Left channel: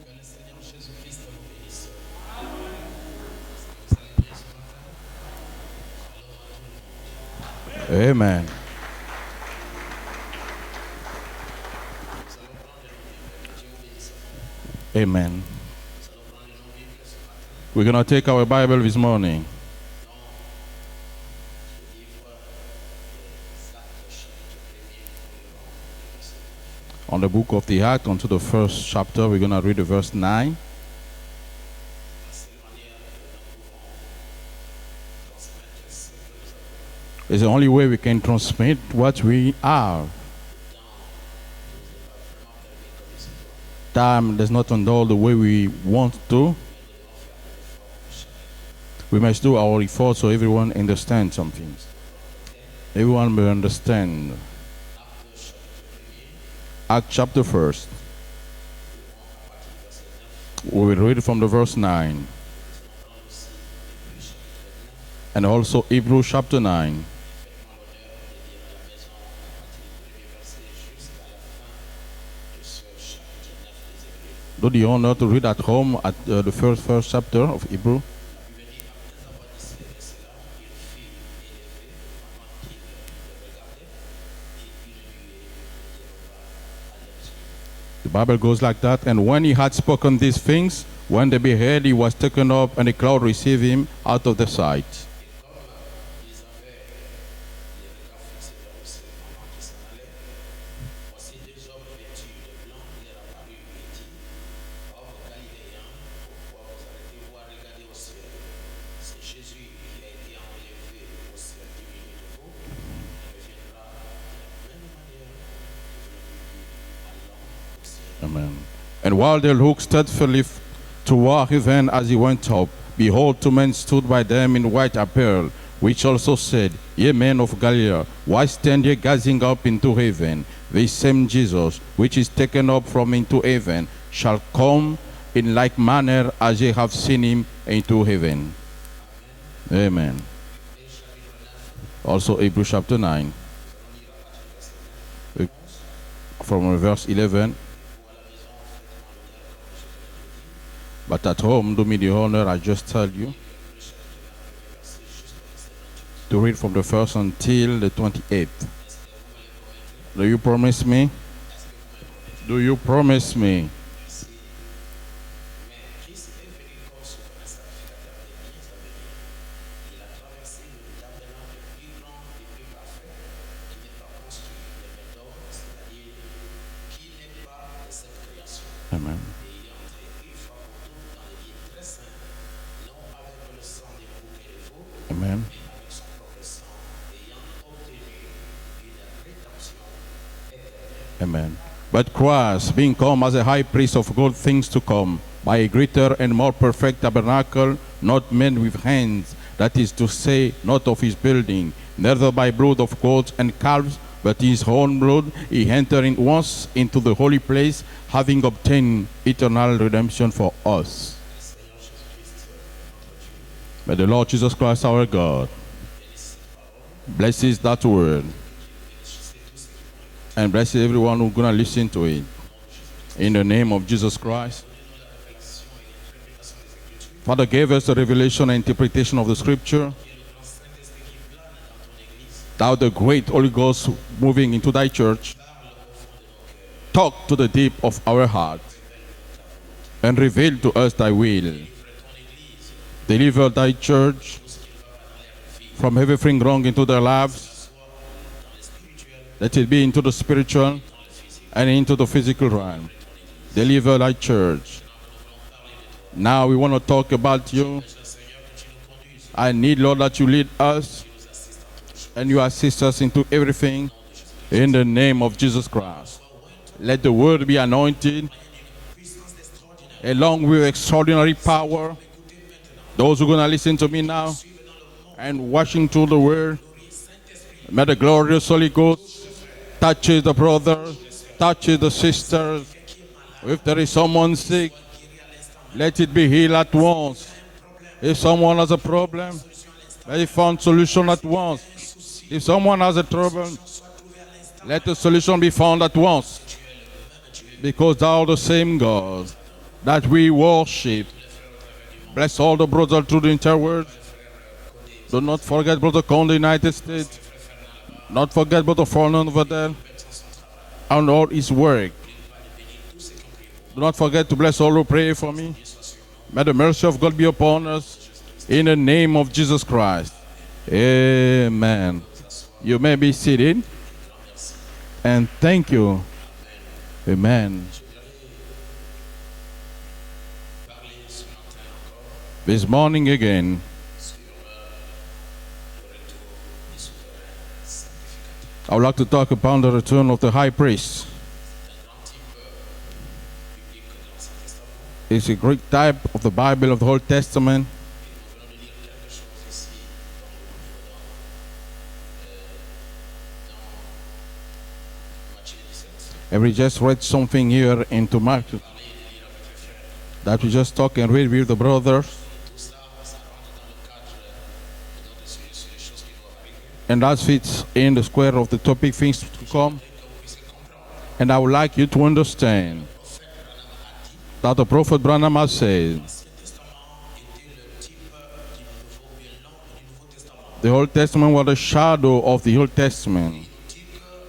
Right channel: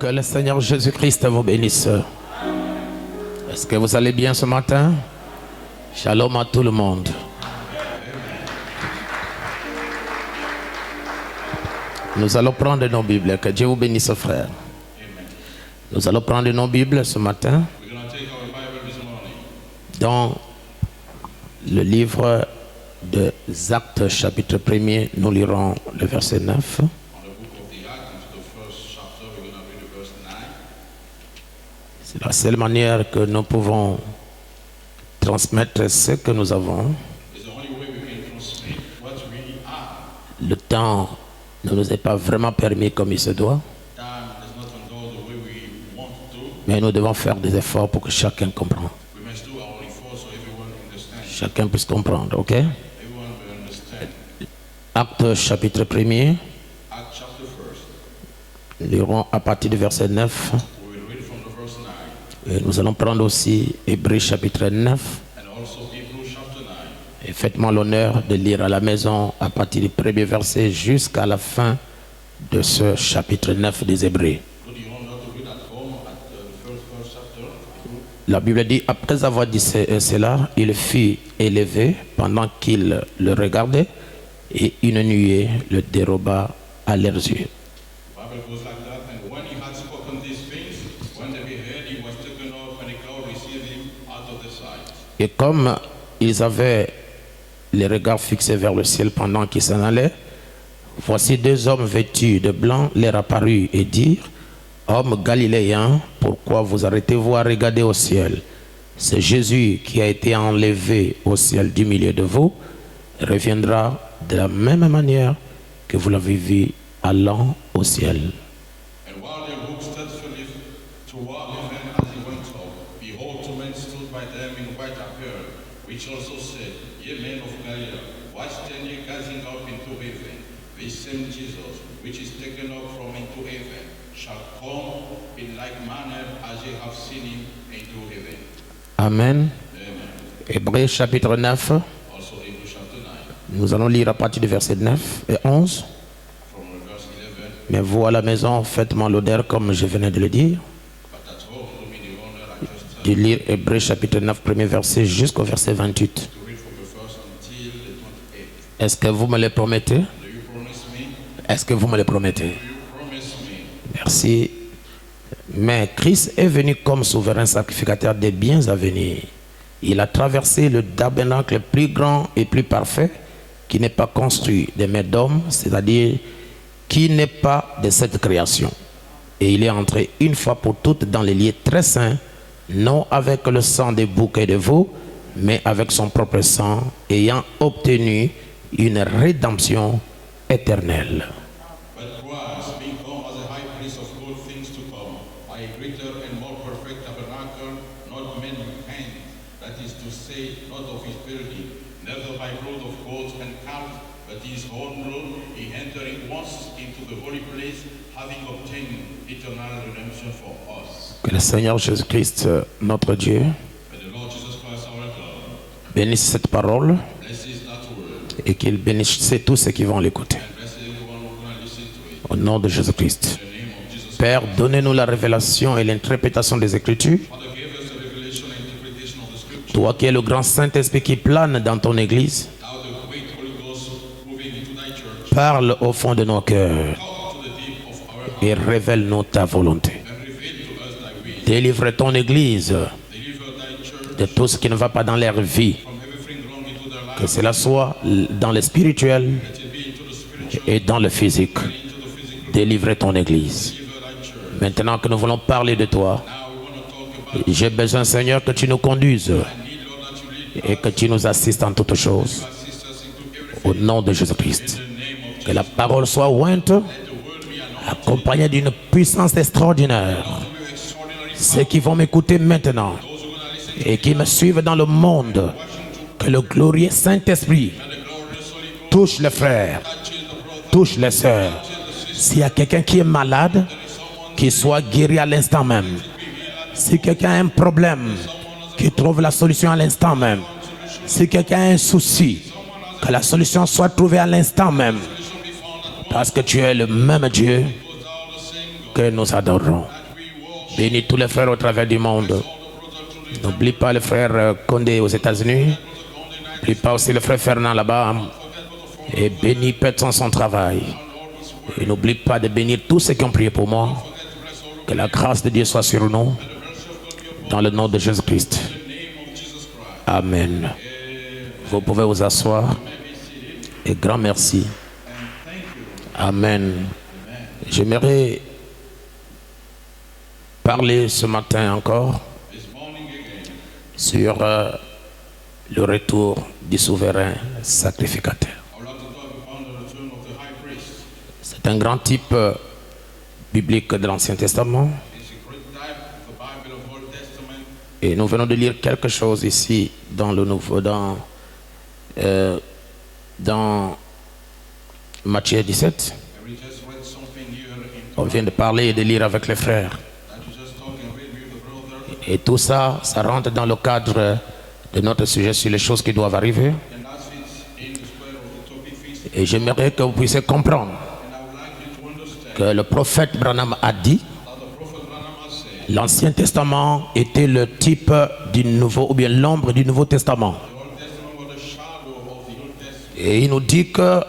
Que le Seigneur Jésus-Christ vous bénisse. Est-ce que vous allez bien ce matin? Shalom à tout le monde. Amen. Nous allons prendre nos Bibles. Que Dieu vous bénisse, frère. Amen. Nous allons prendre nos Bibles ce matin We're going to take our Bible this morning dans le livre des Actes, chapitre 1er. Nous lirons le verset 9. on the book of the Acts, onto the first chapter. We're going to read the verse 9. C'est la seule manière que nous pouvons transmettre ce que nous avons. It's the only way we can transmit what we are. Le temps ne nous est pas vraiment permis comme il se doit, Time does not handle the way we want to. mais nous devons faire des efforts pour que chacun comprenne. We must do our efforts so everyone understands. Chacun puisse comprendre, ok? Everyone will understand. Acte chapitre 1er, Acts chapter 1st. nous lirons à partir du verset 9. We will read from the verse 9. Et nous allons prendre aussi Hébreux chapitre 9. And also Hebrews chapter 9. Et faites-moi l'honneur de lire à la maison à partir du premier verset jusqu'à la fin de ce chapitre 9 des Hébreux. Do the honor to read at home at the first chapter of Hebrew. La Bible dit, après avoir dit cela, il fut élevé pendant qu'il le regardait et une nuée le déroba à leurs yeux. The Bible goes like that. And when he had spoken these things, when they beheld, he was taken up, and a cloud received him out of their sight. Et comme ils avaient les regards fixés vers le ciel pendant qu'ils s'en allaient, voici deux hommes vêtus de blanc leur apparurent et dirent, hommes galiléens, pourquoi vous arrêtez-vous à regarder au ciel? C'est Jésus qui a été enlevé au ciel du milieu de vous, reviendra de la même manière que vous l'avez vu allant au ciel. And while they looked steadfastly toward heaven as he went up, behold, two men stood by them in white apparel, which also said, Ye men of Galilee, why stand ye gazing up into heaven? This same Jesus, which is taken up from into heaven, shall come in like manner as ye have seen him into heaven. Amen. Amen. Hébreux chapitre 9, Also Hebrews chapter 9, nous allons lire à partir du verset 9 et 11. from verse 11. Mais vous à la maison, faites-moi l'honneur comme je venais de le dire, But at home, do me the honor, I just de said, lire Hébreux chapitre 9, premier verset jusqu'au verset 28. to read from the first until the 28th. Est-ce que vous me le promettez? Do you promise me? Est-ce que vous me le promettez? Do you promise me? Merci. Mais Christ est venu comme souverain sacrificateur des biens à venir. Il a traversé le tabernacle plus grand et plus parfait qui n'est pas construit des mains d'hommes, c'est-à-dire qui n'est pas de cette création. Amen. Et il est entré une fois pour toutes dans les lieux très saints, non avec le sang des boucs et de veaux, mais avec son propre sang, ayant obtenu une rédemption éternelle. Amen. But Christ, being come as a high priest of good things to come, by a greater and more perfect tabernacle, not made with hands, that is to say, not of his building, neither by blood of goats and calves, but his own blood, he entering once into the holy place, having obtained eternal redemption for us. Que le Seigneur Jésus-Christ, notre Dieu, May the Lord Jesus Christ, our God, bénisse cette parole blesses that word, et qu'il bénisse tous ceux qui vont l'écouter. and bless everyone who's going to listen to it. Au nom de Jésus-Christ. In the name of Jesus Père, Christ. donnez-nous la révélation et l'interprétation des Écritures. Father, give us the revelation and interpretation of the scripture. Toi qui es le grand Saint-Esprit qui plane dans ton Église, Thou the great Holy Ghost moving into thy church. parle au fond de nos cœurs Talk to the deep of our et heart révèle-nous ta volonté. and reveal to us thy will. Délivre ton Église Deliver thy church de tout ce qui ne va pas dans leur vie. from everything wrong into their Que life. cela soit dans le spirituel Let it be into the spiritual et dans le physique. and into the physical realm. Délivre ton Église. Deliver thy church. Maintenant que nous voulons parler de toi, Now we want to talk about j'ai you. besoin, Seigneur, que tu nous conduises I need, Lord, that you lead et que us tu nous assistes en toutes and choses. you assist us into Au everything. nom de In Jésus-Christ. the name of Que la Jesus Christ. parole soit ointe, Let the word be anointed accompagnée d'une puissance extraordinaire. along with extraordinary Ceux qui vont power. m'écouter maintenant Those who are going to listen to et me qui me now suivent dans le monde, and watching through the que le word. glorieux Saint-Esprit May the glorious Holy Ghost touche les frères, touches the brother, touche les sœurs. touches the S'il y a sister. quelqu'un qui est If malade, there is someone qu'il sick, soit guéri à l'instant même. let it be healed at Si once. quelqu'un a un problème, If someone has a qu'il trouve problem, la solution à l'instant they même. found solution at Si quelqu'un once. a un souci, If someone has a que la problem, solution soit trouver à l'instant Let même. the solution be found at Parce once. que tu es le même Dieu Because thou art the same que God nous adorons. that we Bénis worship. tous les frères au travers du monde. Bless all the brothers through the entire N'oublie world. pas le frère Condé aux Do not États-Unis. forget Brother Conde, United N'oublie pas aussi States. le frère Fernand là-bas. Not forget Brother Foreigner Et over bénis there. Père son travail. And all his Et work. n'oublie pas de bénir tous ceux qui ont prié pour moi. Not forget to bless all who Que la pray for grâce de me. Dieu soit sur nous. May the mercy of God be Dans upon le nom de us. Jésus-Christ. In the name of Jesus Christ. Amen. Vous Amen. pouvez vous asseoir. You may be seated. Et grand merci. And thank you. Amen. Amen. J'aimerais parler ce matin encore This morning again sur le retour du souverain sacrificateur. I would like to talk about the return of the high priest. C'est un grand type biblique de l'Ancien Testament. It's a great type of the Bible, of the Old Testament. Et nous venons de lire quelque chose ici dans le nouveau, dans Matthieu 17. And we just read something here into On vient de Matthew parler et de lire avec les frères. that we just talk and read with the brothers. Et tout ça, ça rentre dans le cadre de notre sujet sur les choses qui doivent arriver. And that fits in the square of the topic things Et to come. j'aimerais que vous puissiez comprendre And I would like you to que understand le prophète Branham a dit that the prophet Branham has said l'Ancien Testament était le type du Nouveau, ou bien l'ombre du Nouveau Testament. the Old Testament was the shadow of the Old Testament. Et il nous dit que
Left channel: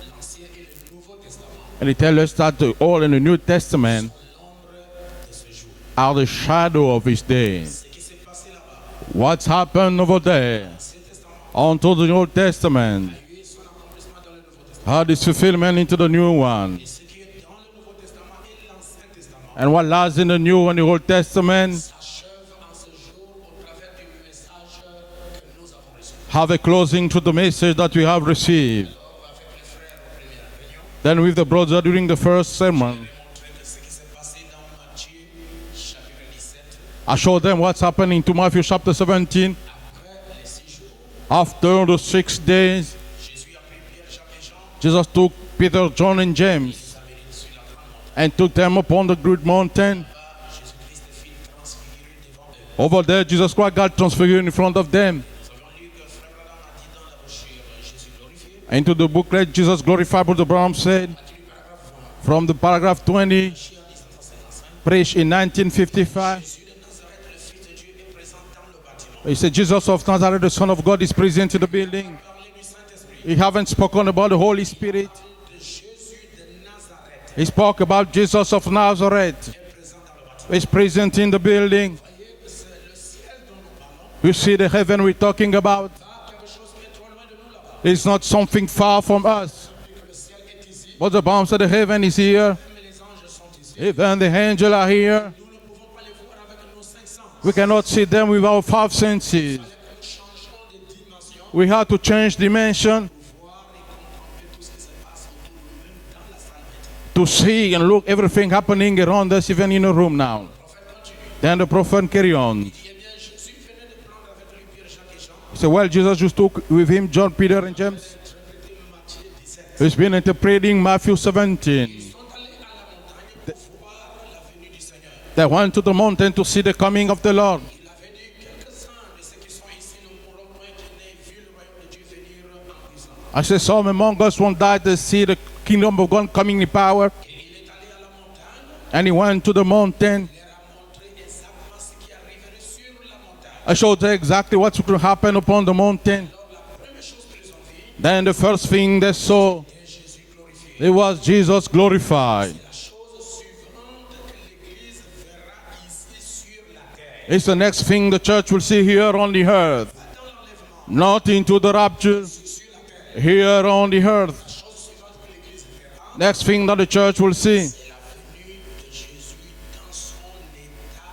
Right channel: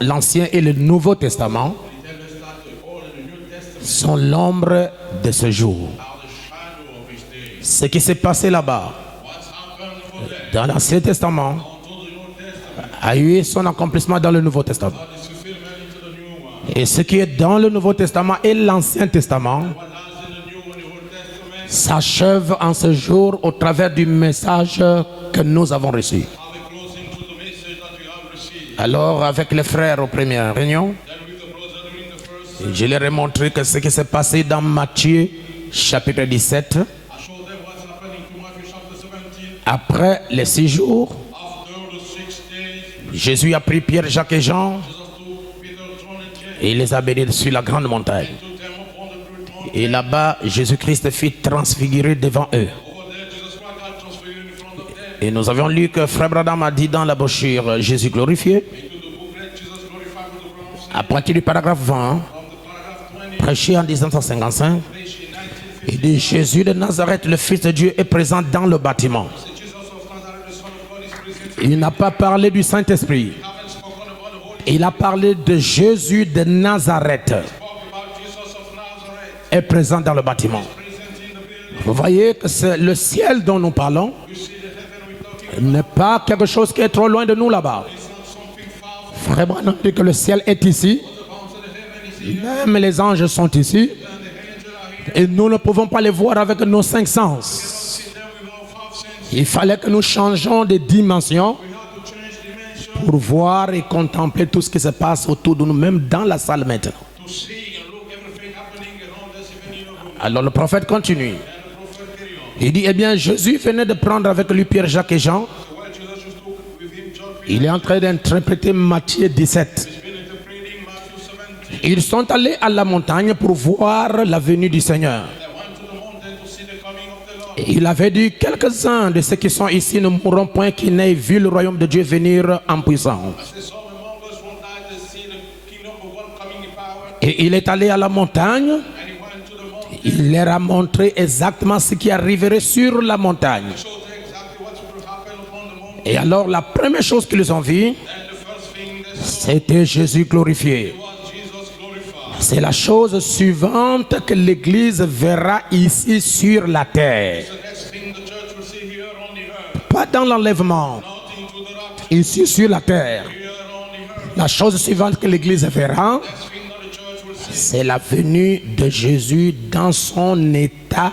l'Ancien et le Nouveau Testament And he tells us that the Old and the New Testament sont l'ombre de ce jour. are the shadow of his day. Ce qui s'est passé là-bas, What's happened over dans there l'Ancien Testament, unto the Old Testament a eu son accomplissement dans le Nouveau Testament. had its fulfillment into the new one. Et ce qui est dans le Nouveau Testament et l'Ancien Testament And what lies in the New and the Old Testament s'achève en ce jour au travers du message que nous avons reçu. have a closing to the message that we have received. Alors, avec les frères aux premières réunions, Then with the brother during the first je sermon, leur ai montré que ce qui s'est passé dans Matthieu chapitre 17, I showed them what's happening to Matthew chapter 17. après les 6 jours, After the 6 days, Jésus a pris Pierre, Jacques et Jean Jesus took Peter, John, and et James il les a bénis sur la grande montagne. and took them upon the great Et mountain. là-bas, Jésus-Christ fit transfigurer devant eux. Over there, Jesus Christ got transfigured in front of them. Et nous avions lu que Frère Branham a dit dans la brochure Jésus glorifié, Into the booklet, Jesus glorified, Brother Branham à said, partir du paragraphe 20, from the paragraph 20, prêché en 1955, preached in il dit 1955. Jésus de Nazareth, le Fils de Dieu, est présent dans le bâtiment. He said, Jesus of Nazareth, the Son of God, is present in the Il n'a building. pas parlé du He Saint-Esprit. haven't spoken about the Holy Il a Spirit. parlé de Jésus de Nazareth, He spoke about Jesus of Nazareth. est présent dans le bâtiment. He's present in the Vous building. voyez que c'est le ciel dont nous parlons, You see the heaven we're talking n'est about? pas quelque chose qui est trop loin de nous là-bas. It's not something far from Frère us. Branham dit que le ciel est ici, What the Bible said, the heaven is here. même les anges sont ici, And the angels are et here. nous ne pouvons pas les voir avec nos 5 sens. We cannot see them with our five Il senses. fallait que nous changeons de dimension We have to change dimension pour voir et contempler tout ce qui se passe autour de nous, même dans la salle maintenant. to see and look everything happening around us, even in a room Alors now. le prophète continue. Then the prophet carry on. Il dit, eh bien, Jésus venait de prendre avec lui Pierre, Jacques et Jean. So well, Jesus just took with him John, Peter, Il est en and train James. d'interpréter Matthieu 17. He's been interpreting Matthew 17. Ils sont allés à la montagne pour voir la venue du Seigneur. They went to the mountain to see the coming of the Lord. Il avait dit, quelques-uns de ceux qui sont ici ne mourront point qui n'aient vu le royaume de Dieu venir en puissance. I said, some among us won't die to see the kingdom of God coming in power. Et il est allé à la montagne. And he went to the mountain. Il leur a montré exactement ce qui arriverait sur la montagne. I showed them exactly what's going to happen upon the Et mountain. alors, la première chose qu'ils ont vue, Then the first thing they saw, c'était Jésus it glorifié. was Jesus glorified. C'est la chose suivante que l'Église verra ici sur la terre. It's the next thing the church will see here on the earth. Pas dans l'enlèvement, Not into the rapture, ici sur la terre. here on the earth. La chose suivante que l'Église verra, Next thing that the church will see, c'est la venue de Jésus dans son état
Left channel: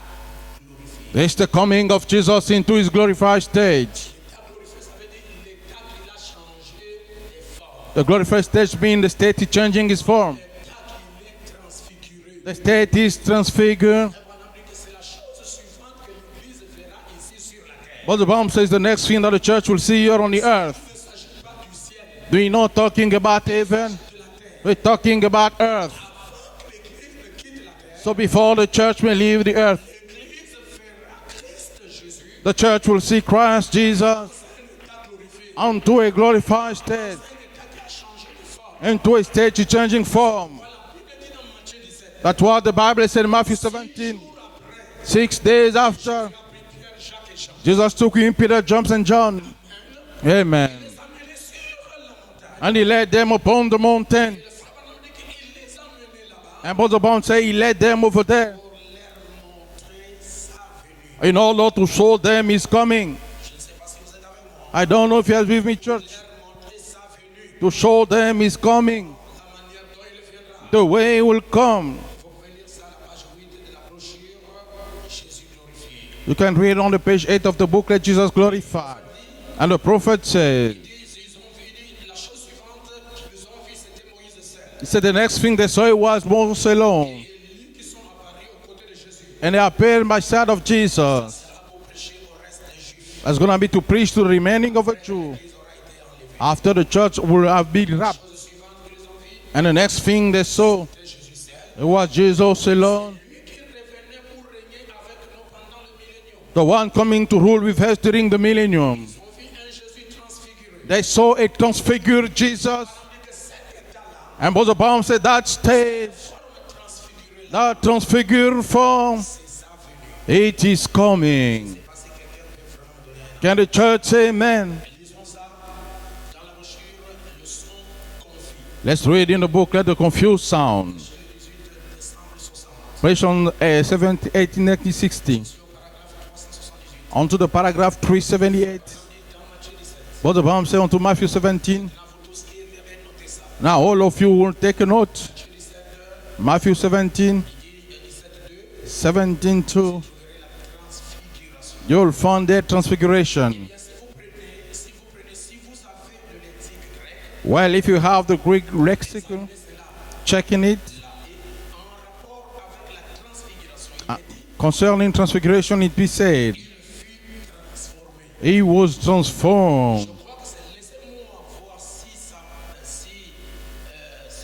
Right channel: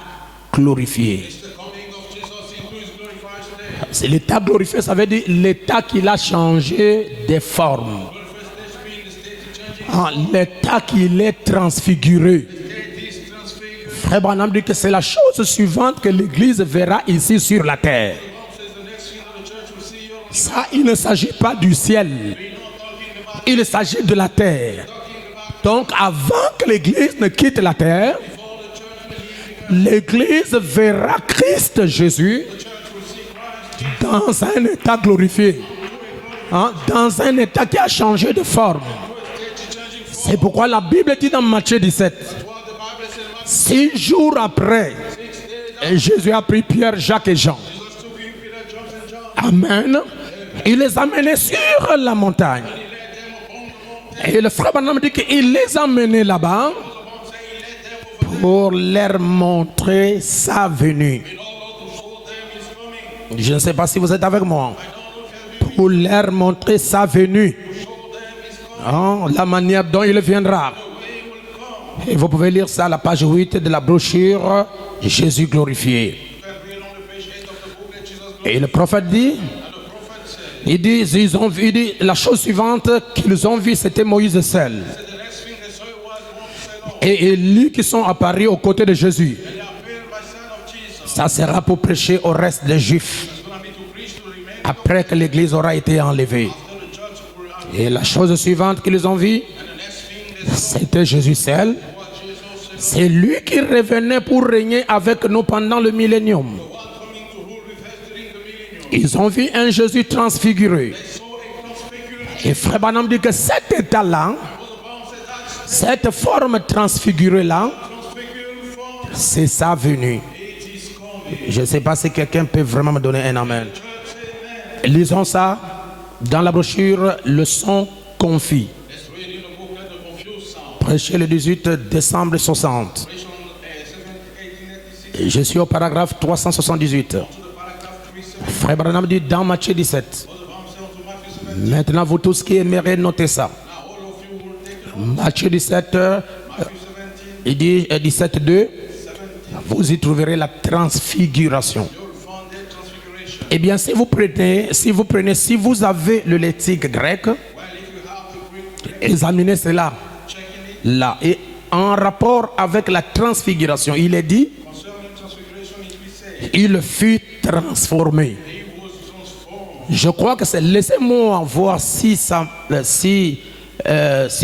glorifié. it's the coming of Jesus into his glorified state. C'est l'état glorifié, ça veut dire l'état qu'il a changé de forme. The glorified state means the state is changing its Ah, form. l'état qu'il est transfiguré. The state is transfigured. Frère Branham dit que c'est la chose suivante que l'Église verra ici sur la terre. What the Bible says, the next thing that the church will see here on the Ça, earth. il ne s'agit pas du ciel, We're not talking about il heaven. s'agit de la terre. We're talking about Donc earth. avant que l'Église ne quitte la So terre, before the church may leave the earth, l'Église l'Église verra Christ Jésus The church will see Christ Jesus dans un état glorifié, unto a glorified state, dans un état qui a changé de forme. into a state changing C'est form. pourquoi la Bible dit dans Matthieu 17, That's what the Bible said in Matthew 6 17. jours après, 6 days et Jésus after, a pris Pierre, Jacques et Jean. Jesus took him, Peter, James, and John. Amen. Amen. Il les a menés sur la montagne. And he led them upon the mountain. Et le frère Branham dit qu'il les a menés là-bas And Brother Brown say he led them over there pour leur montrer sa venue. in order to show them his coming. Je ne sais pas si vous êtes avec moi. I don't know if he has been with Pour you. leur montrer sa venue. To show them his coming. La manière dont il viendra. The way he will come. Et vous pouvez lire ça à la page 8 de la brochure Jésus glorifié. You can read on the page 8 of the booklet Jesus Et Glory. le prophète dit, And the prophet said, il dit la chose suivante qu'ils ont vue, c'était Moïse seul. so the next thing they saw was Moses alone. Et Élie qui sont apparus aux côtés de Jésus. And they appeared by side of Jesus. Ça sera pour prêcher au reste des Juifs. It's going to be to preach to the remaining of Après the que l'église aura été enlevée. after the church will have Et been la wrapped. chose suivante qu'ils ont vue, And the next thing they saw c'était Jésus seul. was Jesus C'est alone. lui qui revenait pour régner avec nous pendant le millénium. The one coming to rule with us during the millennium. Ils ont vu un Jésus transfiguré. They saw a transfigured Et Jesus. Frère Branham dit que cet état-là, And Brother Brown said that state, cette forme transfigurée-là, that transfigured form, c'est sa venue. it is coming. Je ne sais pas si quelqu'un peut vraiment me donner un Can amen. the church say amen? Lisons ça dans la brochure Leçon confie, Let's read in the booklet the confused sound. prêché le 18 décembre 60. Version 1896. Je suis au paragraphe 378. On to the paragraph Frère 378. Branham dit dans Matthieu 17. Brother Brown said on to Matthew 17. Maintenant, vous tous qui aimeriez noter ça. Now all of you will take a note. Matthieu 17, Matthew 17, il dit 17.2, 17 vous y 2. trouverez la transfiguration. You'll find their transfiguration. Eh bien, si vous avez le lexique grec, Well, if you have the Greek lexic, examinez cela checking it là. Et en rapport avec la transfiguration, il est dit, concerning transfiguration, it be said, il fut transformé. he was transformed. Je crois que c'est. Laissez-moi voir si ça, si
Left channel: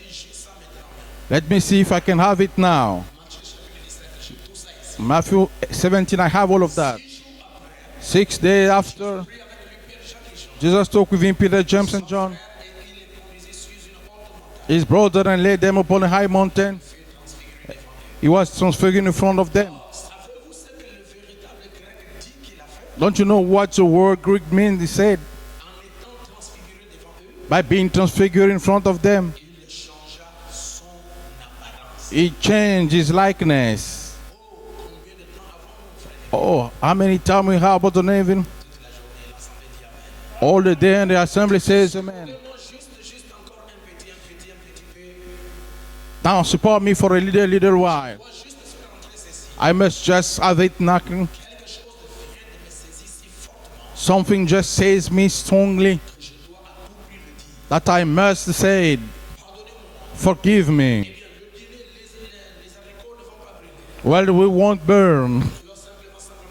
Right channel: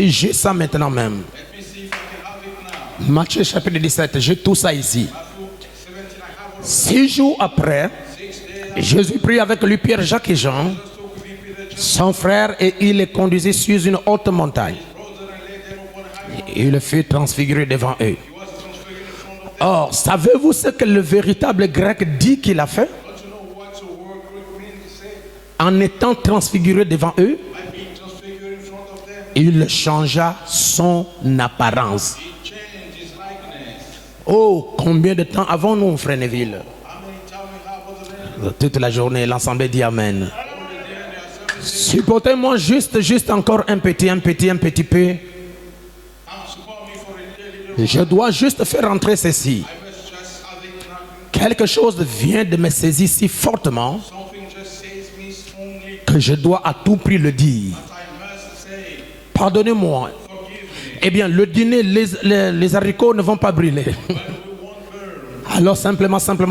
j'ai ça maintenant même. Let me see if I can have it now. Matthieu chapitre 17, j'ai tout ça ici. Matthew 17, I have all of that. 6 jours après, 6 days after, Jésus prit avec lui Pierre, Jacques et Jean, Jesus took with him Peter, James, son and John, frère, et il les conduisit sur une haute montagne. his brother, and laid them upon a high Il mountain. le fit transfigurer devant eux. He was transfigured in front of them. Or, savez-vous ce que le véritable grec dit qu'il a fait? Don't you know what the word Greek means? He said, En étant transfiguré devant eux, by being transfigured in front of them, il changea son apparence. he changed his likeness. Oh, combien de temps avons-nous, frère Neville? Oh, how many times we have about the name? Toute la journée, l'ensemble dit Amen. All the day, and the assembly says, Supportez-moi juste encore un petit peu. now support me for a little Je while. dois juste faire entrer ceci. I must just have it knocking. Quelque chose vient de me saisir si fortement Something just says me strongly que je dois à tout prix le dire. that I must say, Pardonnez-moi. forgive me. Eh bien, le dîner, les haricots ne vont pas brûler. Well, we won't burn. Alors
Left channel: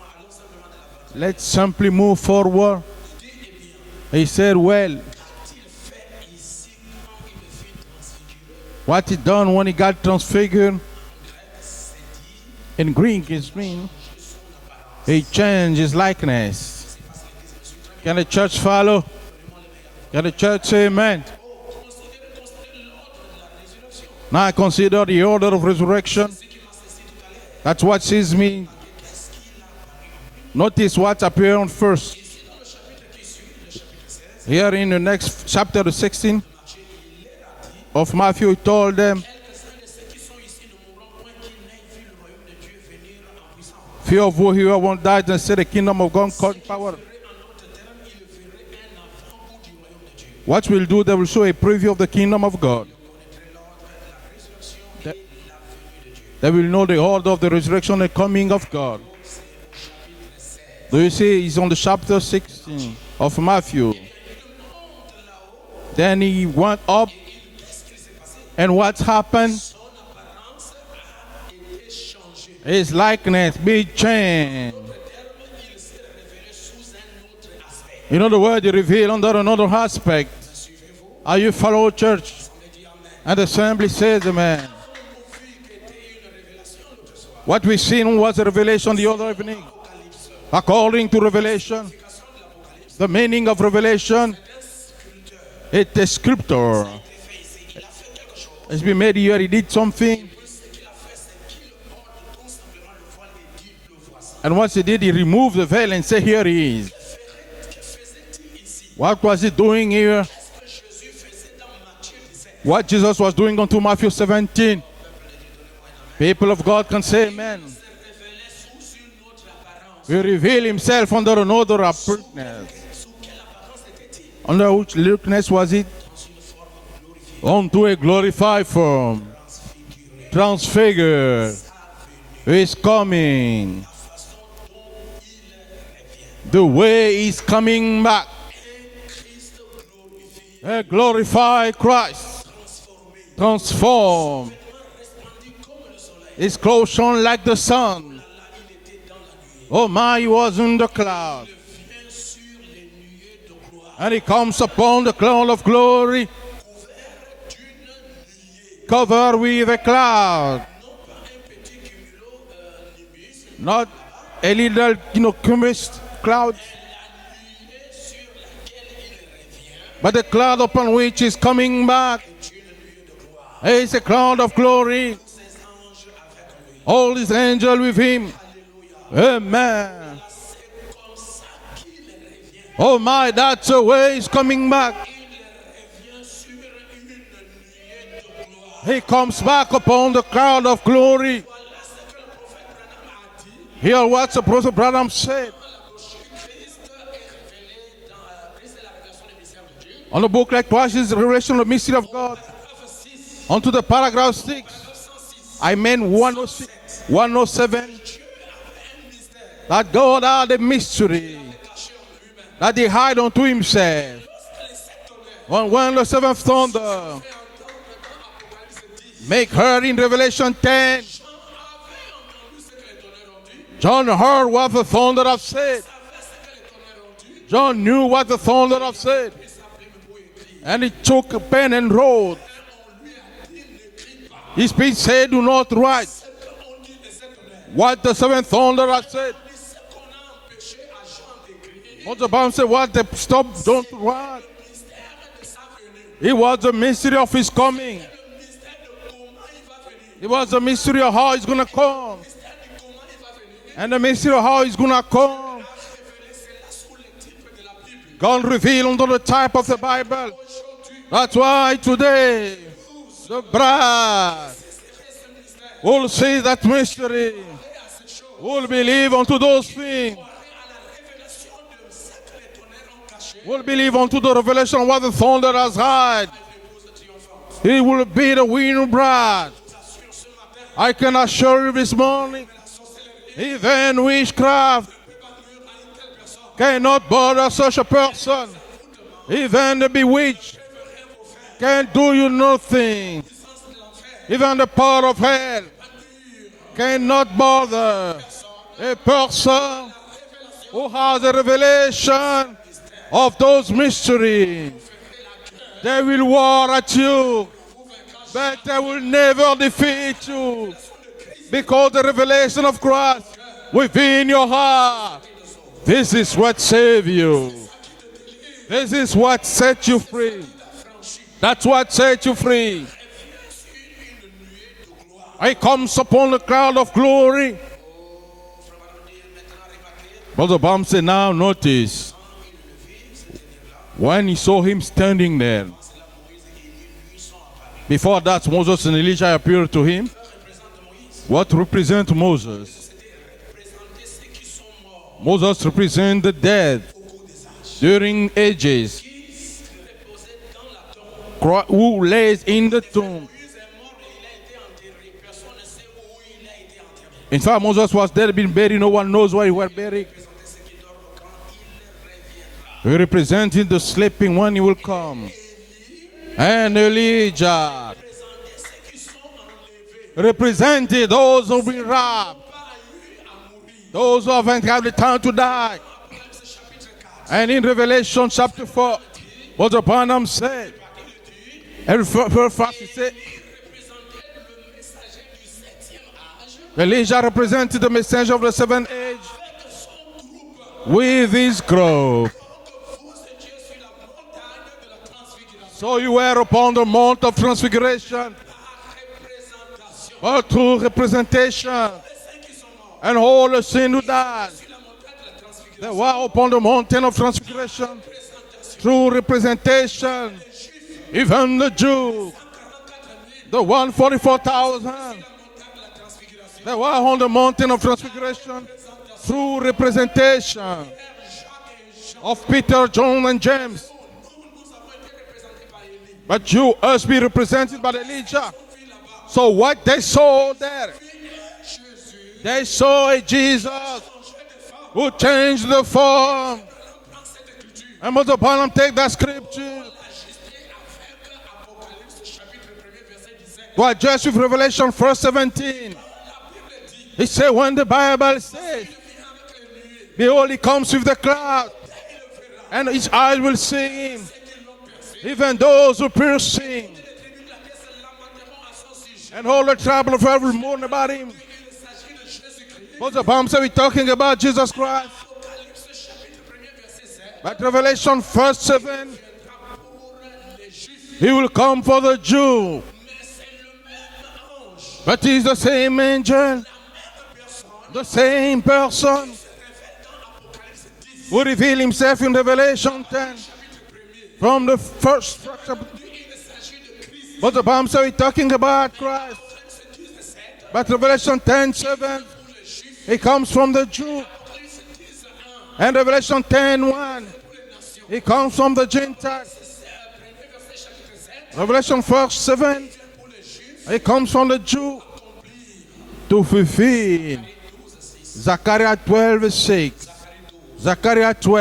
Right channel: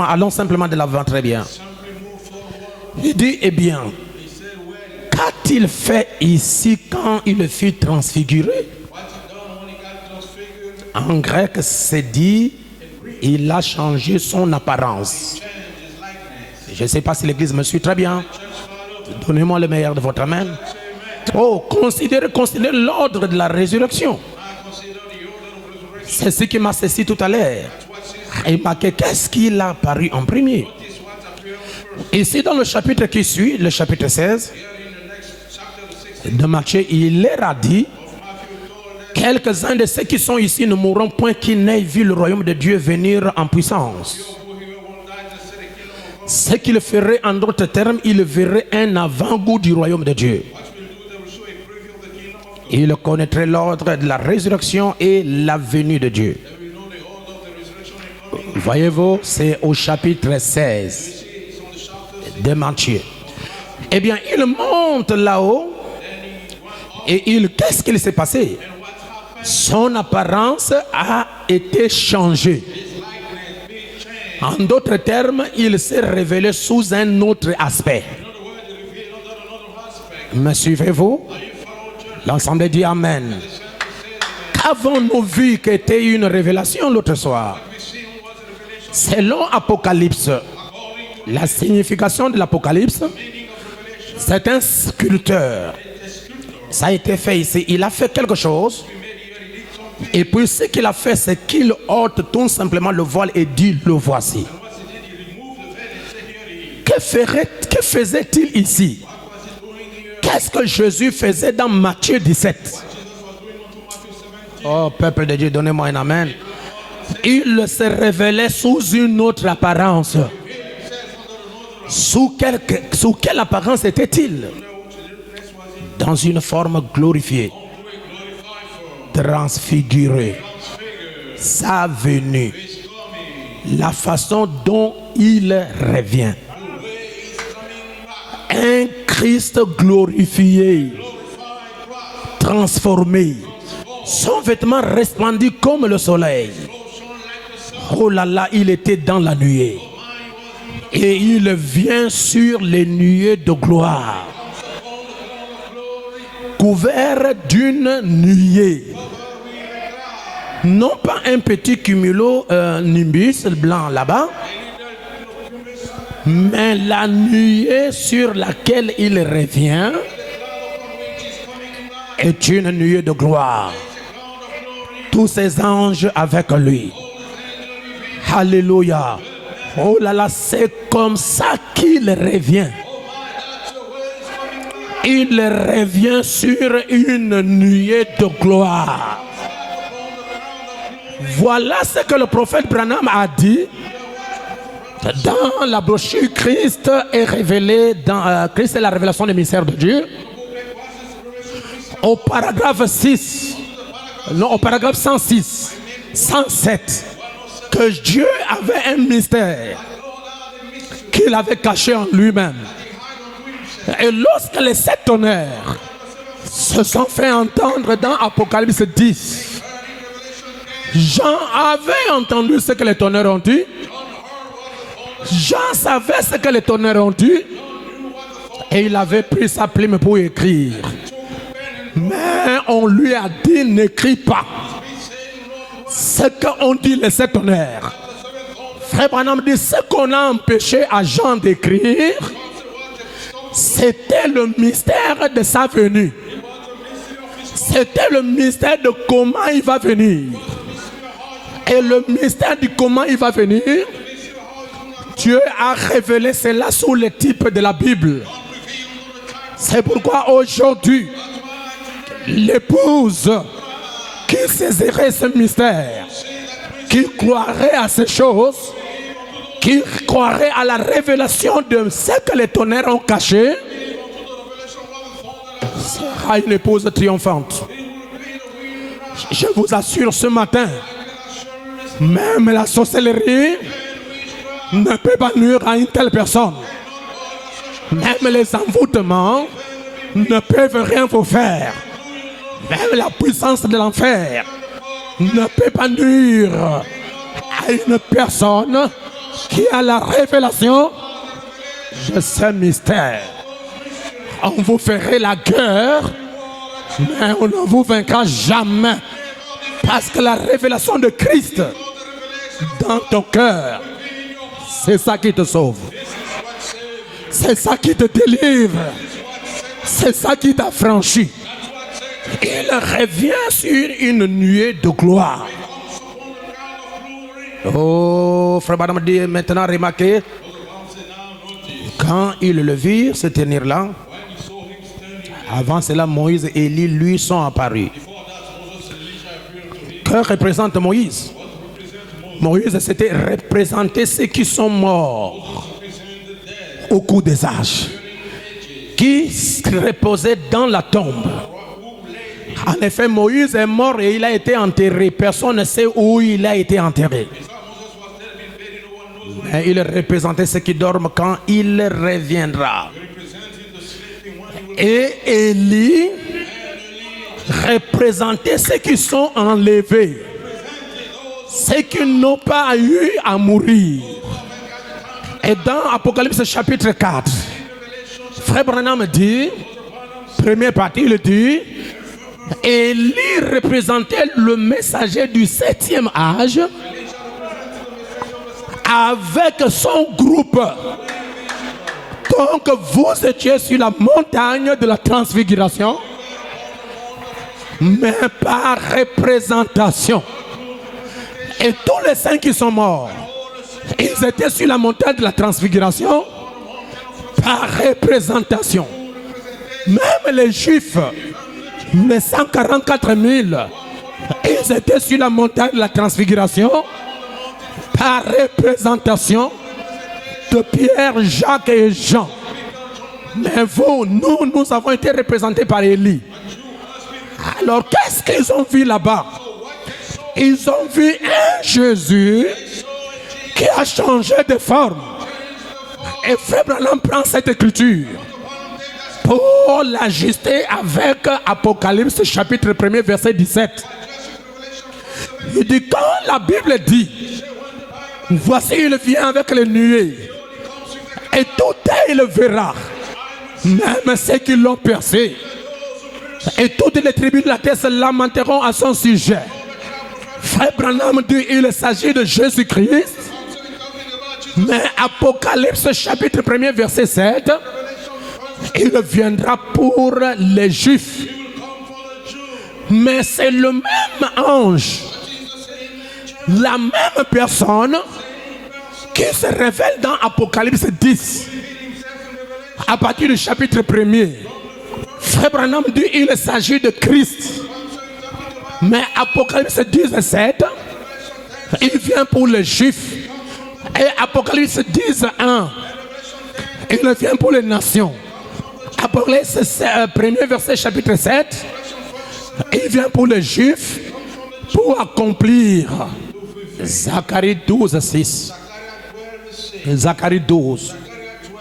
allons simplement de l'avant, très bien. Let's simply move forward. Il dit, eh bien, He said, well, qu'a-t-il fait ici quand il fut transfiguré? what he done when he got transfigured? En grec, c'est dit, In Greek, il a changé son apparence. he changed his likeness. Je ne sais pas si l'église me suit très And bien. the church followed. Donnez-moi le meilleur de votre And the main. church say amen. Oh, considérez l'ordre de la résurrection. Now I consider the order of resurrection. C'est ce qui m'a saisi tout à l'heure. That's what says Il me. marqué qu'est-ce qu'il a apparu en premier. Notice what appeared first. Ici, dans le chapitre qui suit, le chapitre 16 Here in the next chapter, the 16 de Matthieu, il leur a dit, of Matthew, he told them, quelques-uns de ceux qui sont ici ne mourront point qu'ils n'aient vu le royaume de Dieu venir en puissance. few of you here won't die and see the kingdom of God Ce come qu'il forward. ferait, en d'autres termes, il verrait un avant-goût du royaume de Dieu. What we'll do, they will show a preview of the kingdom of God. Il connaîtrait l'ordre de la résurrection et la venue de Dieu. They will know the order of the resurrection and coming of God. Voyez-vous, c'est au chapitre Do you 16 see? He's on the chapter 6 de Matthieu. of Matthew. Eh bien, il monte là-haut Then he went up, Et qu'est-ce qu'il s'est passé? and what happened? Son apparence a été changée. His likeness be En changed. d'autres termes, il s'est révélé sous un autre aspect. In other words, he revealed under another aspect. Me suivez-vous? Are you follow church? L'ensemble dit Amen. And the assembly says, amen. Avons-nous vu qu'était une révélation l'autre soir? What we seen was a revelation the other Selon day. Apocalypse, According to la Revelation, signification de l'Apocalypse, the meaning of Revelation, c'est un sculpteur. it's a sculptor. Ça a été fait ici. Il a fait quelque It's chose. been made here, he did something. Et puis ce qu'il a fait, c'est qu'il ôte tout simplement le voile et dit, le voici. And once he did, he removed the veil and said, here he is. Que faisait-il ici? What was he doing here? Qu'est-ce que Jésus faisait dans Matthieu 17? What Jesus was doing unto Matthew 17. Oh, peuple de Dieu, donnez-moi un amen. People of God can say, Il se révélait sous une autre apparence. he revealed himself under another Sous quelle apparence était-il? under which likeness was it? Dans une forme glorifiée, Unto a glorified form, transfigurée. transfigured. Sa venue, He's coming. la façon dont il revient. The way he's coming back. Un Christ A glorifié, glorified Christ. transformé. Son Transformed. vêtement resplendit comme le soleil. His clothes shone like the sun. Oh là là, il était dans la nuée. Oh my, he was in the Et cloud. il vient sur les nuées de gloire, And he comes upon the cloud of glory, couvert d'une nuée. covered with a cloud. Non pas un petit cumulo nimbus blanc Ah. là-bas, A little, cumulus cloud, mais la nuée sur laquelle il revient but the cloud upon which is coming back est une nuée de gloire. is a cloud of glory. Tous ses anges avec lui. All his angels with him. Alléluia. Amen. Oh là là, c'est comme ça qu'il revient. Oh my, that's the way he's coming back. Il revient sur une nuée de He gloire. comes back upon the cloud of glory. Voilà ce que le prophète Branham a dit Here what the prophet Branham said dans la brochure Christ est révélé dans Christ est la révélation du mystère de Dieu. on the book like twice is the revelation of the mystery of Au God. paragraphe 6, Onto the paragraph non, au 6, paragraphe 106, I meant 107, 107, que Dieu avait un mystère that God had a mystery qu'il avait caché en lui-même. that he hid unto Et himself. lorsque les 7 tonnerres When the seventh se thunder sont fait entendre dans Apocalypse 10, make heard in Revelation 10, Jean avait entendu ce que les tonnerres ont dit. John heard what the thunder had Jean said. savait ce que les tonnerres ont dit. John knew what the thunder Et il had avait said. pris sa plume pour écrire. And he took a pen and wrote. Mais on lui a dit, n'écris pas His speech said, do not write ce qu'ont dit les 7 tonnerres. what the seventh thunder Frère had said. Branham dit, ce qu'on a empêché à Jean d'écrire, The Bible said what they stopped, don't c'était write. le mystère de sa venue. It was the mystery of his coming. C'était le mystère de comment il va It venir. was the mystery of how he's going to Et le come. mystère du comment il va venir, And the mystery of how he's going to come. Dieu a révélé cela sous le type de la Bible. God revealed under the type of the C'est pourquoi Bible. aujourd'hui, That's why today, l'épouse bride, qui saisirait ce mystère, will see that qui mystery, croirait à ces will choses, believe unto those qui things, croirait à la révélation de ce que les tonnerres ont caché, will believe unto the revelation of what the thunder has hid. à une épouse triomphante. He will be the winning bride. Je vous assure ce matin, I can assure you this morning, même la sorcellerie even witchcraft ne peut pas nuire à une telle personne. cannot bother such a Même person. les envoûtements Even the ne bewitched peuvent rien vous faire. can do you Même nothing. la puissance de l'enfer Even the power of ne hell peut pas nuire cannot à une bother personne a person qui a la révélation has a de revelation ce mystère. of those mysteries. On vous ferait la They guerre, will war at you. mais on ne vous vaincra They jamais. will never Parce defeat que la you. révélation de Christ Because the revelation of dans ton Christ cœur, within your c'est heart. ça qui te sauve. This is what saved you. C'est ça qui te délivre. This is what set you C'est ça free. qui t'affranchit. That's what set you free. Il revient sur une nuée de gloire. He comes upon the cloud of glory. Oh, frère Branham dit maintenant, remarquez, Brother Bam said, now notice, quand ils le virent se tenir là, when he saw him standing there, avant cela, Moïse et Élie lui sont apparus. before that Moses and Elijah appeared to him. Que représente Moïse? What represent Moses? Moïse, c'était représenter ceux qui sont morts. Moses must represent the dead au cours des âges, during ages, qui reposaient dans la tombe. who lays in En the effet, tomb. Moïse est mort et il a été enterré. Personne ne sait où il a été enterré. In fact, Moses was dead, been buried, no one knows where he Et went. il représentait ceux qui dorment quand il reviendra. He represented the sleeping one, he will Et come. Élie And Elijah représentait ceux qui sont enlevés, represented those who ceux be qui wrapped, n'ont pas eu à mourir. those who haven't had the time to Et die. dans Apocalypse chapitre 4, And in Revelation chapter Frère 4, Branham dit, Mother Branham said, première partie, il dit, and Élie représentait le messager du 7e âge Elijah represented the messenger of the seventh avec son groupe. with his grove. Donc vous étiez sur la montagne de la So transfiguration, you were upon the mount of transfiguration, mais par représentation. or through Et representation, tous les saints qui sont morts, and all the sin who ils étaient died sur la montagne de la were transfiguration upon the mountain of par transfiguration, représentation. through representation. Même les Juifs, Even the Jews, les 144 000, the ils 144,000, étaient sur la montagne de la transfiguration were on the mountain of par transfiguration, représentation through representation de Pierre, Jacques et Jean. of Peter, John, and Mais James. vous, nous avons été représentés par Élie. But you, us, be represented Alors by qu'est-ce qu'ils Elijah. ont vu là-bas? So what they saw, Ils ont vu un Jésus they saw a Jesus qui a changé de forme. who changed the Et form. Frère Branham prend cette écriture And Mother Branham take that scripture pour l'ajuster avec Apocalypse chapitre 1er verset 17. to adjust with Revelation 1 Il dit 17. quand la Bible dit, He said when the Bible, voici il vient avec les nuées behold, he comes with the et cloud, tout œil le verra, and each eye will see, même ceux qui l'ont percé. even those who pierce, Et toutes les tribus de la terre se lamenteront à son sujet. all the trouble of every Frère Branham dit il s'agit de Jésus-Christ. Mother Branham said we're talking about Jesus Mais Christ. Apocalypse chapitre 1er verset 7, Revelation 1 il 7, viendra pour les Juifs. he will come for the Jew. Mais c'est le même ange, But he's the same angel, la même personne same person, qui se révèle dans Apocalypse 10 who reveal himself in Revelation à partir du chapitre 1er. from the first. Frère Branham dit il s'agit de Christ. Mother Branham said we're talking about, Mais Apocalypse 10 7, but Revelation 10 il 7, vient pour les Juifs. he comes from the Jew. Et Apocalypse 10 1, And Revelation 10 il 1, vient pour les nations. he comes from the Jew. Apocalypse 1er verset chapitre 7, Revelation 1 7, il vient pour les Juifs he comes from the Jew pour accomplir to fulfill Zacharie 12 6, Zechariah 12 6, Zacharie 12 Zechariah 12,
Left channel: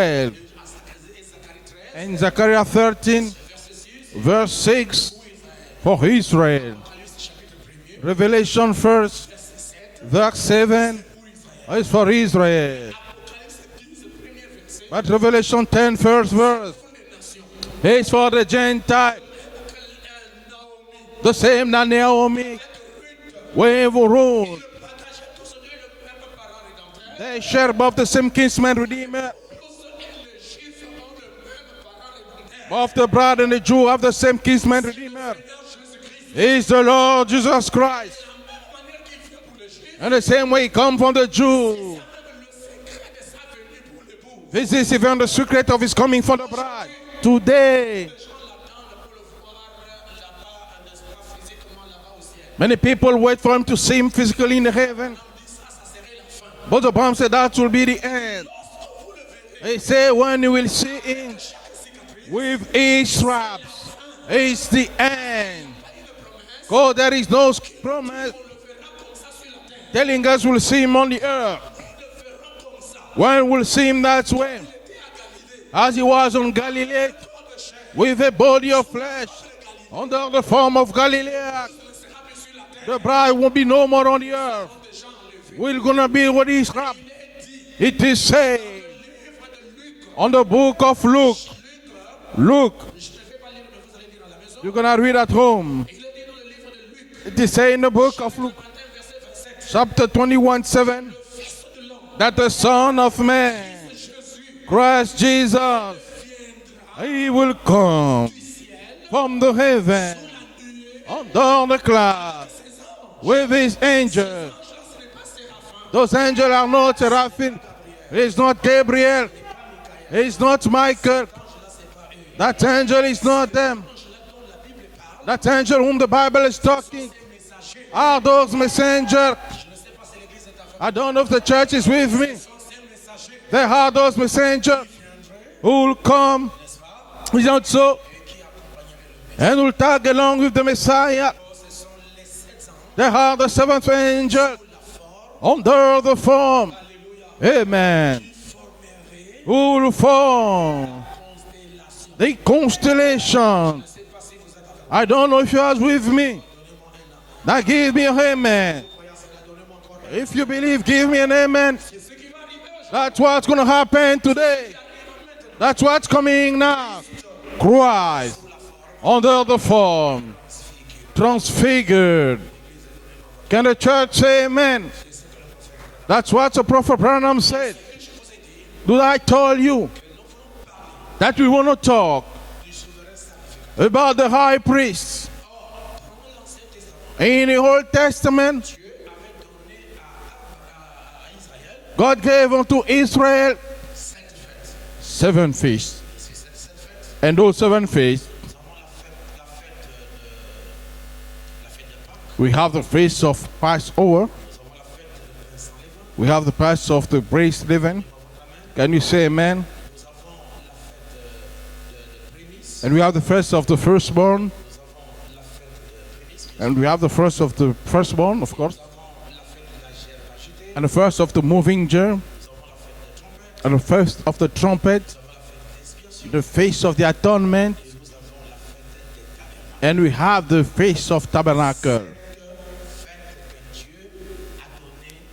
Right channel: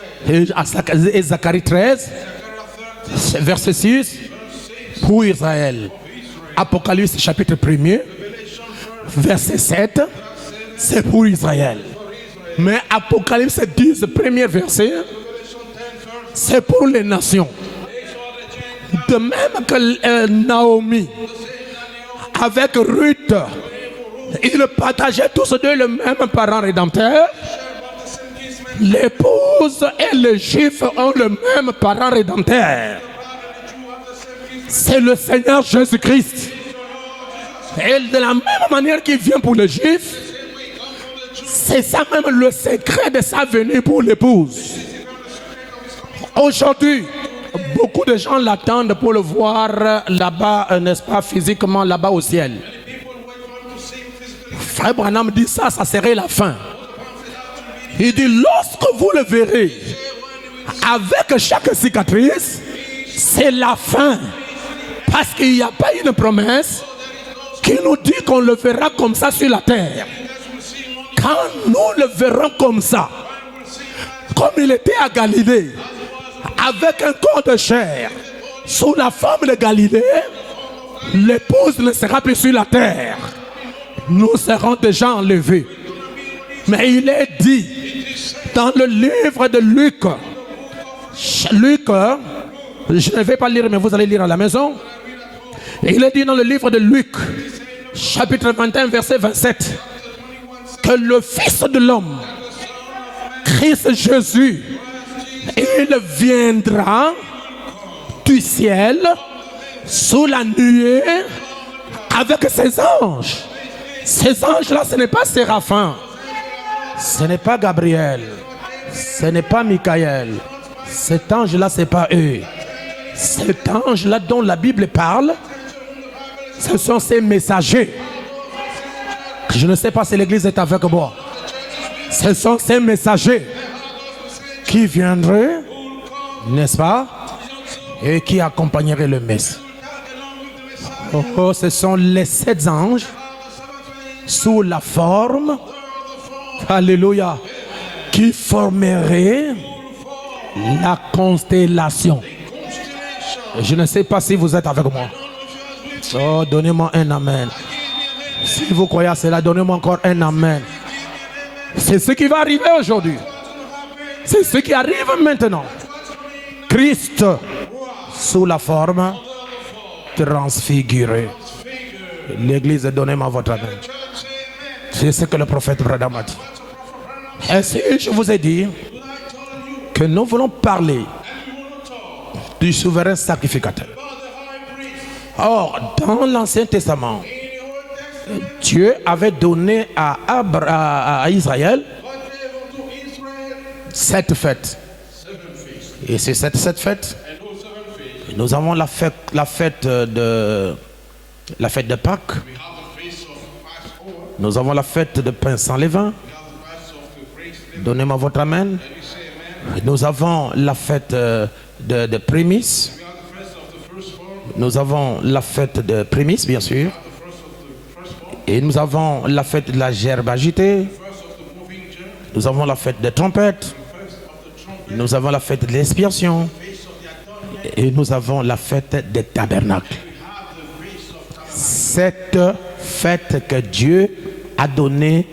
et Zacharie 13 and Zechariah 13 verset 6 verse 6 pour Israël. for Israel. Apocalypse chapitre 1er Revelation 1 verset 7, verse 7 c'est pour Israël. is for Israel. Mais Apocalypse 10 premier verset, At Revelation 10 first c'est verse pour les nations. is for the De Gentiles. même que Naomi The same that Naomi avec Ruth, wave rule. ils partageaient tous deux le même parent rédempteur. They share both the same kinsman redeemer. L'épouse et le juif ont le même parent Of rédempteur. the bride and the Jew have the same kinsman. C'est le Seigneur Jésus-Christ. Is the Lord Jesus Et Christ. de la même manière qu'il vient pour le juif, And the same way he come from the Jew. c'est ça même le secret de sa venue pour l'épouse. This is even the secret of his coming for the Aujourd'hui, bride. Today, beaucoup de gens l'attendent pour le voir là-bas, n'est-ce pas, physiquement là-bas au ciel. many people wait for him to see him physically in the Frère heaven. Branham dit ça, ça serait la fin. But the Bible said that will be the Il dit, end. lorsque vous le They verrez, say when you will see avec chaque cicatrice, with c'est Israel, la fin. it's the Parce end. qu'il n'y a pas une promesse Oh, there is no qui nous dit qu'on le verra comme ça sur la terre. telling us we'll see him on the Quand earth. nous le verrons comme ça, When we'll see him that comme way, il était à Galilée, as he was on avec Galilee, un corps de chair, with a body of sous la flesh, forme de Galilée, under the form of Galilee, l'épouse ne sera plus sur la the terre. bride won't be no more on the Nous earth. serons déjà enlevés. We're gonna be what he Mais said. il est dit It is said dans le livre de Luc, on the book of Luke. Luc, Luke, je ne vais pas lire, mais vous allez lire à la maison. you're gonna read at home. Il est dit dans le livre de Luc, It is said in the book of chapitre 21, verset 27, chapter 21 que 7 le Fils de l'homme, that the Son of Man, Christ Jésus, Christ Jesus, il viendra he will will come du ciel, from the heaven sous la nuée, on the cloud avec ses anges. with his Ces angels. anges-là, ce n'est pas Séraphin, Those angels are not ce n'est pas Seraphim. Gabriel, It's not ce Gabriel. n'est pas Michael. It's not Michael. Cet ange-là, c'est pas eux. That angel is not Cet them. ange-là dont la Bible parle, That angel whom the Bible is ce sont talking ces messagers. are those messengers. Je ne sais pas si l'église est avec I moi. don't know if the church is with me. Ce sont ces messagers They are those qui messengers viendraient, who will come, n'est-ce pas, is not so, et qui accompagneraient le Messie. and will tag along with the Messiah. Oh, ce sont les 7 anges They are the seventh angel sous la forme, under the form. alléluia, Amen. qui formeraient Who will form la constellation. the constellation. Je ne sais pas si vous êtes avec I moi. don't know if you are with me. Oh, donnez-moi un amen. Now give me an Si amen. vous croyez à cela, donnez-moi encore un If you amen. believe, give me an amen. C'est ce qui va arriver aujourd'hui. That's what's going to happen C'est ce today. qui arrive maintenant. That's what's coming now. Christ Christ sous la forme under the form, transfiguré. transfigured. L'église, donnez-moi votre Can amen. the church say amen? C'est ce que le prophète Branham a That's dit. what the prophet Branham Ainsi, said. je vous ai dit Do I tell you que nous voulons parler that we want to talk du souverain sacrificateur. about the high priest? Or, dans l'Ancien Testament, In the Old Testament, Dieu avait donné à Israël God gave unto Israel 7 fêtes. 7 feasts. Et c'est cette fête, And those 7 feasts, nous avons la fête de Pâques, we have the feast of Passover. nous avons la fête de pain sans levain. We have the feast of the braised leaven. Donnez-moi votre amen. Can you say amen? Nous avons la fête de prémices. And we have the first of the firstborn. Nous avons la fête de prémices, bien And we sûr. have the first of the firstborn, of Et course. nous avons la fête de la gerbe agitée. And the first of the moving germ. Nous avons la fête des trompettes. And the first of the trumpet. Nous avons la fête de The l'expiation. feast of the atonement. Et nous avons la fête des tabernacles. And we have the feast of tabernacle. Cette fête que Dieu a donnée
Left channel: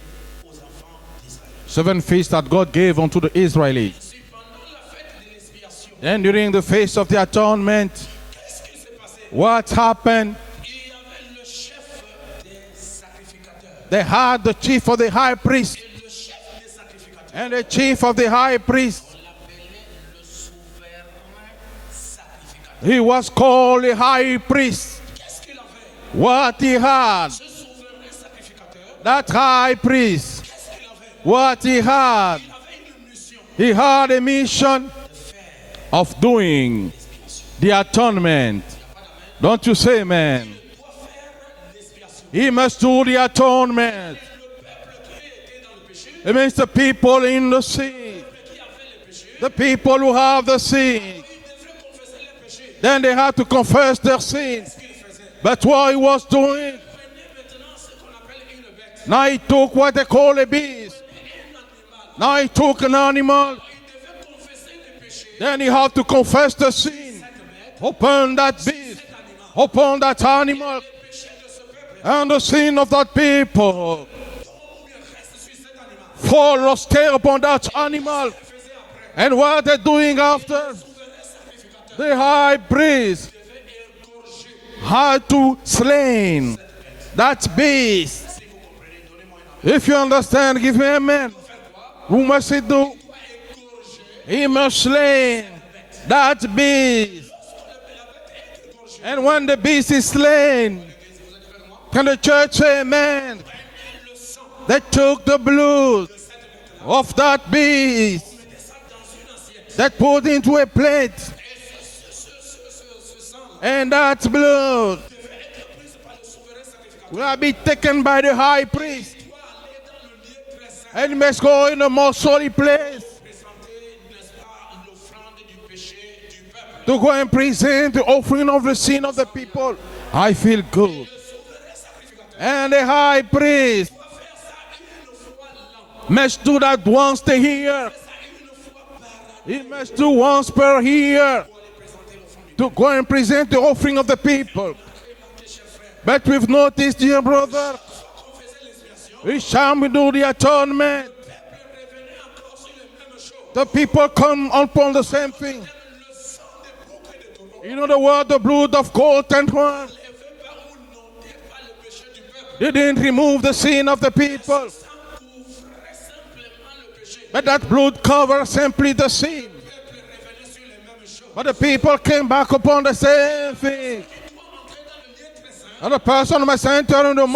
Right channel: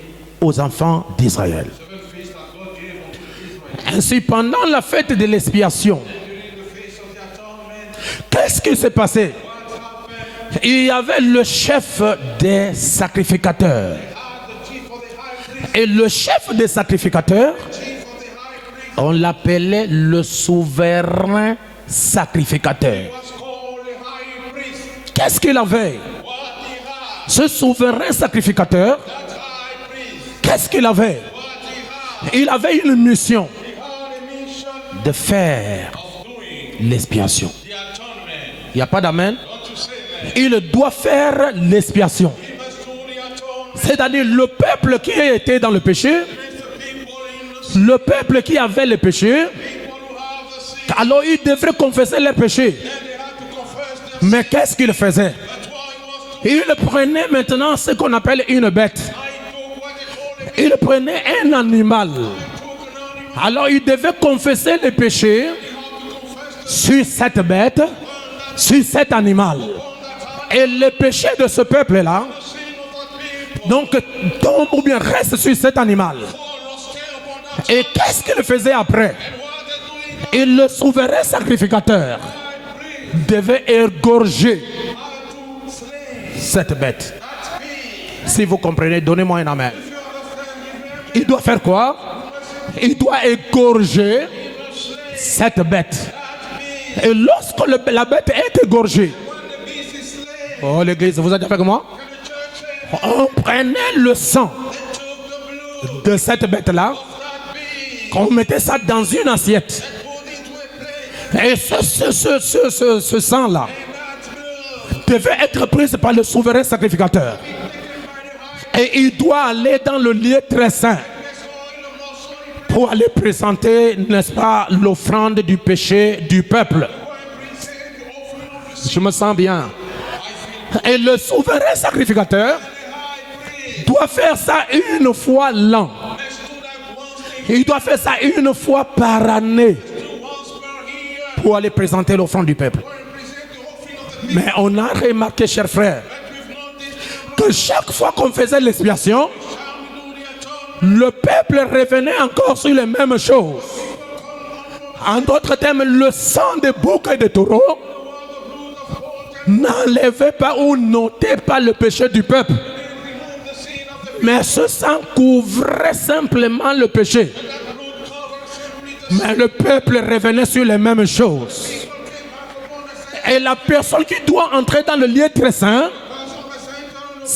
aux enfants d'Israël. 7 feasts that God gave unto the Israelites. Ainsi, pendant la fête de l'expiation, And during the feast of the atonement, qu'est-ce qui s'est passé? what happened? Il y avait le chef des sacrificateurs. They had the chief of the high priest. Et le chef des sacrificateurs, The chief of the high priest. on l'appelait le souverain He sacrificateur. was called a high priest. Qu'est-ce qu'il avait? What he had. Ce souverain sacrificateur, That high priest. qu'est-ce qu'il avait? What he had. Il avait une mission He had a mission de faire of doing l'expiation. the atonement. Il n'y a pas d'amen? Don't you say amen? Il doit faire l'expiation. He must do the atonement. C'est-à-dire le peuple qui était dans le péché, It means the people in the sin. le peuple qui avait le péché, The people who have the sin. alors ils devraient confesser leurs péchés. Then they had to confess their Mais sin. qu'est-ce qu'il faisait? But what he was doing, Il prenait maintenant ce qu'on appelle une bête. now he took what they call a Il beast. prenait un animal. Now he took an animal. Alors il devait confesser les péchés Then he had to confess the sin sur cette bête, upon that sur sin, cet animal. upon that Et animal, les péchés de ce peuple-là, and the sin of that people. donc tombe ou bien reste sur cet animal. fall or stay upon that Et qu'est-ce animal. qu'il faisait après? And what they're doing Et le after, souverain the sacrificateur high priest devait égorger had to slay cette bête. that beast. Si vous comprenez, donnez-moi un amen. If you understand, give me Il amen. doit faire quoi? Who must he do? Il doit égorger He must slay cette bête. that beast. Et lorsque la bête est égorgée, And when the beast is slain, oh l'église, vous êtes avec moi? can the church say On amen? prenait le sang They took the blood de cette bête-là, of that beast. on mettait ça dans une assiette. That put into a plate. Et ce sang-là And that blood devait être pris par le souverain sacrificateur. will be taken by the high Et priest. il doit aller dans le lieu très saint And must go in a more solid place pour aller présenter, n'est-ce pas, l'offrande du péché du peuple. to go and present the offering of the sin Je me of the sens bien. people. I feel Et good. le souverain sacrificateur And the high priest doit faire ça une fois l'an. must do that once a Il doit year. faire ça une fois par année Must do once per year. pour aller présenter l'offrande du peuple. Go and present the offering of the people. Mais on a remarqué, chers frères, But we've noticed, dear que brother, chaque fois qu'on faisait l'expiation, each time we do do the atonement, le peuple revenait encore sur les mêmes choses. the people come upon the En same d'autres termes, le sang de bouc et de taureau In other words, the blood of goat and ram n'enlevait pas ou n'ôtait pas le péché du peuple. didn't remove the sin of the people, Mais ce sang couvrait simplement le péché. but that blood covered simply the Mais sin. le peuple revenait sur les mêmes But the choses. people came back upon the Et same la thing. personne qui doit entrer dans le lieu très saint, The person must enter in the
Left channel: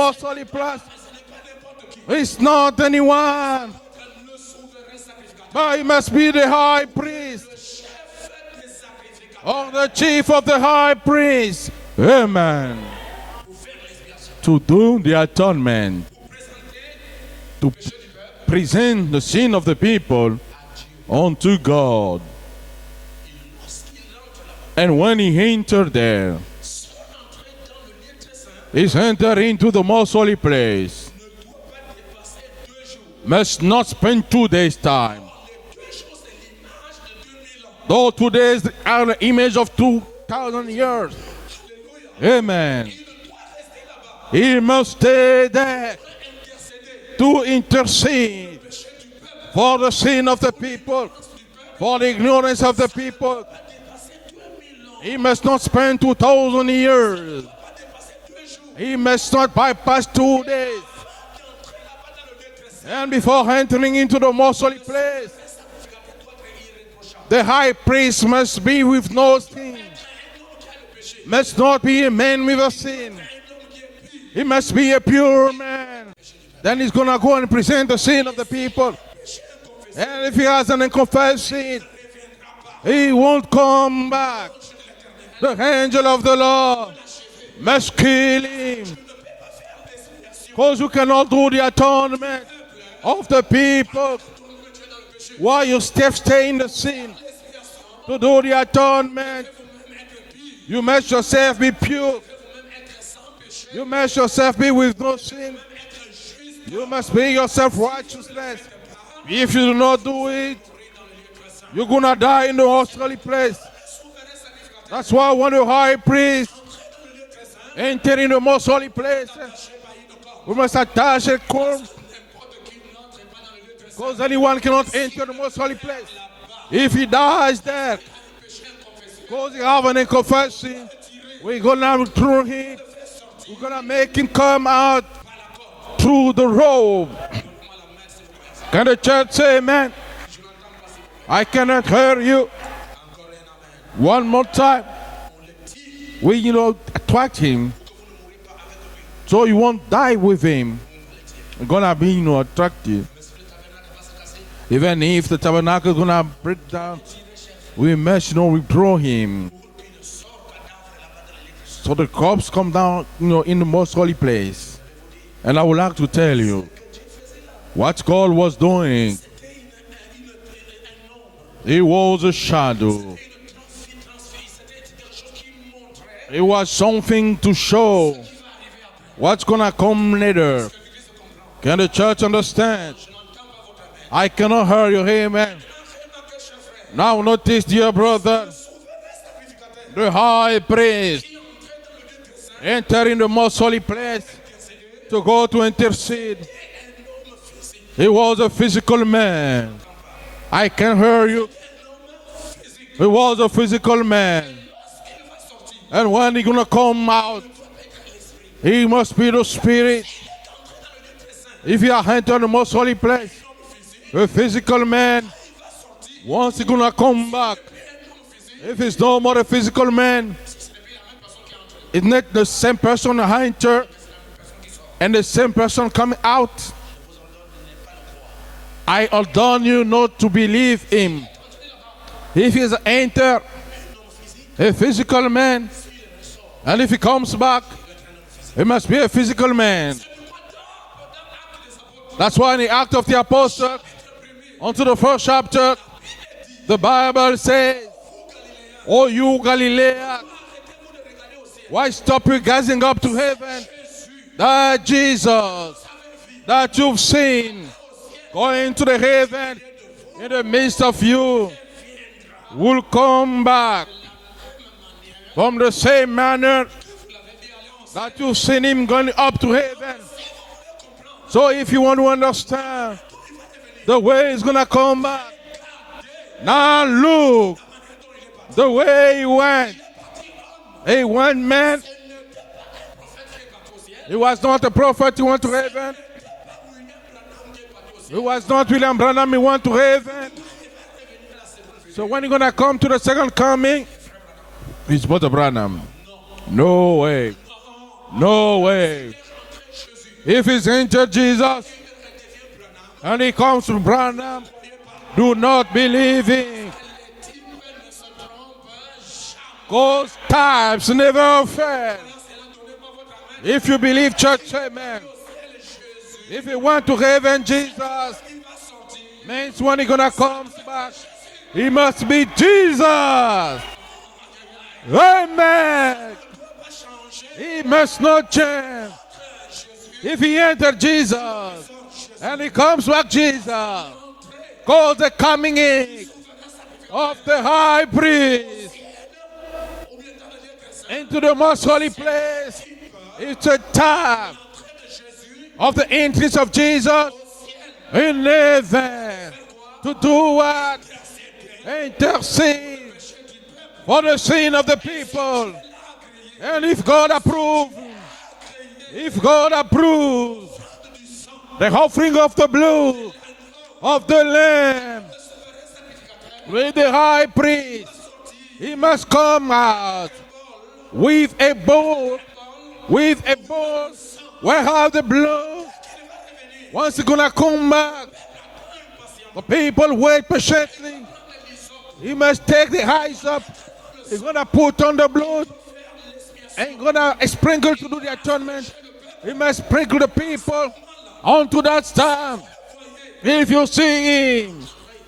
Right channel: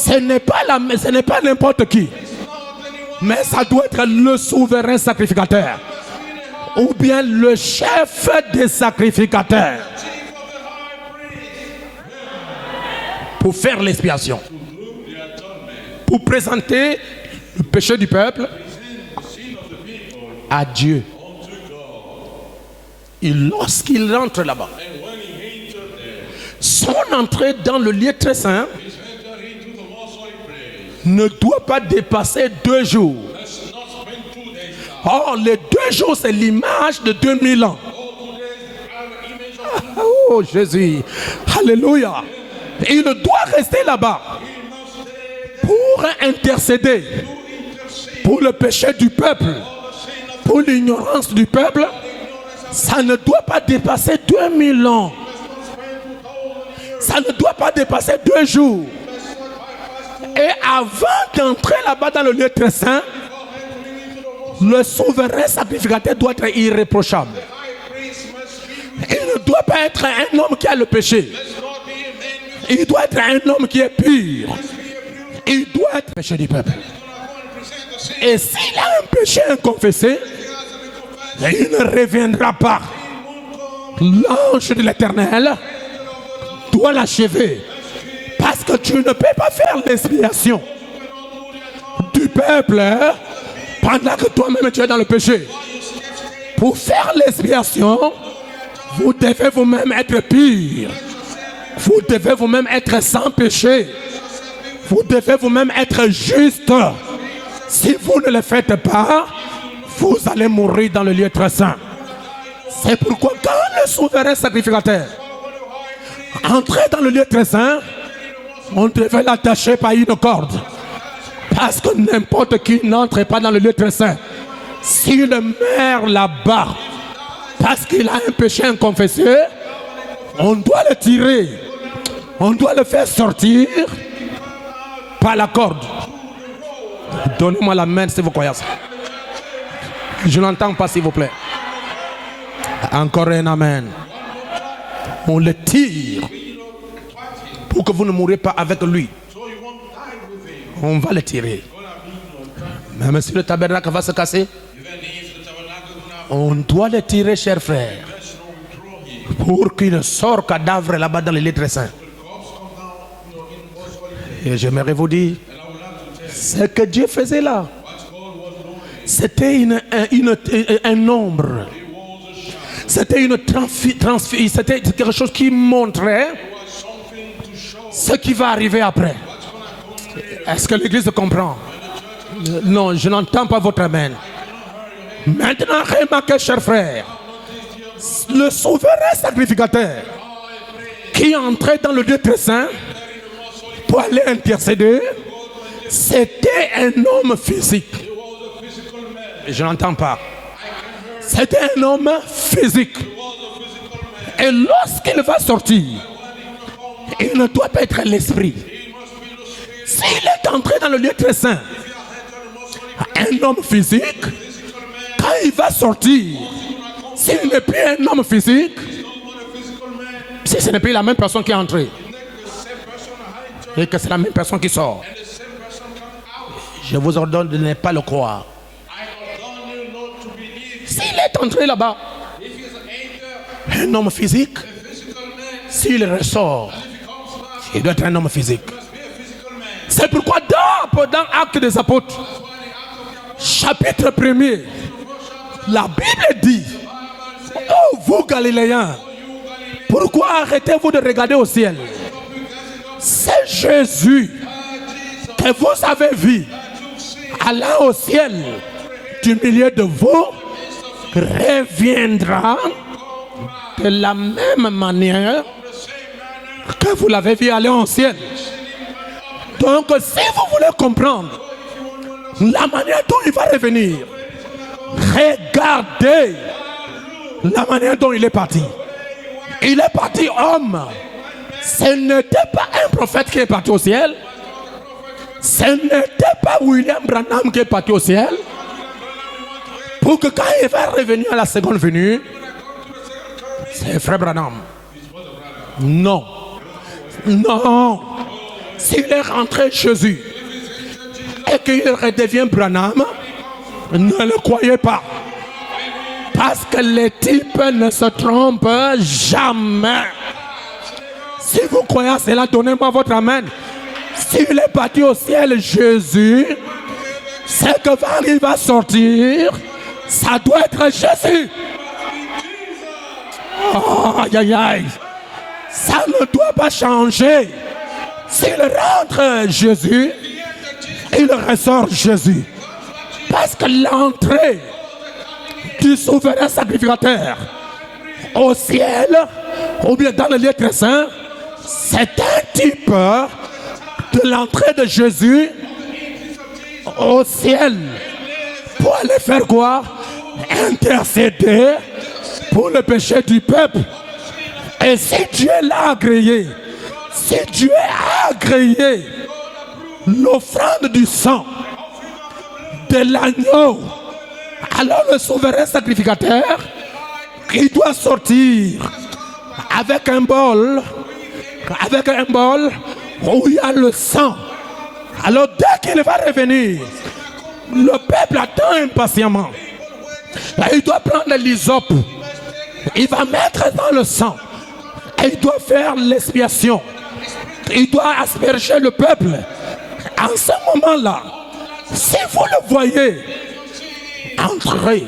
ce n'est pas n'importe qui. It's not anyone. Mais ça doit être le souverain sacrificateur. It must be the high Ou bien le chef des or sacrificateurs. the chief of the high priest. Amen. Pour faire l'expiation. To do the atonement, Pour présenter le péché du peuple present the sin of the people à Dieu. unto God. Et lorsqu'il rentre là-bas, And when he entered there, son entrée dans le lieu très saint he entered into the most holy place. ne doit pas dépasser 2 jours. Must not spend 2 days time. Or, les 2 jours, c'est l'image de 2000 ans. Though 2 days are the image of 2,000 Oh, Jésus. years. Alléluia. Amen. Il doit rester là-bas He must stay there pour intercéder to intercede pour le péché du peuple, for the sin of the pour people, l'ignorance du peuple. for the ignorance of the Ça ne people. doit pas dépasser 2000 ans. He must not spend 2,000 years. Ça ne doit pas dépasser 2 jours. He must not bypass 2 Et days. avant d'entrer là-bas dans le lieu très saint, And before entering into the most holy le place, souverain sacrificateur doit être irréprochable. the high priest must be with Il no ne doit pas être un homme qui a le péché. must not be a man with a Il sin. doit être un homme qui est He pur. must be a pure Il man. doit être le péché du peuple. Then he's gonna go and present the sin Et of the s'il people. a un péché inconfessé, And if he has an unconfessed il ne sin, reviendra pas. he won't come back. L'ange de l'Éternel Angel of the Lord doit l'achever. must kill Parce que him. tu ne peux pas faire l'expiation Those who cannot do the du atonement peuple of the people pendant que toi-même tu es dans le péché. while you stay in the Pour sin. faire l'expiation, To do the vous atonement, devez vous-même être you pur. must yourself be Vous pure. devez vous-même être sans péché. You must yourself be with Vous no devez sin. vous-même être juste. You must be yourself Si right. vous ne le faites pas, If you do not do vous allez it, mourir dans le lieu très saint. you're gonna die in the C'est hospital pourquoi place. quand le souverain sacrificateur That's why when the high priest entrait dans le lieu très saint, enter in the most on holy devait place, l'attacher par une you corde. must attach a Parce cord. que n'importe qui n'entre pas dans le lieu très saint. Anyone cannot enter S'il the most holy meurt place. là-bas If he dies parce there, qu'il a un péché inconfessé, you have an unconfessed on sin, doit le tirer. we're gonna throw On him, doit le faire sortir make him come out par la corde. through the robe. Donnez-moi la main si vous croyez ça. Can the church say amen? Je n'entends pas s'il vous plaît. I cannot hear you. Encore un amen. One more time. On le tire We, attract him pour que vous ne mourrez pas avec lui. so you won't die with him. On va le tirer. Gonna be, attractive. Même si le tabernacle va se casser, Even if the tabernacle is gonna on break doit down, le tirer, cher we frère, must, withdraw him. pour qu'il ne sorte cadavre là-bas dans les lieux très saints. So the corpse come down, in the most holy Et place. j'aimerais vous dire, And I would like to tell you ce que Dieu faisait là, what God was doing. c'était un nombre. It was a shadow. C'était c'était quelque chose qui montrait It was something to show ce qui va arriver après. what's gonna come later. Est-ce que l'Église comprend? Can the church understand? Non, je n'entends pas votre amen. I cannot hear you. Amen. Maintenant, remarquez, cher frère, Now notice, dear brother, le souverain sacrificateur the high priest qui entrait dans le lieu très saint enter in the most holy pour aller place intercéder, to go to intercede. c'était un homme physique. He was a physical Je man. n'entends pas. I can hear you. C'était un homme physique. He was a physical Et man. lorsqu'il va sortir, And when he gonna come il out, ne doit pas être l'esprit. he must be the spirit. S'il est entré dans le lieu très saint, If you are entered the most holy place, un homme physique, a physical man, quand il va sortir, once he gonna come s'il n'est back, plus un homme physique, if it's no more a physical man, si ce n'est plus la même personne qui est entrée, it's not the same person et entered que c'est la même personne qui sort, and the same person coming out. je vous ordonne de ne pas le croire. I ordain you not to believe S'il in. est entré là-bas, If he is entered un homme physique, a physical man, s'il ressort, and if he comes back, il doit être un homme physique. he must be a physical man. C'est pourquoi dans Actes des Apôtres, That's why in the Act of the Apostles, chapitre 1er, onto the first chapter, la Bible dit, the Bible says, oh vous Galiléens, "Oh, you Galileans, pourquoi arrêtez-vous de regarder au ciel? why stop you gazing up to C'est heaven? Jésus That Jesus que vous avez vu that you've seen allant au ciel going into the du heaven milieu de vous in the midst of you reviendra will come back de la même manière from the same manner que vous l'avez vu aller en ciel. you've seen him going up to heaven. Donc, si vous voulez comprendre So if you want to la understand manière dont il va revenir, the way he's going to come back, regardez now look la manière dont il est parti. the way he went. Il est parti homme. A one man. Ce n'était pas un prophète qui est parti au He ciel. was not a prophet who went to Ce heaven. n'était pas William Branham qui est parti au He ciel. was not William Branham who went to heaven. Pour que quand il va revenir à la seconde venue, When he's going to come to the second coming, c'est frère Branham. it's Brother Branham. Non. No way. Non. No way. S'il est rentré Jésus If he's entered Jesus et qu'il redevient Branham, and he comes to ne Branham, le croyez pas. do not believe him. Parce que les types ne se trompent jamais. Most times never Si vous fail. croyez à cela, donnez-moi votre amen. If you believe church, S'il est parti au ciel, Jésus, he went to heaven, Jesus. c'est que quand il va sortir, When he's going to ça come, doit être Jésus. he must be Jesus. Oh, aïe, aïe, aïe. Amen. Ça ne doit pas changer. He must not S'il change. rentre Jésus, If he entered Jesus il ressort and Jésus. he comes back Parce que Jesus, l'entrée calls the coming in du souverain of the sacrificateur high priest au ciel, ou bien dans le lieu très saint, to the most holy c'est place. un type It's a de time l'entrée de Jésus of the entrance of Jesus au ciel. in heaven Pour aller faire quoi? to Intercéder intercede pour le péché du peuple. for the sin of the Et si people. Dieu l'a agréé, And if God si approves, Dieu a agréé if God approves l'offrande du sang the offering of the blood de l'agneau, of the Lamb alors le souverain sacrificateur, with the high il priest doit sortir must come out avec un bol, with a bowl with a où il y a le sang. where have the blood. Alors dès qu'il va revenir, Once it's gonna come le back, peuple attend impatiemment. people wait patiently. Il doit prendre l'hysope, He must take the il va hand, mettre dans le sang, gonna put on the et il blood, doit faire l'expiation. gonna sprinkle Il doit asperger le peuple. must sprinkle the En ce people moment-là, onto that si side. vous le voyez, If you see it, entrez.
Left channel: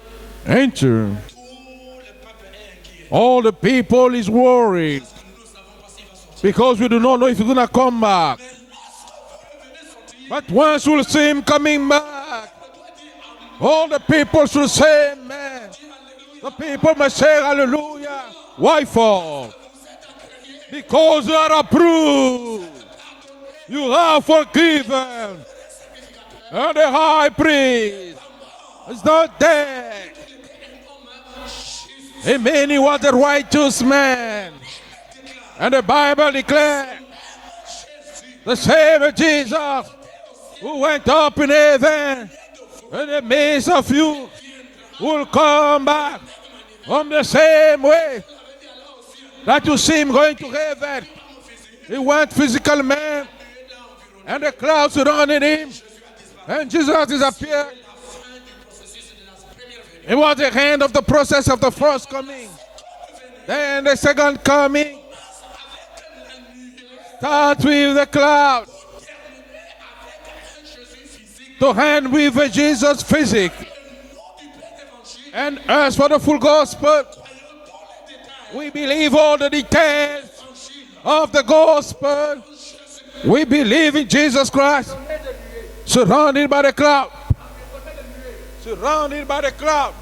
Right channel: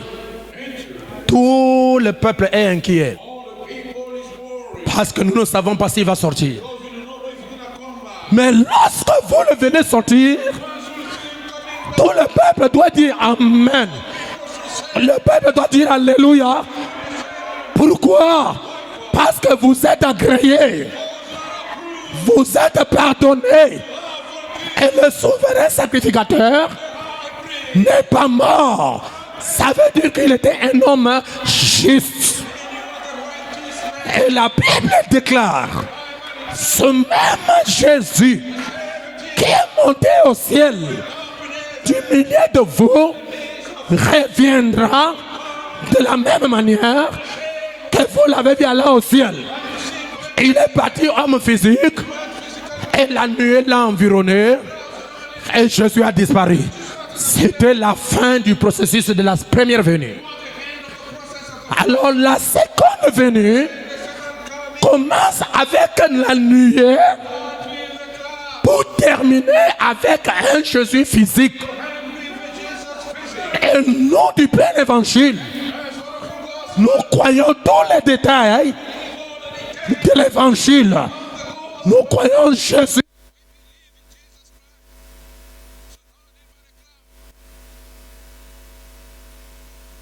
enter. Tout le peuple est inquiet. All the people is worried Parce que nous ne savons pas s'il va sortir. because we do not know if he's gonna come back. Mais lorsque vous le venez sortir, Once we'll see him coming back, tout le peuple doit dire all Amen. the people should say, Le peuple doit dire Alléluia. people must say hallelujah. Pourquoi? Why for? Parce que vous êtes agréés. Because you are approved. Vous êtes pardonnés. You are Et forgiven. le souverain sacrificateur The high priest n'est pas mort. not Ça dead. veut dire qu'il était un homme juste. Amen. He was a righteous Et man. la Bible déclare, And the Bible ce declares même Jésus the same qui est Jesus monté au ciel who went up in du heaven milieu de vous in the midst of you reviendra will come de la back même manière the same que way vous l'avez vu aller au ciel. that you see him going to Il est heaven. parti homme physique He went physical et man. la nuée l'a environné The clouds surrounded et him. Jésus a disparu. And Jesus C'était disappeared. la fin du processus de la première venue. It was the end of the process of the first Alors la seconde venue and the second coming. commence avec la nuée Start with the cloud. pour terminer avec un Jésus physique. To hand with Jesus physique. Et nous du plein évangile, And as for the full gospel, nous croyons tous les détails believe all the de details l'évangile. of the Nous gospel. croyons Jésus. We believe in Jesus Christ, surrounded by the cloud. Surrounded by the cloud.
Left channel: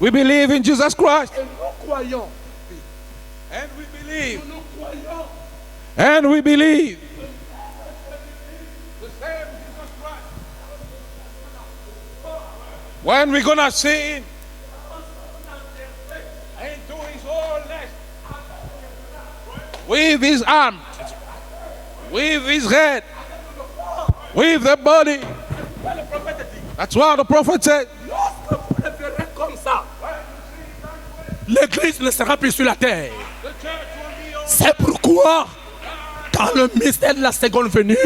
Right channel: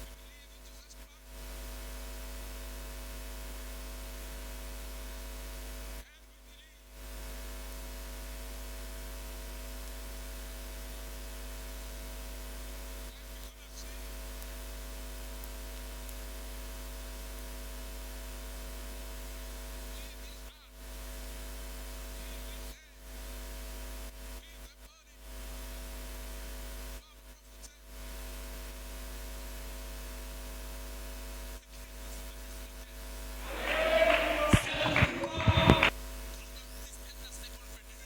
We believe in Jesus Christ. And we believe. And we believe. The same Jesus Christ. When we're gonna see him and do his wholeness with his arm, with his head, with the body. That's what the prophet said. Comme ça. L'église ne sera plus sur la terre. C'est pourquoi, dans le mystère de la seconde venue,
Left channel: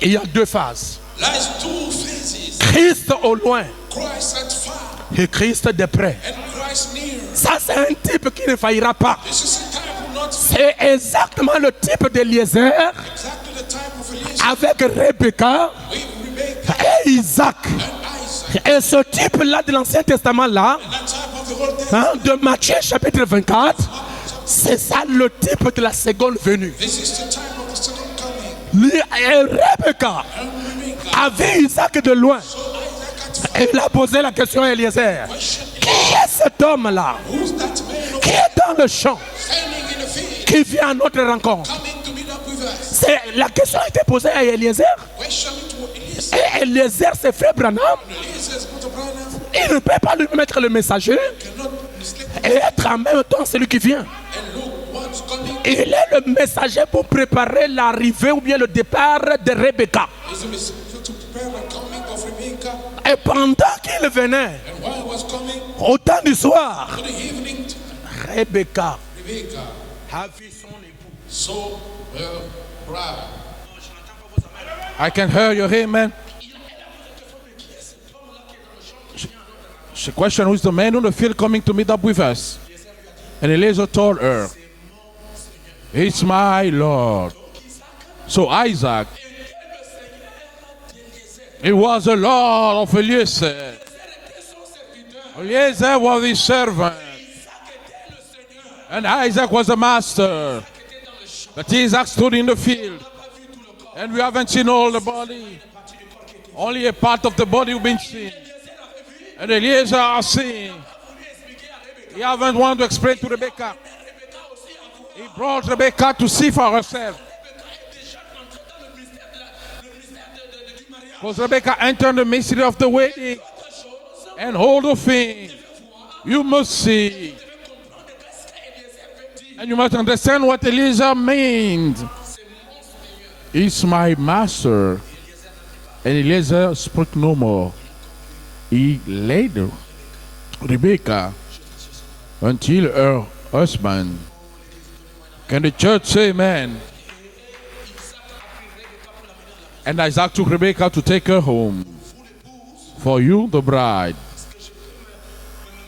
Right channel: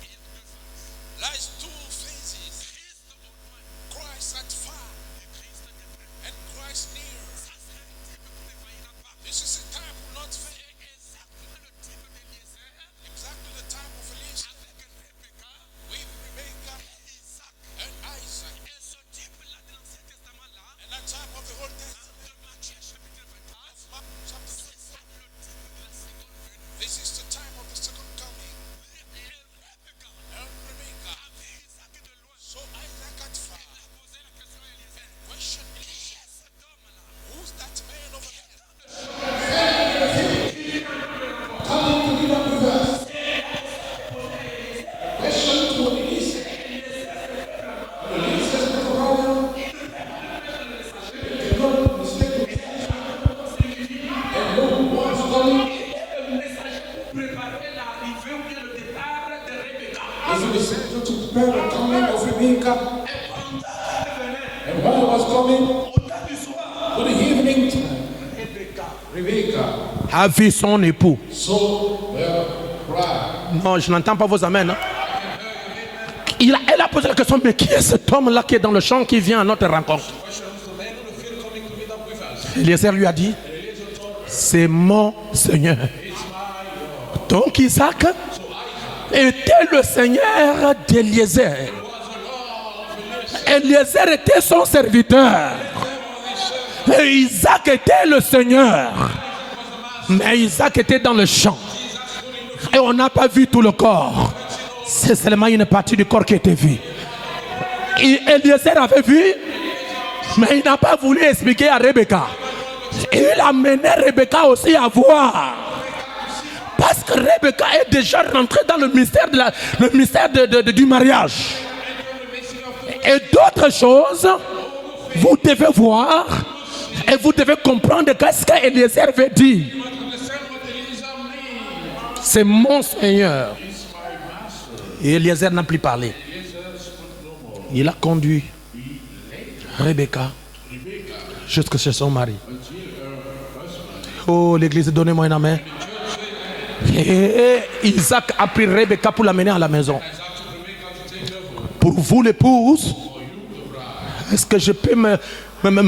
il y a deux phases. Lies two phases. Christ au loin Christ at far et Christ de près. and Christ near. Ça, c'est un type qui ne faillira pas. This is the type who not fail. C'est exactement le type d'Eliezer Exactly the type of Eliezer avec Rebecca with Rebecca et Isaac. and Isaac. Et ce type-là de l'Ancien Testament-là, And that type of the Old Testament. de Matthieu chapitre 24, c'est ça le type de la seconde venue. This is the type of the second coming. Rebecca And Rebecca. a vu Isaac de loin. So Isaac at far. Et il a posé la question à Eliezer. Question. Qui cet homme-là Who's that man qui est dans le champ, standing in the field, qui vient à notre rencontre? coming to meet up with us? C'est, la question a été posée à Eliezer. Question to Eliezer. Et Eliezer, c'est frère Branham. Eliezer is Mr. Branham. Il ne peut pas lui mettre le messager Cannot neglect et être en même temps celui qui vient. and no one's coming. Il est le messager pour préparer l'arrivée ou bien le départ de Rebecca. He's the messenger to prepare the coming of Rebecca. Et pendant qu'il venait, And while he was coming au temps du soir, to the evening time, Rebecca Rebecca a vu son époux. saw her bride. Non, je n'entends pas vos amens. Hein. I can hear your amen. Elle a posé la question, mais qui est cet homme-là qui est dans le champ qui vient à notre rencontre? Question, who is the man on the field coming to meet up with us? Eliezer lui a dit, And Eliezer told her, c'est mon Seigneur. it's my Lord. Donc Isaac So Isaac, était le Seigneur d'Eliezer. he was the Lord of Eliezer. Eliezer était son serviteur. Eliezer was his servant. Mais Isaac était le Seigneur. And Isaac was the master. Mais Isaac était dans le champ. But Isaac stood in the Et on field. n'a pas vu tout le corps. We haven't seen all the C'est body. seulement une partie du corps qui était vue. Only a part of the body we've been Et seen. Eliezer avait vu, And Eliezer has seen. mais il n'a pas voulu expliquer à We Rebecca. haven't wanted to express Il a mené Rebecca aussi à voir. want Rebecca to see for Parce que herself. Rebecca est déjà rentrée dans le mystère, du mariage. Rebecca entered the mystery of the Et wedding. d'autres choses, And all the vous things devez voir you must see. et vous devez comprendre qu'est-ce qu'Eliezer veut dire. And you must understand what Eliezer means. C'est mon Seigneur. He's my master. Et Eliezer n'a plus And parlé. Eliezer spoke no more. Il a conduit He led Rebecca Rebecca jusque chez son mari. until her husband. Oh, l'église, donnez-moi un amen. And the church say amen. Et Isaac a pris Rebecca pour l'amener à la maison. And Isaac took Rebecca to take her home. Pour vous, l'épouse, For you, the bride. est-ce que je peux me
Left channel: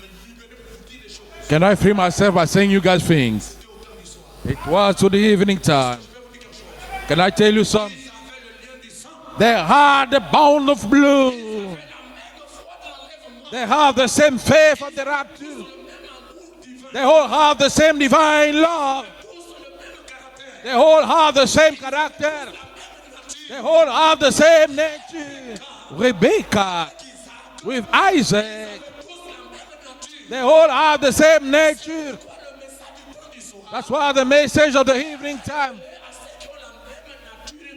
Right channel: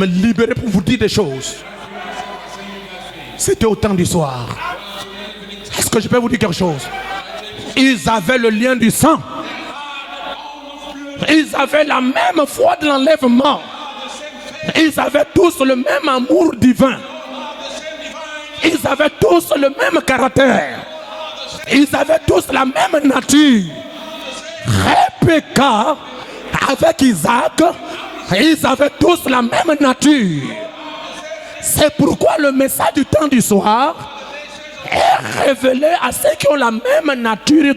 libérer pour vous dire des choses? Can I free myself by saying you guys things? C'était au temps du soir. Well, to the evening Est-ce que time. je peux vous dire quelque chose? Can I tell you something? Ils avaient le lien du sang. They had the bond of blood. Ils avaient la même foi de l'enlèvement. They have the same faith. Ils avaient tous le même amour divin. They all have the same divine Ils love. avaient tous le même They caractère. all have the same Ils avaient character. tous la même nature. They all have the same Rebecca Rebecca avec Isaac, with Isaac. ils avaient tous la même They nature. all have the same nature. C'est pourquoi le message du temps du soir What the message of the est révélé à ceux qui ont la même nature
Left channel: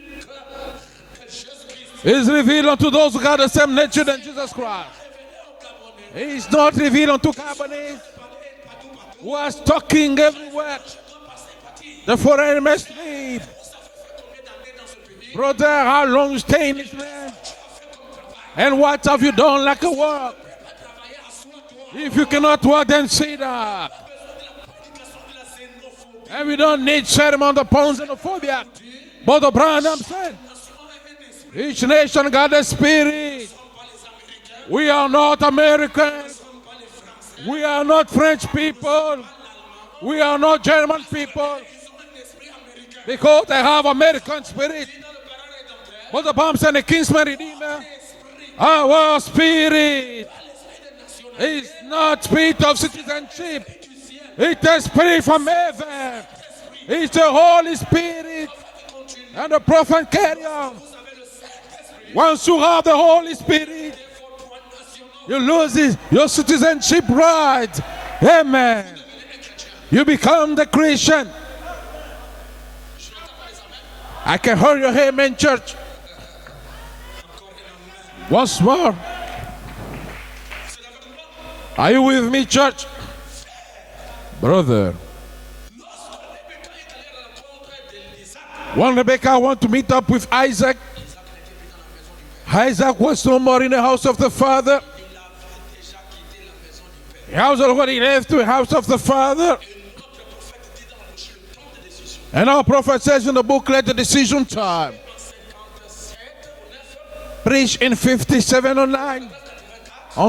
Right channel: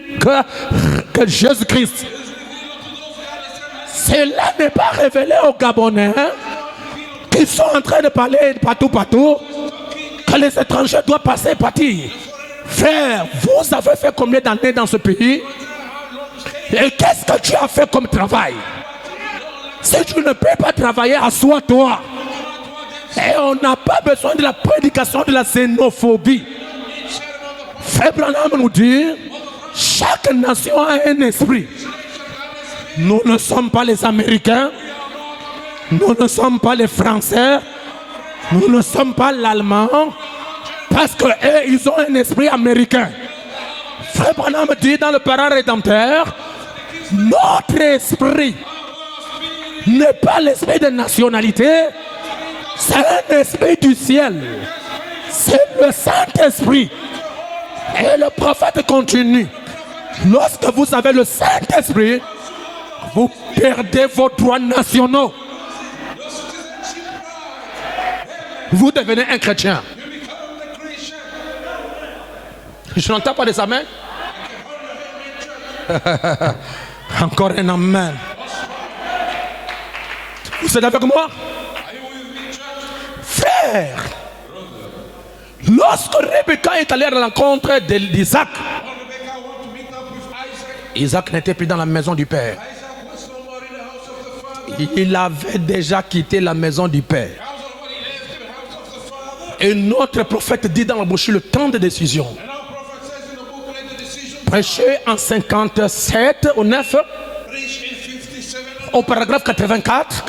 que Jésus-Christ. is revealed unto those who got the same nature. Cela n'est pas révélé aux Gabonais It's not revealed unto qui sont en train de parler partout, who are talking que les étrangers doivent passer et partir. the foreign man. Frère, vous avez fait combien d'années dans ce pays? Brother, how long you stayed? Et qu'est-ce que tu as fait comme travail? And what have you done like Si a tu ne work? peux pas travailler, assois-toi. If you cannot work, then sit Et on n'a down. pas besoin de la prédication de la xénophobie. And we don't need sermon upon Frère Branham nous dit, But the brother, chaque nation a un esprit. each nation got a spirit. Nous ne sommes pas les Américains, We are not nous American. ne sommes pas les Français, We are not French nous people. ne sommes pas l'Allemand, We are not German parce que people. eux, ils ont un esprit américain. Because they have Frère American Branham spirit. dit dans le parent rédempteur, The palms and the kingsman. notre esprit Our spirit. n'est pas l'esprit de nationalité, Not spirit of c'est un esprit du ciel. It's the spirit from C'est le heaven. Saint-Esprit. It's the Holy Et Spirit. le prophète continue. And the prophet came. Lorsque vous avez le Saint-Esprit, Once you have the vous Holy Spirit, perdez vos droits nationaux. you lose your citizenship right. Amen. Vous devenez un chrétien. You become the Christian. Je n'entends pas des amens. I can hear your amen, church. Encore un amen. Once more. Vous êtes avec moi? Are you with me, church? Frère, Brother. lorsque Rebecca est allée à la rencontre d'Isaac, When Rebecca went to meet up with Isaac, Isaac n'était plus dans la maison du père. Isaac was no more in the house of the father. Il avait déjà quitté la maison du père. He was already left to the house of the father. Et notre prophète dit dans la bouche le temps de décision. And our prophet says in the book, let the decision time. Prêché en 57 au 9, Preach in 57 or au 9. paragraphe 94.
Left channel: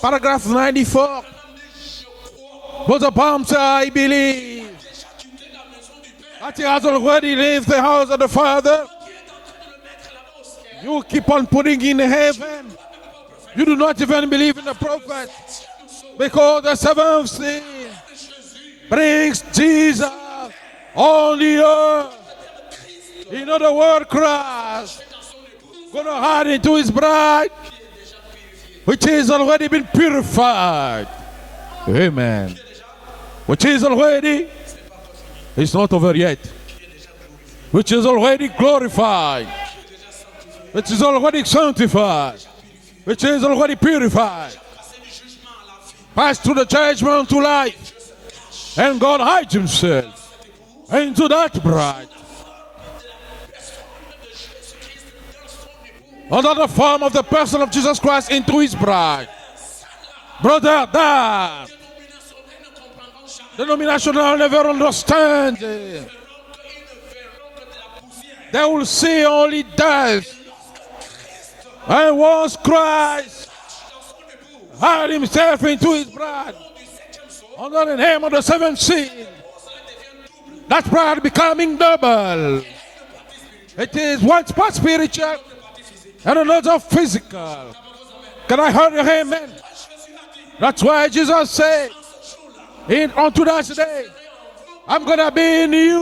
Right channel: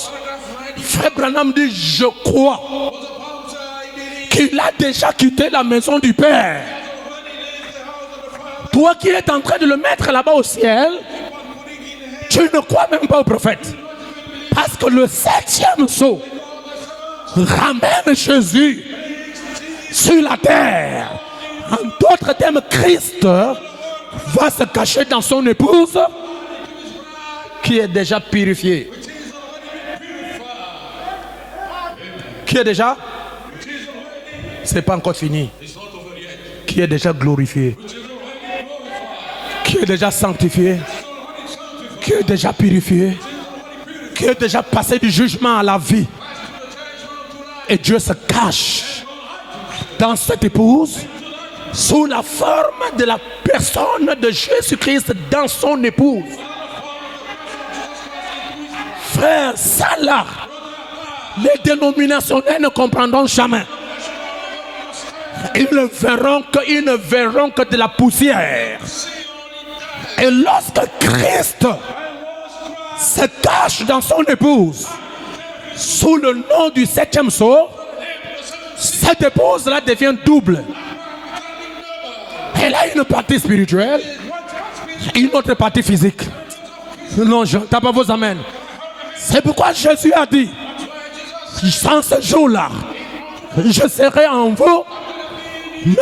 Paragraph Frère 94. Branham dit, je crois Was the palm say, I believe. qu'il a déjà quitté la maison du père. He has already left the house of the father. Toi qui es en train de le mettre là-bas au ciel, You keep on putting in heaven. tu ne crois même pas au prophète. You do not even believe Parce the que le prophet. 7e saut Because the seventh ramène Jésus brings Jesus sur la terre. on the En earth. d'autres termes, Christ va The word se cry. cacher dans son épouse Heart into his bride, qui est déjà purifiée. which has already been purified. Amen. Qui est déjà? Which is already, C'est pas encore fini. it's not over yet. Qui est déjà glorifié? Which is already glorified. Qui est déjà sanctifié? Which is already Qui est sanctified. déjà purifié? Which is already Qui est purified. déjà passé du jugement à la vie? Pass through the judgment to life. Et Dieu se cache And God hides himself dans cette épouse into that bride. sous la forme de la personne de Jésus-Christ dans son épouse. Under the form of the person of Jesus Christ into his bride. Frère, ça là, Brother, that les dénominationnels ne comprendront jamais. denominational never understand. Ils ne verront que de la They poussière. will see only death. Et lorsque Christ And once Christ se cache dans son épouse hide himself into his sous le bride. nom du septième sceau, Under the name of the seventh seal. cette épouse-là devient double. That bride becoming double. Elle a une partie spirituelle It is one part et une spiritual autre partie physique. and another physical. Non, je n'entends pas vos amens. Can I hear him? C'est pourquoi Jésus a dit, That's why Jesus said, sans ce jour-là, onto that je day, serai en vous, I'm gonna be in you,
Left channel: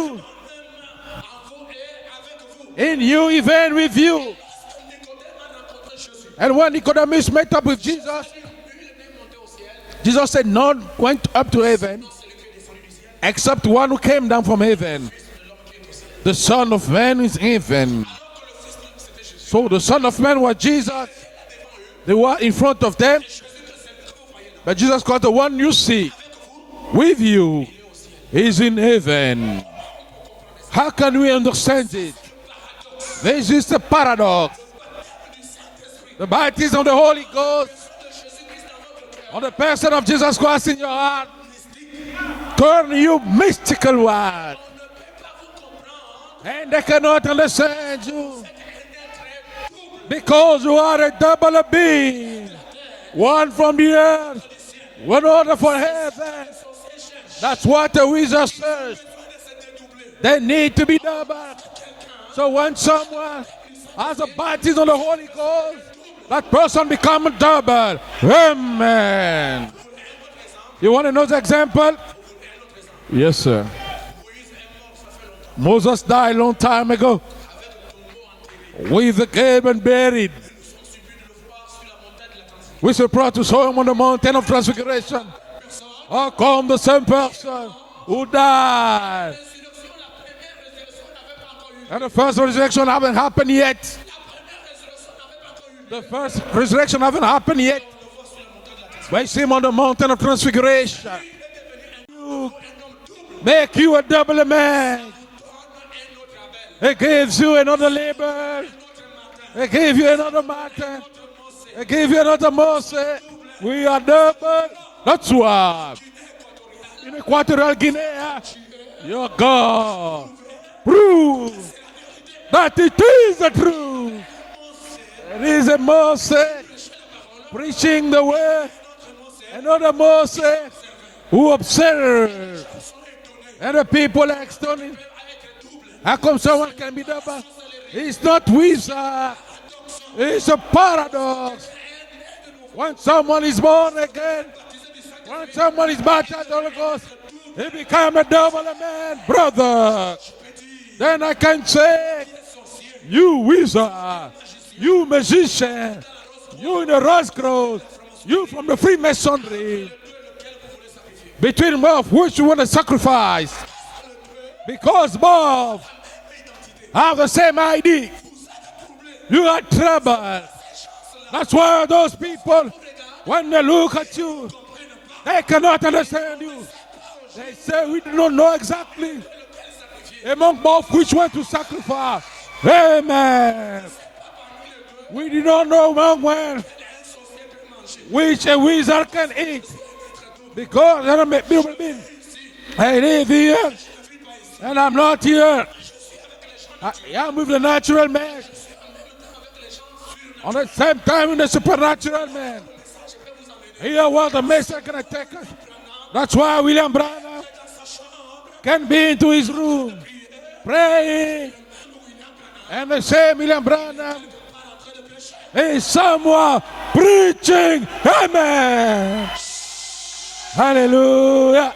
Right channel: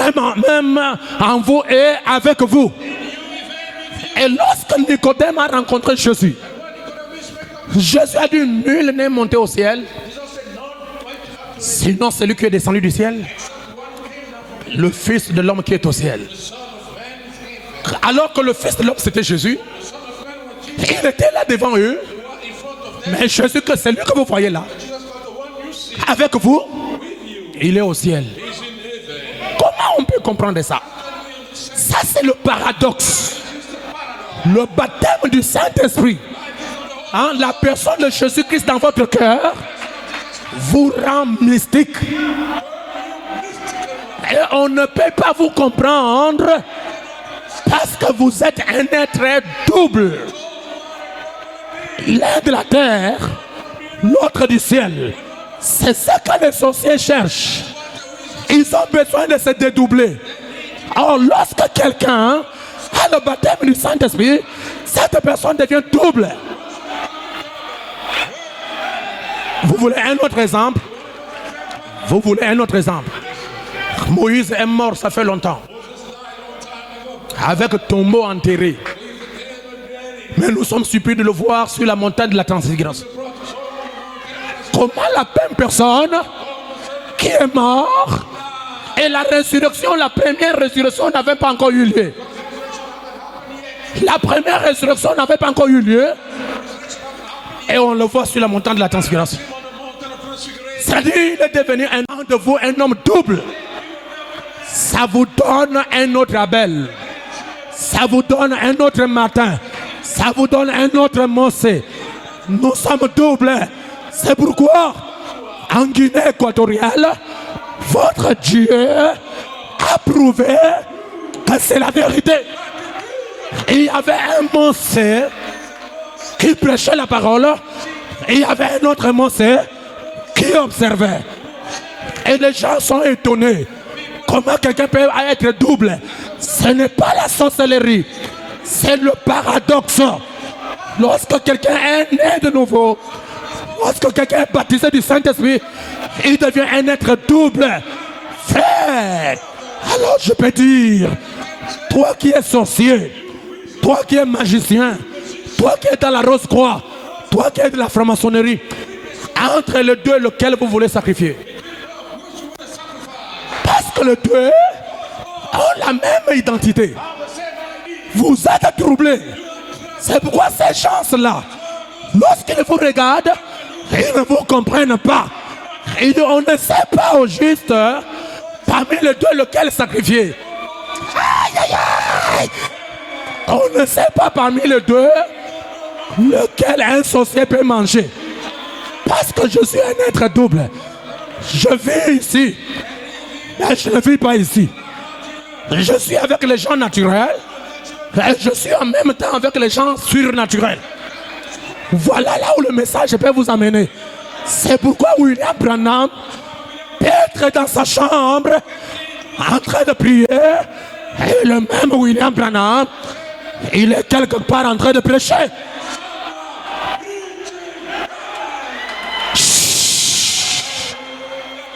même en vous et avec vous. in you, even with you. Et lorsque Nicodème a rencontré Jésus, And when Nicodemus met up with Jésus Jesus, a dit, nul n'est monté au ciel, Jesus said, none went up to heaven sinon celui qui est descendu du ciel, except one who came down from le heaven. Fils de l'homme qui est au ciel. The Son of Man is in heaven. Alors que le Fils de l'homme c'était Jésus, So the Son of Man was Jesus. il était là devant eux, They were in front of them. mais Jésus, que c'est lui que vous voyez là, But Jesus Christ, the one you see avec vous, with you, il est au ciel. is in heaven. Comment on peut comprendre ça? How can we understand Ça this? c'est le paradoxe. This is the paradox. Le baptême du Saint-Esprit, The baptism of the Holy hein, la Ghost, personne de Jésus-Christ dans votre cœur, the person of Jesus Christ in vous your heart, rend mystique. turn you mystical Et one. on ne peut pas vous comprendre They cannot understand parce que vous êtes un être double. because you are a double being. L'un de la terre, One from the earth, l'autre du ciel. one order for C'est heaven. ça que les sorciers cherchent. That's what the wizards Ils say. ont besoin de se dédoubler. They need to be Or, lorsque quelqu'un So when a someone le baptême du Saint-Esprit, cette personne devient double. that person become double. Amen. Vous voulez un autre exemple? You want another example? Vous voulez un autre exemple? Yes, sir. Moïse est mort, ça fait longtemps, Moses died a long time ago avec tombeau enterré. with the grave and buried. Mais nous sommes surpris de le voir sur la montagne de la We transfiguration. should pray to show him on the mountain of Comment transfiguration. la même personne How come the same qui person est mort who died? et la résurrection, la première résurrection n'avait pas encore eu lieu. First resurrection haven't happened yet. La première résurrection n'avait pas encore eu lieu First resurrection haven't happened et yet. on le voit sur la montagne de la I transfiguration. see him on the mountain of transfiguration. C'est-à-dire il est devenu un de vous, un homme double. Make you a double man. Ça vous donne un autre Abel. It gives you another Ça vous labor. donne un autre matin. It gives you Ça another vous donne un autre Mossé. It gives you another Nous Moses. sommes doubles. We are double. C'est pourquoi That's why. en Guinée équatoriale, Equatorial Guinea, votre Dieu your God, a prouvé que c'est la vérité. that it is the truth. Il y avait un Mossé It is a Moses qui prêchait la parole preaching the et il y word. avait un autre Mossé Another Moses qui observait. who observed. Et les gens sont étonnés. And the people, Comment quelqu'un peut être double? how come Ce someone n'est pas la sorcellerie, is not with c'est le paradoxe. It's a paradox. Lorsque quelqu'un est né de nouveau, Someone is born lorsque quelqu'un est baptisé du Saint-Esprit, someone is baptized, il devient un être double. become a double Frère, brother. alors je peux dire, And I can say, toi qui es sorcier, you wizard, toi qui es magicien, you magician, toi qui es dans la rose-croix, you in the rose toi qui es de bowl, la franc-maçonnerie, you from the Freemasonry. entre les deux, lequel vous voulez sacrifier? Between both, which you want to sacrifice? Parce que les deux Because both ont la même identité. have the same ID. Vous êtes troublés. You are C'est trouble. pourquoi ces gens-là, That's why those lorsqu'ils vous regardent, when they look at ils ne you, vous comprennent pas. they cannot Et understand. on ne sait pas au juste No, no exactly. parmi les deux lequel sacrifier. Among both, which one to sacrifice? Amen. On ne sait pas parmi les deux You don't know one way lequel un sorcier peut manger. which a wizard Parce can que be. je suis un être double. God, I don't make Je vis ici, I live here mais je ne vis pas ici. and I'm not here. Je suis avec les gens naturels, With the natural man. mais je suis en même temps avec les gens At the surnaturels. same time in the supernatural. Voilà là où le message peut vous amener. Here what the message. C'est pourquoi William Branham That's why William peut Branham être dans sa chambre can be into his en train room de prier. praying. Et le même William Branham, The same William il Branham est quelque part en train de prêcher. is someone preaching. Amen. Hallelujah.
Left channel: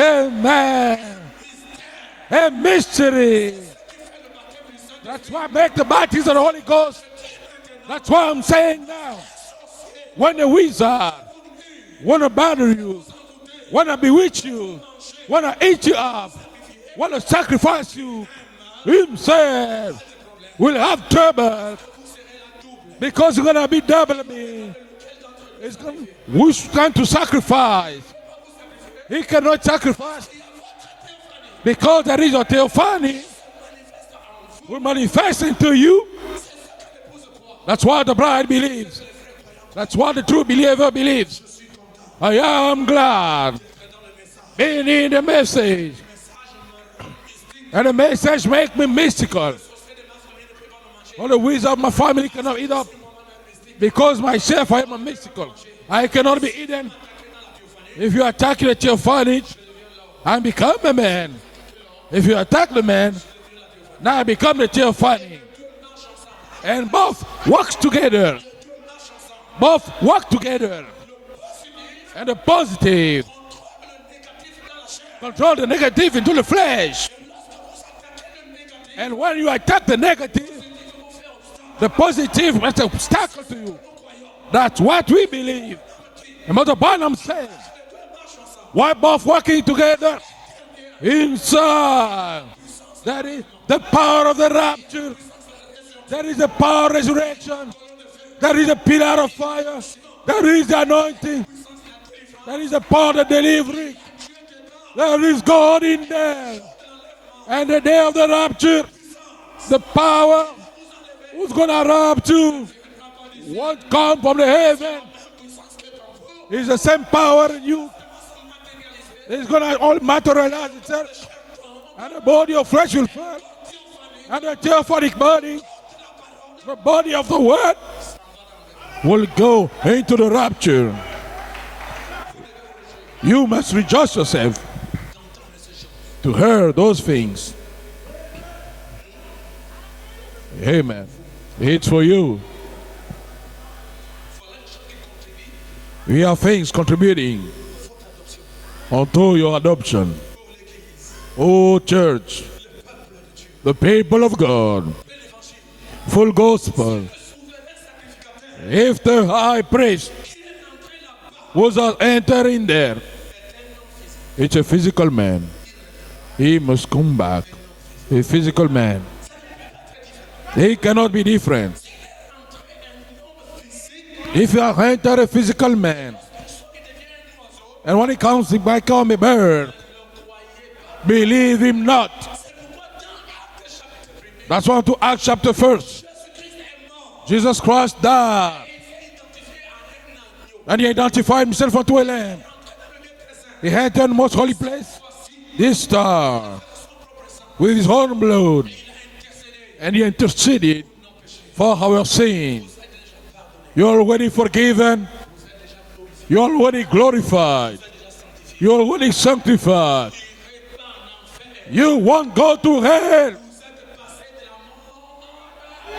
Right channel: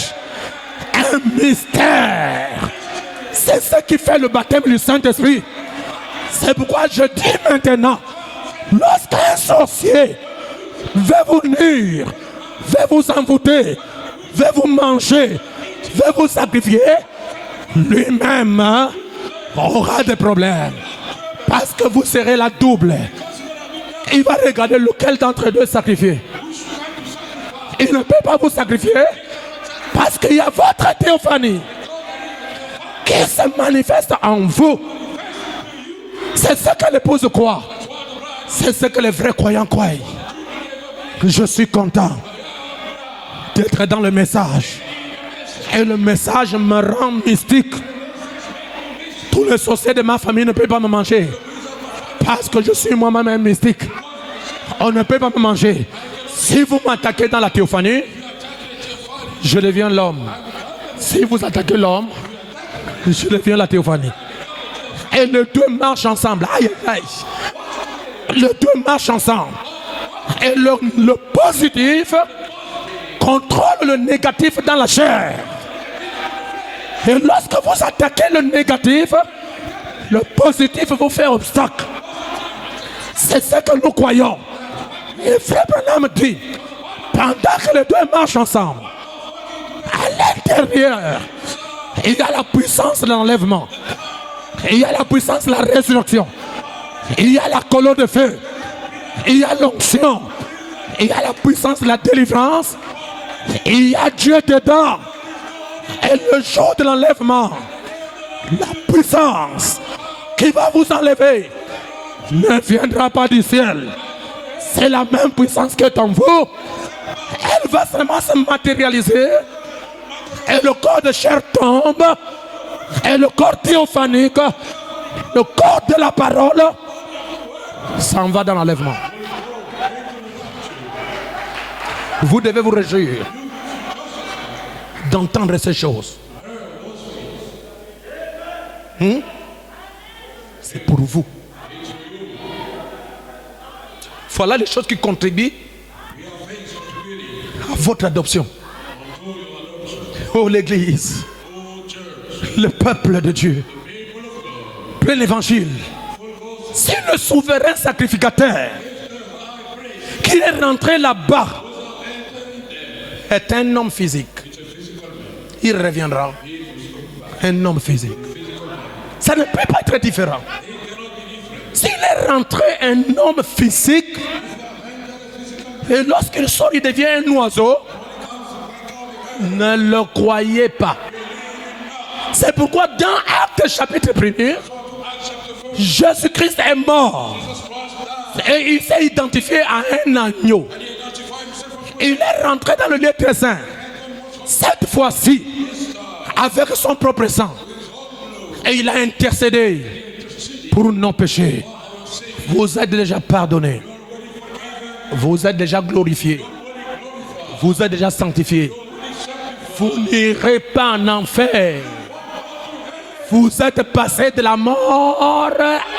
Amen. un mystère. A mystery. C'est ce qui fait le baptême du Saint-Esprit. Make the baptism of the C'est Holy pourquoi Ghost. je dis maintenant, That's why I'm saying, lorsqu'un sorcier when the wizard veut vous nuire, gonna battle veut you, vous envoûter, wanna bewitch veut you, vous manger, wanna eat you veut up, vous sacrifier, wanna sacrifice you, lui-même himself aura des problèmes. will have trouble Parce que vous serez la double. because you're gonna be double. Il va regarder lequel d'entre deux sacrifier. Which kind to sacrifice? Il ne peut pas vous sacrifier He cannot sacrifice parce qu'il y a votre théophanie because there is a theophany qui se manifeste en vous. manifesting to you. C'est ce que l'épouse croit. That's what the bride C'est believes. ce que les vrais croyants croient. That's what the true believer believes. Je suis content I am glad d'être dans le message. in the Et message. le message me rend mystique. And the message make me mystical. Le sorcier de ma famille ne peut pas me manger. The wisdom of my family Parce cannot que be je done. suis moi-même mystique. Because myself, On ne peut pas me manger. I cannot be. Si vous m'attaquez dans la théophanie, If you attack the theophany, je deviens l'homme. I become the Si man. vous attaquez l'homme, If you attack the man, je deviens la théophanie. I become the Et theophany. les deux marchent ensemble. Aïe, aïe, And aïe. both works together. Les deux marchent ensemble. Both work Et together. le positif The positive contrôle le négatif dans la chair. draw the negative into the flesh. Et lorsque vous attaquez le négatif, When you attack the le negative, positif vous fait obstacle. the positive must have stopped. C'est ce que nous croyons. That's what we Et believe. Frère Branham dit, The Mother Barnum said, pendant que les deux marchent ensemble, why both working together? à l'intérieur, Inside. il y a la puissance de l'enlèvement. The power of the Il y right. a la puissance de la résurrection. There is the power of Il resurrection. y a la colonne de feu. There is the pillar of Il y a l'onction. There is the Il y a la anointing. puissance de la délivrance. The power of the deliverance. Il y a Dieu dedans. There is God in Et there. le jour de l'enlèvement, And the day of the rapture, puissance the power qui va vous enlever is gonna rapture. ne viendra pas du ciel. God from the heaven. C'est la même puissance qui est en vous. It's the same power. Elle va seulement se matérialiser. It's gonna all Et materialize. le corps de chair tombe. Body of flesh will Et le corps théophanique, the theophanic le body, corps de la parole, body of the word s'en va dans l'enlèvement. will go into the rapture. Vous devez vous réjouir You must rejoice yourself d'entendre ces choses. to hear those things. Amen. Pour vous. It's for you. Voilà les choses qui contribuent We have things contributing à votre adoption. unto your adoption. Oh l'Église, Oh church, le peuple de Dieu, the people of God, plein l'évangile. full Si gospel. le souverain sacrificateur If the high priest qui est rentré là-bas was entering there, est un homme physique, it's a physical man. il reviendra. He must come back. Un homme physique. A physical man. Ça ne peut pas être différent. He cannot be different. S'il est rentré un homme physique If you have entered a physical et man, lorsqu'il sort, il devient un oiseau, and when he comes, he might come a bird. ne le croyez pas. Believe him not. C'est pourquoi dans Actes chapitre 1er, That's why to Acts chapter 1. Jésus-Christ est mort Jesus Christ died. et il s'est identifié à un agneau. And he identified himself unto a Il man. est rentré dans le lieu très saint. He entered the most holy place. Cette fois-ci, This time, avec son propre sang. with his own blood. Et il a intercédé And he interceded pour nos péchés. for our sins. Vous êtes déjà pardonné. You're already forgiven. Vous êtes déjà glorifié. You're already glorified. Vous êtes déjà sanctifié. You're already Vous sanctified. n'irez pas en enfer. You won't go to hell. Vous êtes passé de la mort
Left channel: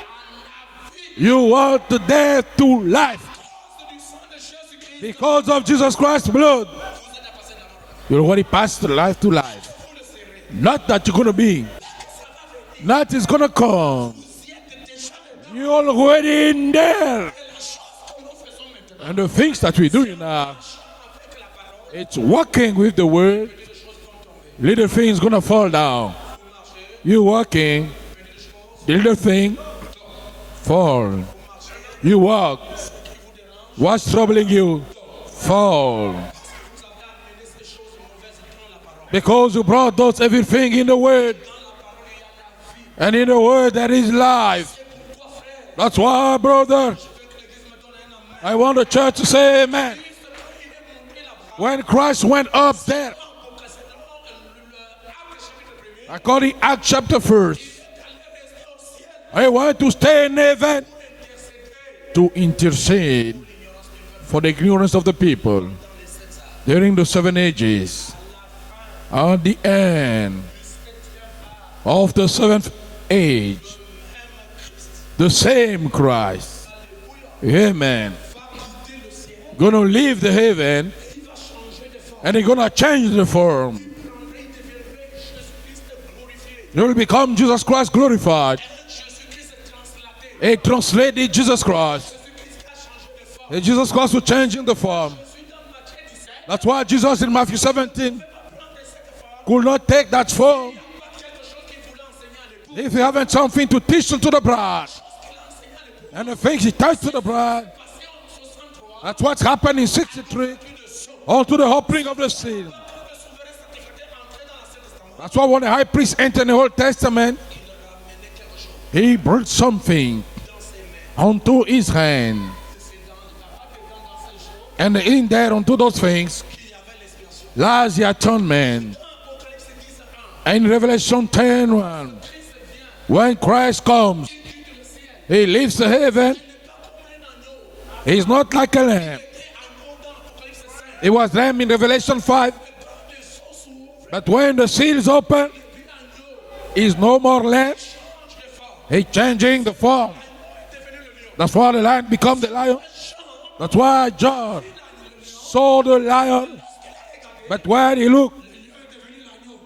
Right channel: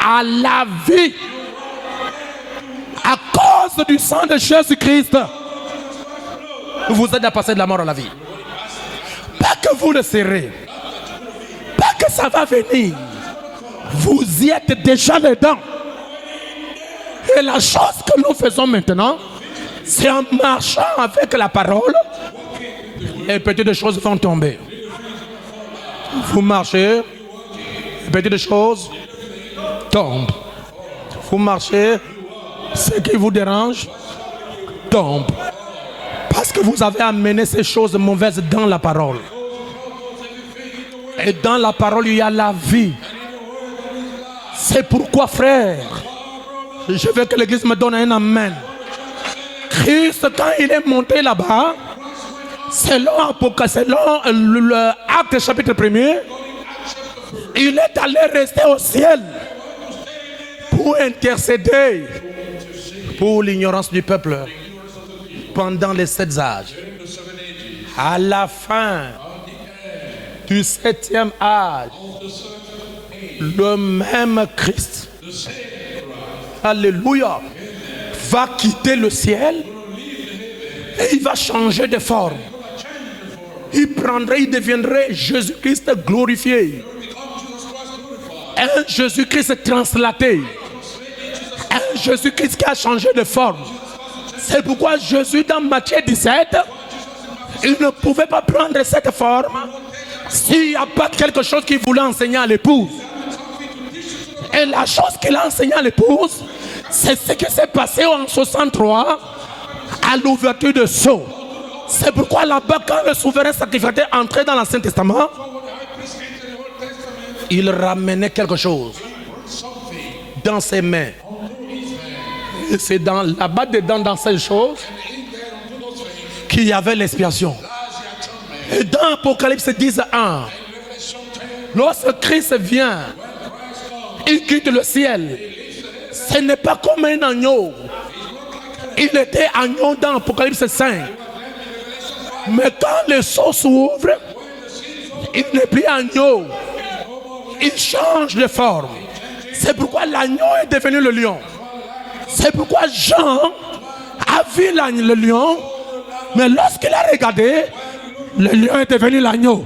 à la vie You want the death to à life. cause du sang de Jésus-Christ. Because of Jesus Christ's blood. Vous êtes passé de la mort à la vie. You already passed the life to life. Pas que vous le serez. Not that you're gonna be. Pas que ça va venir. That is gonna come. Vous y êtes déjà dedans. You're already in there. Et la chose que nous faisons maintenant, The things that we do c'est en now, marchant avec la parole, it's walking with the les word. petites choses vont tomber. Little things gonna fall down. Vous marchez, You walking, les petites choses little thing tombent. fall. Vous marchez, You walk. ce qui vous dérange What's troubling you? tombe. Fall. Parce que vous avez amené ces choses mauvaises dans la parole. Because you brought those everything in the Et word. dans la parole, il y a la vie. And in the word there is life. C'est pourquoi, frère, That's why, brother, je veux que l'église me donne un I amen. want the church to say amen. Christ, quand il est monté là-bas, When Christ went up, selon le Acte chapitre 1er, according Acts chapter 1, il est allé rester au ciel I want to stay in heaven pour intercéder to intercede pour l'ignorance du peuple for the ignorance of the people pendant les 7 âges. during the 7 ages. À la fin At the end du 7e âge, of the 7th age, le même Christ the the same Christ, alléluia, amen, va quitter le ciel gonna leave the heaven et il va changer de forme. and he's gonna change the form. Il deviendrait Jésus-Christ glorifié. He will become Jesus Christ glorified. Un Jésus-Christ translaté. A translated Jesus Un Christ. Jésus-Christ qui a changé de forme. And Jesus Christ will change C'est the pourquoi form. Jésus dans Matthieu 17, That's why Jesus in Matthew il ne 17 pouvait pas prendre cette forme will not take that form s'il n'y a pas quelque chose qu'il voulait enseigner à l'épouse. if you haven't something to teach to the Et la bride. chose qu'il a enseigné à And l'épouse, the things he tells c'est to the ce qui bride. s'est passé en 63 That's what's happening à l'ouverture de sceau. unto the opening C'est of the pourquoi seal. là-bas, quand le souverain sacrificateur entrait dans l'Ancien Testament, That's why when the high priest entered the Old Testament, il ramenait quelque chose he brought something dans ses mains. unto his hand. Et c'est là-bas dedans, dans ces choses, And in there unto those things qu'il y avait l'expiation. lies the Et atonement. dans Apocalypse 10:1, In Revelation 10, lorsque Christ vient, when Christ comes, il quitte le ciel. he leaves the heaven. Ce n'est pas comme un agneau. He's not like a lamb. Il était agneau dans Apocalypse 5. It was lamb in Revelation 5. Mais quand le sceau s'ouvre, But when the seal is open, il n'est plus agneau. he's no more lamb. Il change de forme. He's changing C'est the pourquoi form. l'agneau est devenu le lion. That's why the lion becomes C'est the lion. pourquoi Jean That's why a John vu le lion. saw the lion. Mais lorsqu'il a regardé, When he looked, le lion est devenu l'agneau.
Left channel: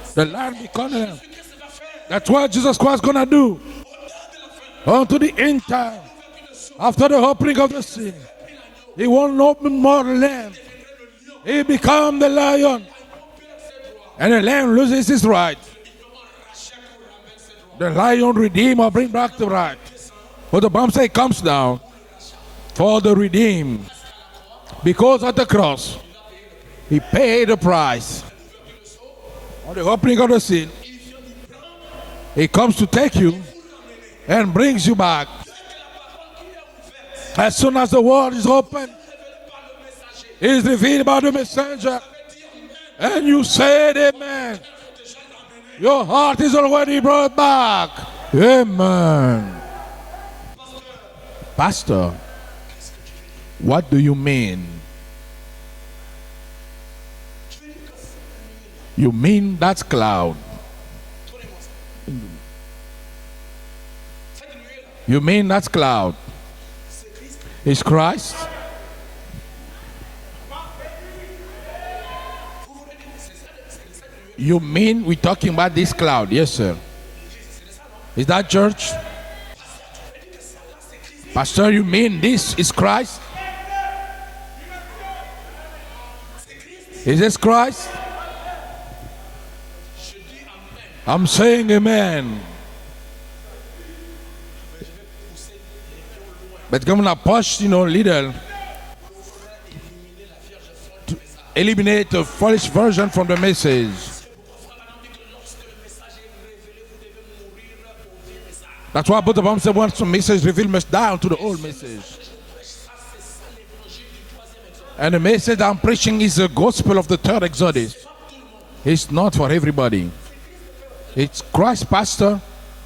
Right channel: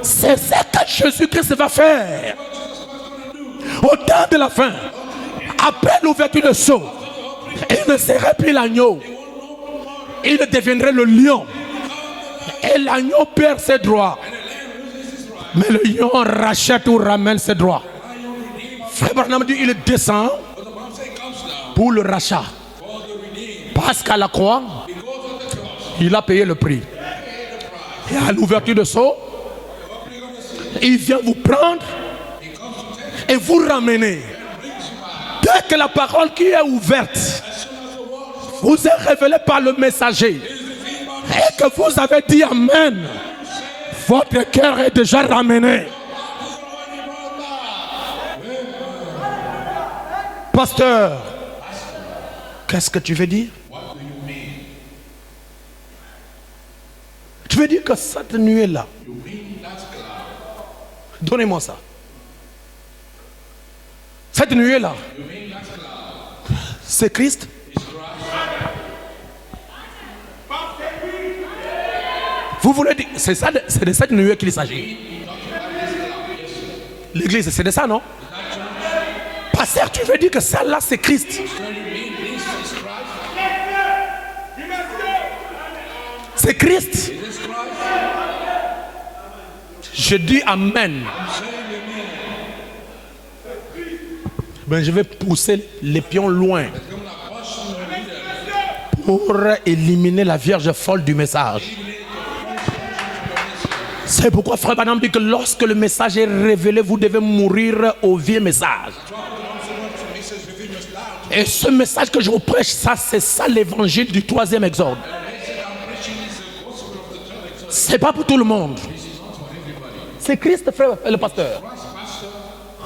C'est ça que Jésus-Christ va faire. that's what Jesus Christ gonna do Au temps de la fin, unto the end time. après l'ouverture de sceau, After the opening of il the ne seal, serait plus l'agneau. he won't no more Il lamb. deviendrait le lion. He become the Et lion, l'agneau perd ses droits. and the lamb loses his right. Mais le lion rachète ou ramène ses droits. The lion redeem or bring Frère back Branham the dit right. il descend But the Bible says it comes down pour le rachat. for the redeemed. Parce qu'à la croix, Because at the cross, il a payé le prix. he paid the price. Et à l'ouverture de sceau, For the opening of the seal, il vient vous prendre he comes to take et you vous ramener. and brings you back. Dès que la parole qui est ouverte As soon as the word is open, vous est révélée par le messager it is revealed by the et que vous messenger, avez dit Amen, and you said it. votre cœur est déjà ramené. Your heart is already brought back. Amen. Pasteur, Pastor, qu'est-ce que tu veux dire? what do you mean? Tu veux dire que cette nuée-là, You mean that cloud? donnez-moi ça. Cette nuée-là, You mean that cloud c'est Christ. is Christ? Vous voulez dire, c'est ça, c'est de cette nuée qu'il You s'agit. mean we're talking about this cloud? Yes, sir. L'église, c'est de ça, non? Is that church? Pasteur, tu veux dire que celle-là, c'est Christ. Pastor, you mean this is Christ? C'est Christ. Is this Christ? Je dis Amen. I'm saying amen. Ben, je vais pousser les pions loin But I'm gonna push, little. pour éliminer la vierge folle du message. Eliminate the false version from the message. C'est pourquoi Frère Branham dit que lorsque le message est révélé, vous devez mourir au vieux message. That's why both of them say once the message revealed must die to the Et old ce message que je vous prêche, ça, c'est ça l'évangile du 3e exode. And the message I'm preaching is the gospel of the third exodus. C'est pas pour tout le monde. It's not for everybody. C'est Christ, frère, le It's pasteur. Christ, Pastor.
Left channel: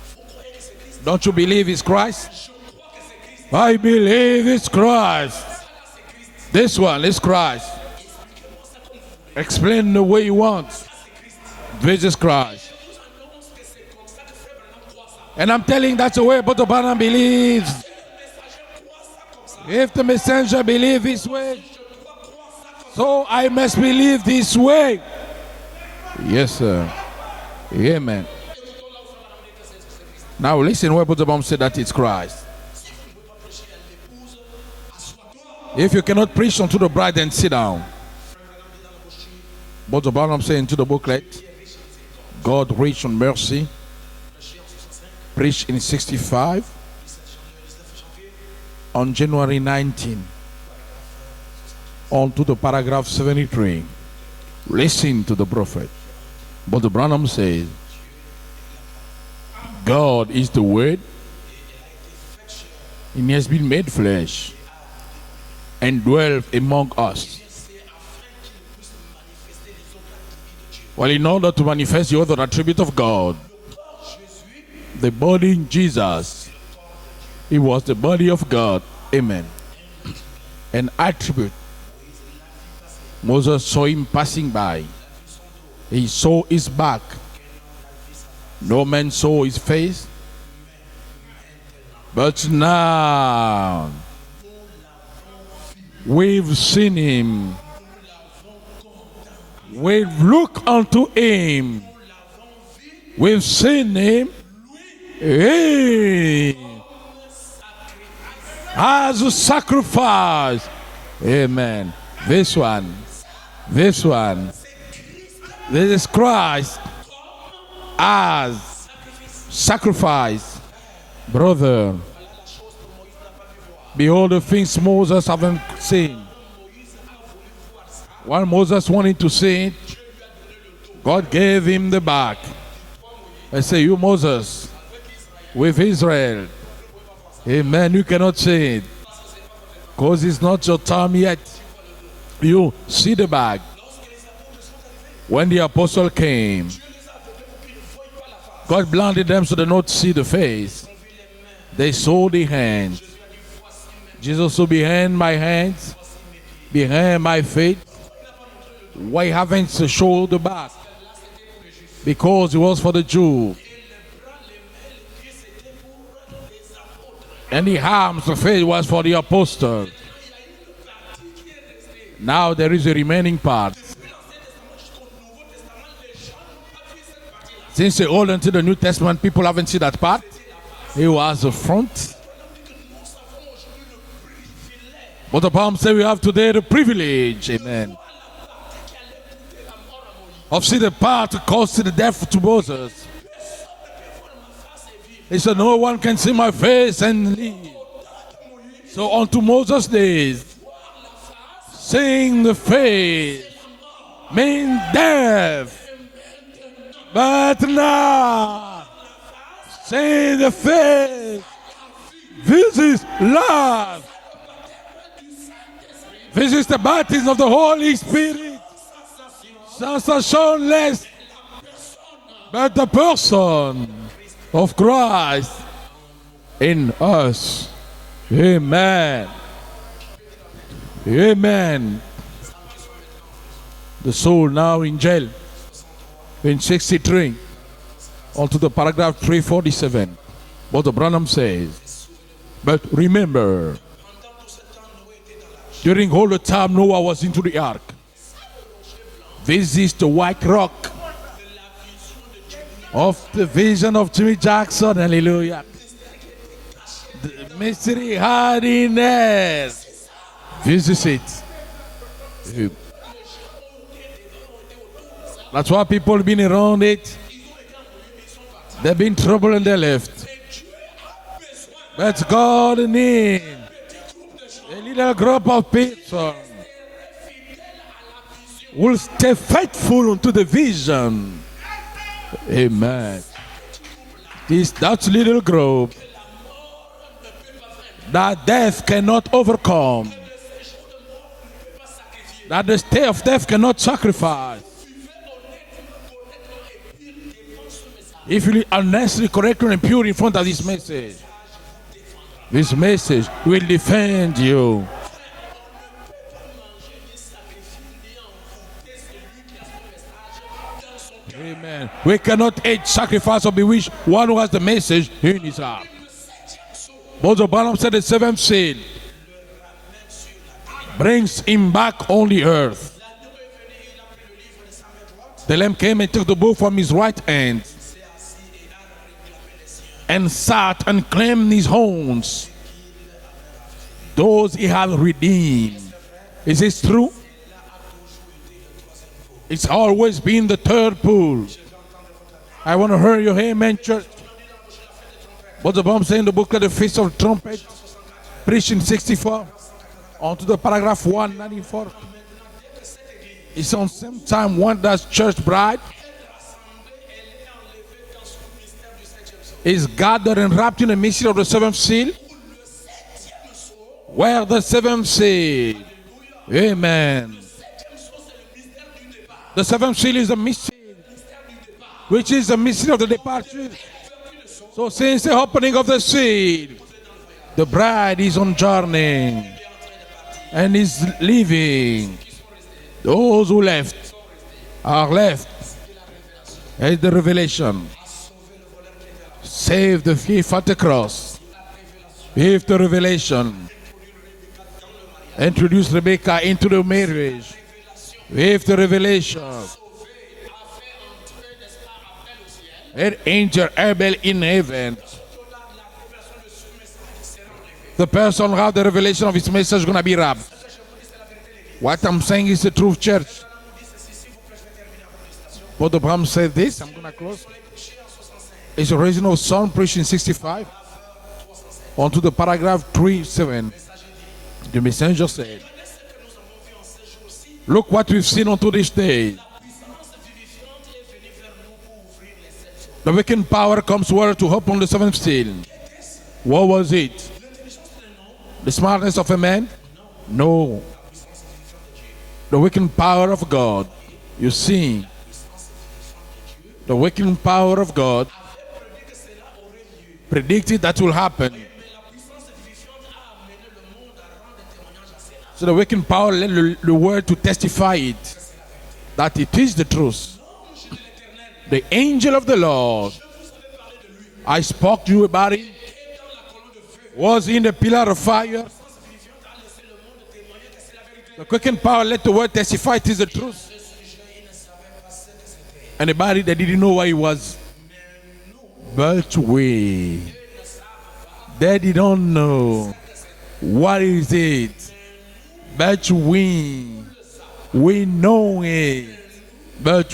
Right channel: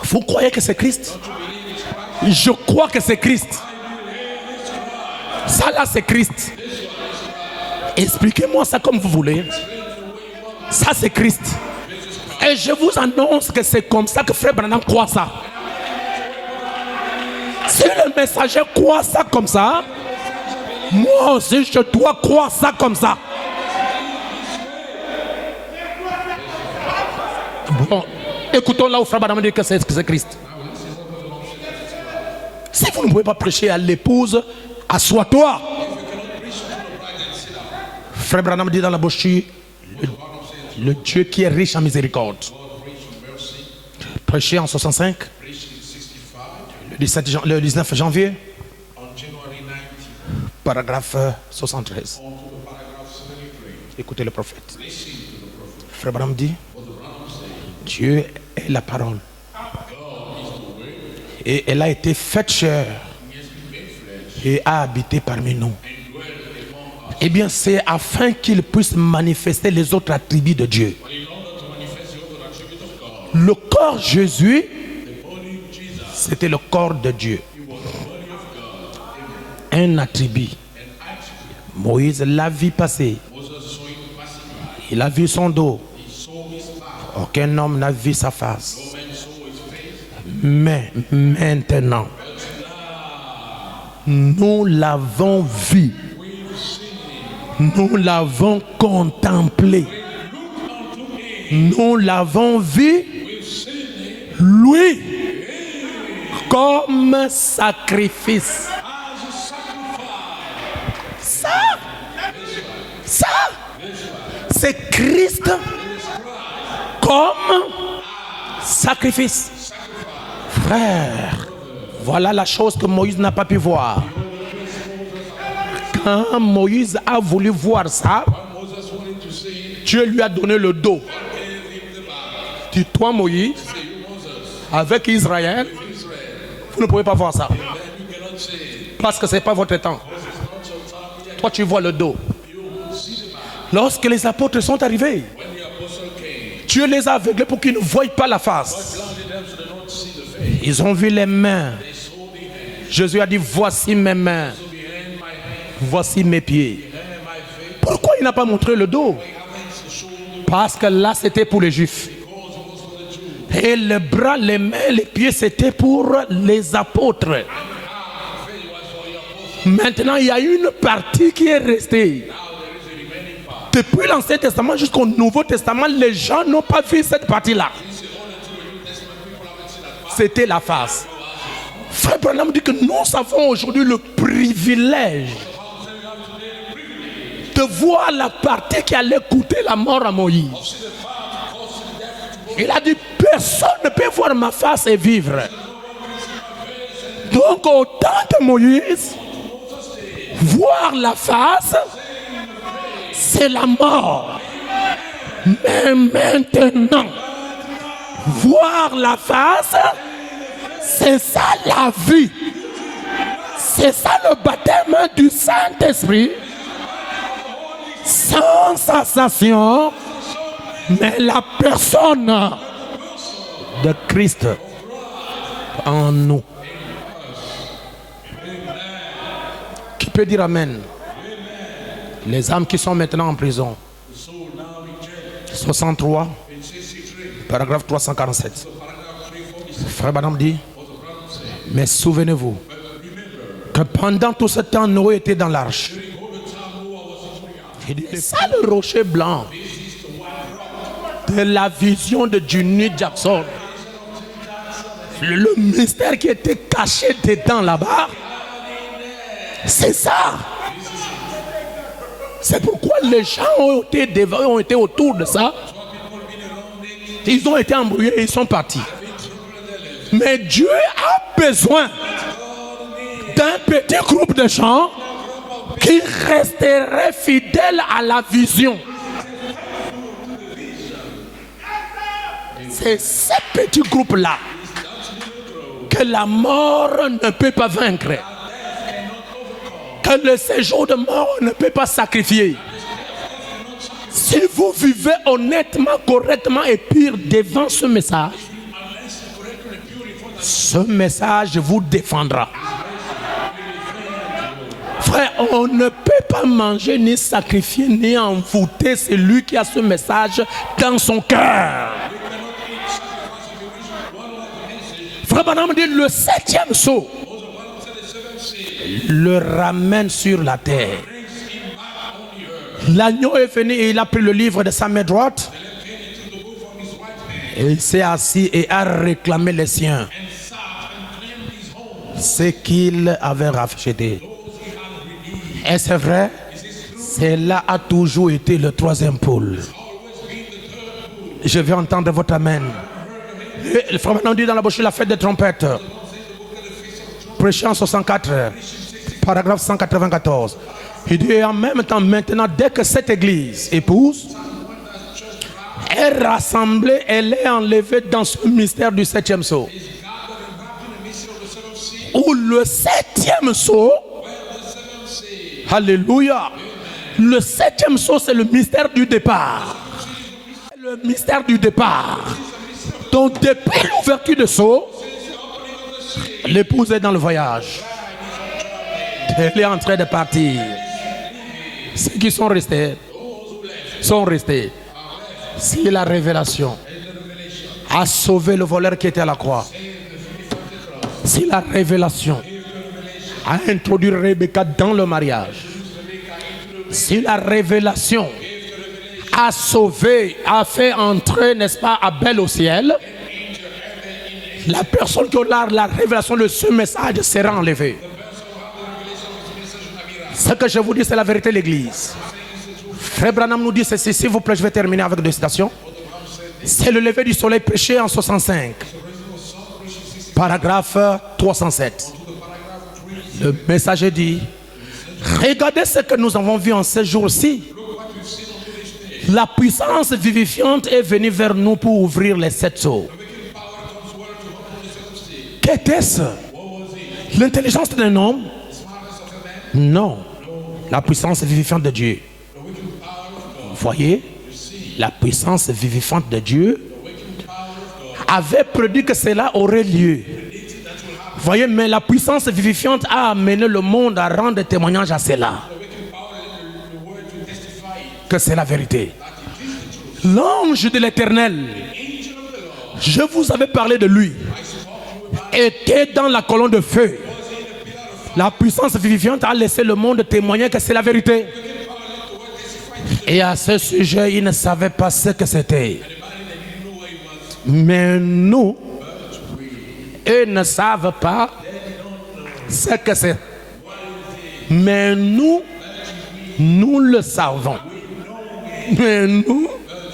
Vous croyez que c'est Christ? Don't you believe it's Christ? Je crois que c'est Christ. I believe it's Christ. Ça là, c'est Christ. This one is Christ. Expliquez-moi ça comme vous voulez. Explain the way you want. Ça, c'est Christ. This is Christ. Et je vous annonce que c'est comme ça que Frère Branham croit ça. And I'm telling that's the way Brother Branham believes. Si le messager croit ça comme ça, If the messenger believes this moi way, aussi je dois croire ça comme ça. so I must believe this way. Yes, sir. Bon, Amen. écoutons là où Frère Branham dit que c'est Christ. Now listen where Brother Branham said that it's Christ. Si vous ne pouvez pas prêcher à l'épouse, assois-toi. If you cannot preach unto the bride, then sit down. Frère Branham dit dans la brochure, Brother Branham saying to the le Dieu booklet, qui est riche en miséricorde. God rich on mercy, Prêché en 65, preached in 65 le 19 janvier, on January 19, paragraphe 73. on to the paragraph 73. Écoutez le prophète. Listen to the prophet. Frère Branham dit, Brother Branham says, Dieu est la parole. God is the word, Et elle a été faite chair and he has been made flesh et a habité parmi nous. and dwelt among us. Eh bien, c'est afin qu'il puisse manifester les autres attributs de Dieu. Well, in order to manifest the other attribute of God, Le corps Jésus, the body in Jesus, c'était le corps de Dieu. it was the body of God. Amen. Un attribut. An attribute. Moïse l'a vu passer. Moses saw him passing by. Il a vu son dos. He saw his back. Aucun homme n'a vu sa face. No man saw his face. Mais maintenant, But now nous l'avons vu, we've seen him. nous l'avons contemplé, We've looked unto him. nous l'avons vu, We've seen him. lui, Hey, comme sacrifice. as a sacrifice. Amen. This one. Ça, This one. c'est Christ This is Christ comme as sacrifice. sacrifice. Frère, Brother, voilà la chose que Moïse n'a pas pu voir. behold the things Moses haven't seen. Quand Moïse a voulu voir ça, While Moses wanted to see it, Dieu lui a donné le dos. God gave him the back. Dis toi Moïse, I say, you Moses, avec Israël, with Israel. vous ne pouvez pas voir ça. Amen. You cannot see it Parce que ce n'est pas votre temps. because it's not your time yet. Toi tu vois le dos. You see the back. Lorsque les apôtres sont arrivés, When the apostle came, Dieu les a aveuglés pour qu'ils ne voient pas la face. God blinded them so they not see the face. Ils ont vu les mains. They saw the hands. Jésus a dit, voici mes mains, Jesus, so behind my hands, voici mes pieds. behind my feet. Pourquoi il n'a pas montré le dos? Why haven't you showed the back? Parce que là c'était pour les Juifs. Because it was for the Jews. Et les bras, les mains, les pieds c'était pour les apôtres. And the arms, the face was for the apostles. Maintenant il y a une partie qui est restée. Now there is a remaining part. Depuis l'Ancien Testament jusqu'au Nouveau Testament, les gens n'ont pas vu cette partie-là. Since the Old until the New Testament, people haven't seen that part. C'était la face. It was the front. Frère Branham dit que nous avons aujourd'hui le privilège But the Palm say we have today the privilege de voir la partie qui allait coûter la mort à Moïse. of seeing the part caused the death to Moses. Il a dit, personne ne peut voir ma face et vivre. He said, no one can see my face and live. Donc au temps de Moïse, So unto Moses' days, voir la face, seeing the face c'est la mort. mean death. Mais maintenant, But now, voir la face, seeing the c'est face, ça la vie. this is C'est love. ça le baptême du Saint-Esprit. This is the baptism of the Holy Spirit. Sans sensation, Sensationless. mais la personne But the person de Christ of Christ en nous. in us. Amen. Qui peut dire Amen? Amen. Les âmes qui sont maintenant en prison. The soul now in jail 63, in 63 paragraphe onto 347. the paragraph 347. Frère Branham dit, What the Branham says. mais souvenez-vous But remember, que pendant tout ce temps, Noé était dans l'arche. during all the time Noah was into the ark. C'est ça le rocher blanc This is the white rock de la vision de Junior of Jackson. the vision of Jimmy Jackson. Le Hallelujah. mystère qui était caché dedans là-bas, This is hiding. c'est ça. This is it. C'est pourquoi les gens ont été autour de ça. That's why people been around it. Ils ont été embrouillés et ils sont partis. They've been in trouble and they left. Mais Dieu a besoin But God needs d'un petit groupe de gens a group of qui people resteraient fidèles à la vision. who will stay faithful to the vision. C'est Amen. ce petit groupe-là It's that little group que la mort ne peut pas vaincre, that death cannot overcome. que le séjour de mort ne peut pas sacrifier. That the stay of death cannot sacrifice. Si vous vivez honnêtement, correctement et pire devant ce message, If you live honestly, correct, and pure in front of this ce message, message vous défendra. this message will defend you. Frère, on ne peut pas manger, ni sacrifier, ni envoûter celui qui a ce message dans son cœur. We cannot eat, sacrifice, or bewitch one who has the message. Frère Branham dit le 7e sceau Moses Branham said the seventh seal le ramène sur la terre. brings him back on the earth. L'agneau est venu et il a pris le livre de sa main droite. The lamb came and took the book from his right hand Et il s'est assis et a réclamé les siens, and sat and claimed his own, ce qu'il avait racheté. those he had redeemed. Est-ce vrai? Is this true? Cela a toujours été le 3e pôle. It's always been the third pool. Je vais entendre votre amen. I want to hear your amen. Le frère Branham dit dans la bouche la fête des trompettes. What's the Bible saying in the book of the Feast of Trumpets, Prêché en 64, preaching 64, paragraphe to 194. the paragraph Il 1. dit en même temps maintenant, dès que cette église épouse Time one that's church bride est rassemblée, elle est enlevée dans ce mystère du 7e sceau. is gathered and wrapped in the mystery of the seventh seal, Où le 7e sceau, where the seventh seal. alléluia, Amen. le 7e sceau c'est le mystère du départ. The seventh seal is the mystery. Le le mystère du départ. which is the mystery of the Donc departure. depuis l'ouverture de seau, So since the opening of the sea, l'épouse est dans le voyage. the bride is on journey Elle est en train de partir. and is leaving. Ceux qui sont restés Those who left sont restés. are left. C'est la révélation. And the revelation. A sauvé le voleur qui était à la croix. Save the thief at the cross. C'est la révélation. Give the revelation. A introduit Rebecca dans le mariage. Introduce Rebecca into the C'est la marriage. révélation. Give the revelation. A sauvé, a fait entrer, n'est-ce pas, Abel au ciel. And angel Abel in La heaven. personne qui a la révélation de ce message sera enlevée. The person who have the revelation of his message gonna be wrapped. Ce que je vous dis, c'est la vérité de l'église. What I'm saying is the truth, church. Frère Branham nous dit ceci, s'il vous plaît, je vais terminer avec deux citations. Brother Bram said this. C'est le lever du soleil prêché en 65, It's the raising of sun preached in 65. paragraphe 307. On to the paragraph Le 37. messager dit, The messenger said, regardez ce que nous avons vu en ces jours-ci. look what we've seen unto this day. La puissance vivifiante est venue vers nous pour ouvrir les sept sceaux. The waking power comes word to open the seventh seal. Qu'était-ce? What was it? L'intelligence d'un homme? The smartness of a man? Non. No. La puissance vivifiante de Dieu. The waking power of God. Voyez, You see, la puissance vivifiante de Dieu the waking power of God avait prédit que cela aurait lieu. predicted that will happen. Voyez, mais la puissance vivifiante a amené le monde à rendre témoignage à cela. So the waking power led the word to testify it, Que c'est la vérité. that it is the truth. L'ange de l'Éternel, The angel of the Lord, je vous avais parlé de lui, I spoke to you about it, était dans la colonne de feu. was in the pillar of La fire. puissance vivifiante a laissé le monde témoigner que c'est la vérité. Waking power let the word testify it is the Et à truth. ce sujet, il ne savait pas ce que c'était. Anybody that didn't know what it was, Mais nous, but we, eux ne savent pas they don't know ce que c'est. what is it, Mais nous, but we, nous le savons. we know it, Mais nous, but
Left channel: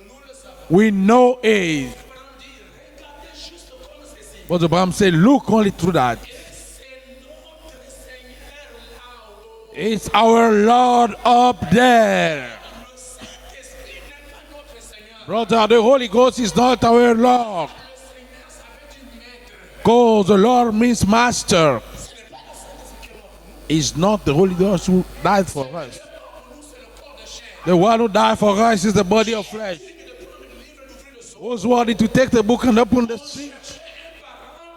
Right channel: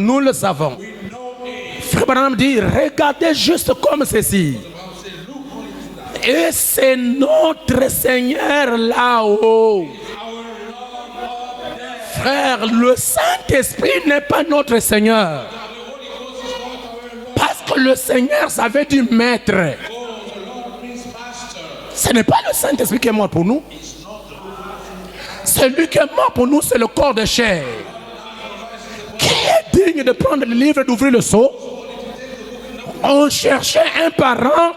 nous le savons. we know it. Frère Branham dit, regardez juste comme ceci. But the Bible said, look only through that. Et c'est notre Seigneur là-haut. It's our Lord up there. Frère, le Saint-Esprit n'est pas notre Seigneur. Brother, the Holy Ghost is not our Lord. Parce que le Seigneur, ça veut dire maître. Because the Lord means master. Ce n'est pas le Saint-Esprit qui est mort pour nous. It's not the Holy Ghost who died for Celui us. qui est mort pour nous, c'est le corps de chair. The one who died for us is the body Qui of est Christ. digne de prendre le livre et d'ouvrir le seau? Who's worthy to take the book and open it? On cherchait un parent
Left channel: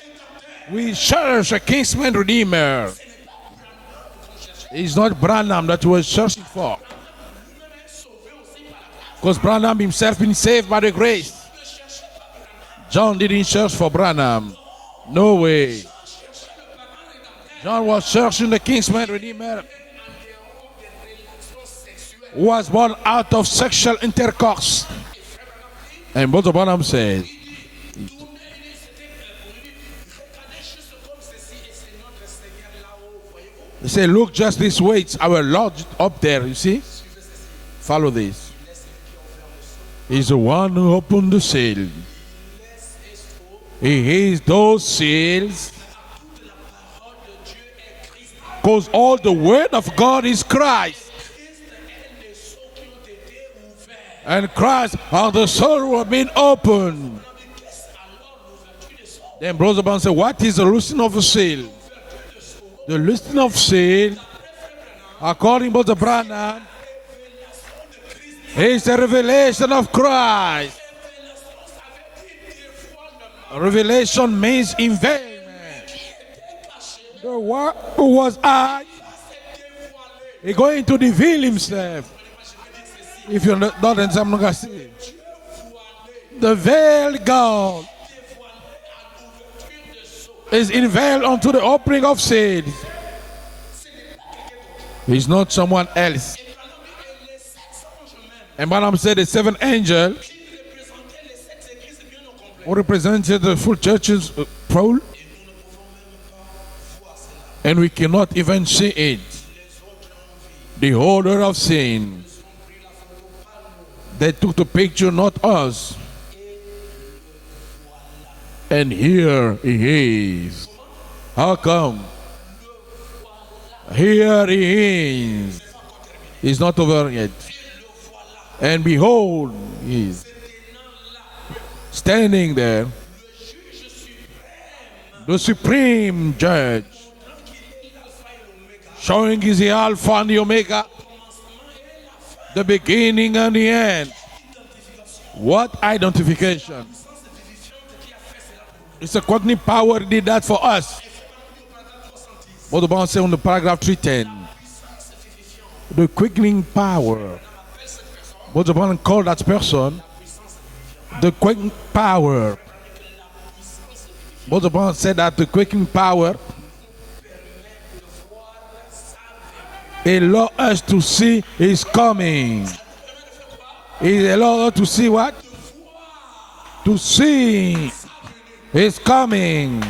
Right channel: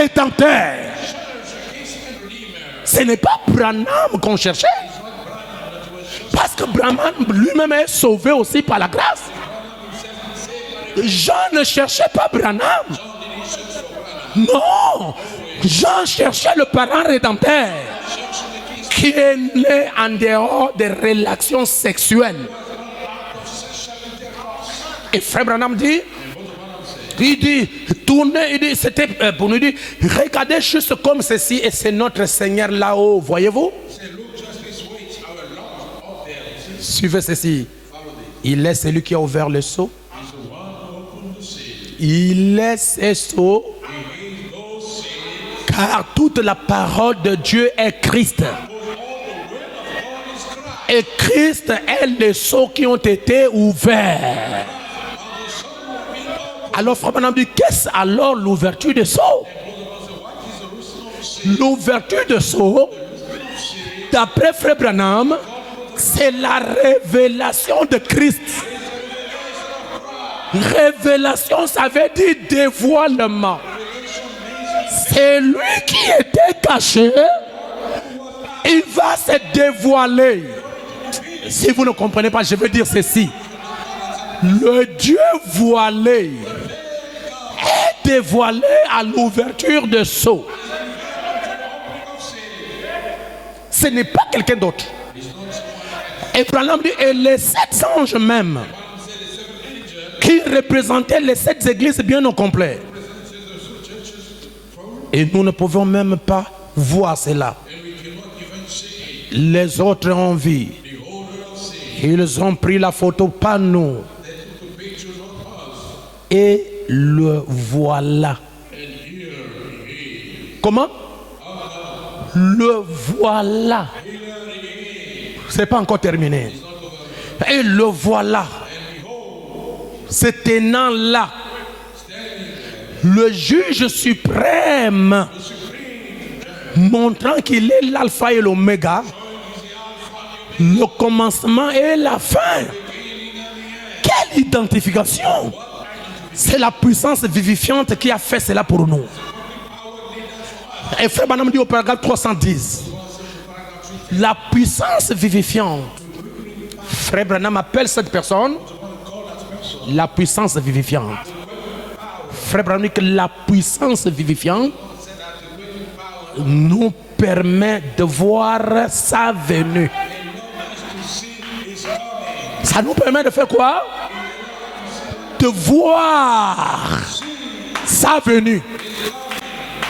rédempteur. We cherish a kinsman redeemer. Ce n'est pas Branham qu'on cherchait. It's not Branham that was searched Parce que for. Branham lui-même est sauvé aussi par la grâce. Because Branham himself been saved by the grace. Jean ne cherchait pas Branham. John didn't search for Branham. Non. No way. Jean cherchait le parent rédempteur John was searching the kinsman qui est redeemer né en dehors des relations sexuelles. who was born out of sexual intercourse. Et Frère Branham dit, And Brother Branham said, il dit, tournez, il dit, c'était pour nous dire, regardez juste comme ceci et c'est notre Seigneur là-haut, voyez-vous? he said, look just this way. It's our Lord up there, you see? Suivez ceci. Follow this. Il est celui qui a ouvert le seau. He's the one who opened the seal. Il est ce seau, He is those seals. car toute la parole de Dieu est Christ. Because all the word of God is Christ. Et Christ est les seaux qui ont été ouverts. And Christ are the soul who have been opened. Alors Frère Branham dit, qu'est-ce alors l'ouverture des seaux? Then Brother Branham said, what is the loosening of a seal? L'ouverture des seaux, The loosening of seal, d'après Frère Branham, according to Brother c'est Branham, la révélation de Christ. is the revelation of Christ. Révélation, ça veut dire dévoilement. Revelation means invest. C'est lui qui était caché. Who was out. Il va se dévoiler. He's going to reveal Si vous ne himself. comprenez pas, je veux dire ceci. If you're not understanding, Le Dieu voilé the veil God est dévoilé à l'ouverture de sceaux. is unveiled unto the opening of seal. Ce n'est pas quelqu'un d'autre. He's not someone else. Et Branham dit, et les sept anges même, And Branham said the seven angel qui représentaient les sept églises bien au complet. who represented the full churches full, Et nous ne pouvons même pas voir cela. and we cannot even see it. Les autres ont vu. The holder of sin. Ils ont pris la photo, pas nous. They took the picture, not us. Et le voilà. And here he is. Comment? How come? Le voilà. Here he is. C'est pas encore terminé. It's not over yet. Et le voilà. And behold, he is Se tenant là, standing there, le juge suprême, the supreme judge, montrant qu'il est l'alpha et l'oméga, showing is the Alpha and the le Omega, commencement et la the fin. beginning and the end. Quelle identification. What C'est identification? la puissance vivifiante qui a fait cela pour nous. It's the quickening power did that for us. Et Frère Branham dit au paragraphe 310, What the Bible says on the paragraph 310. la puissance vivifiante. The quickening Frère power. Branham appelle cette personne What the Bible call that person? la puissance vivifiante. The quickening power. Frère Branham dit que la puissance What the vivifiante Bible said that the quickening power nous permet de voir sa venue. allow us to see is coming. Ça nous permet de faire quoi? It allow us to see what? De voir To see sa venue. is coming.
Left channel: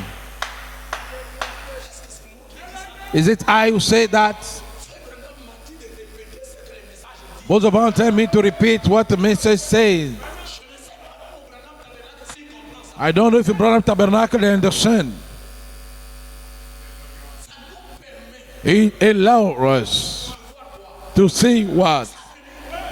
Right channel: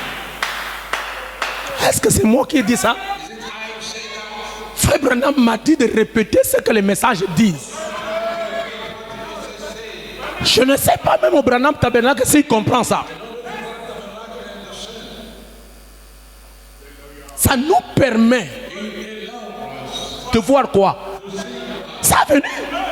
Est-ce que c'est moi qui ai dit ça? Is it I who say that? Frère Branham m'a dit de répéter ce que le message dit. What the Bible tell me to repeat what the message says. Je ne sais pas même au Branham Tabernacle s'il comprend ça. I don't know if the brother tabernacle they understand. Ça nous permet It allows us de voir quoi? to see what Sa venue.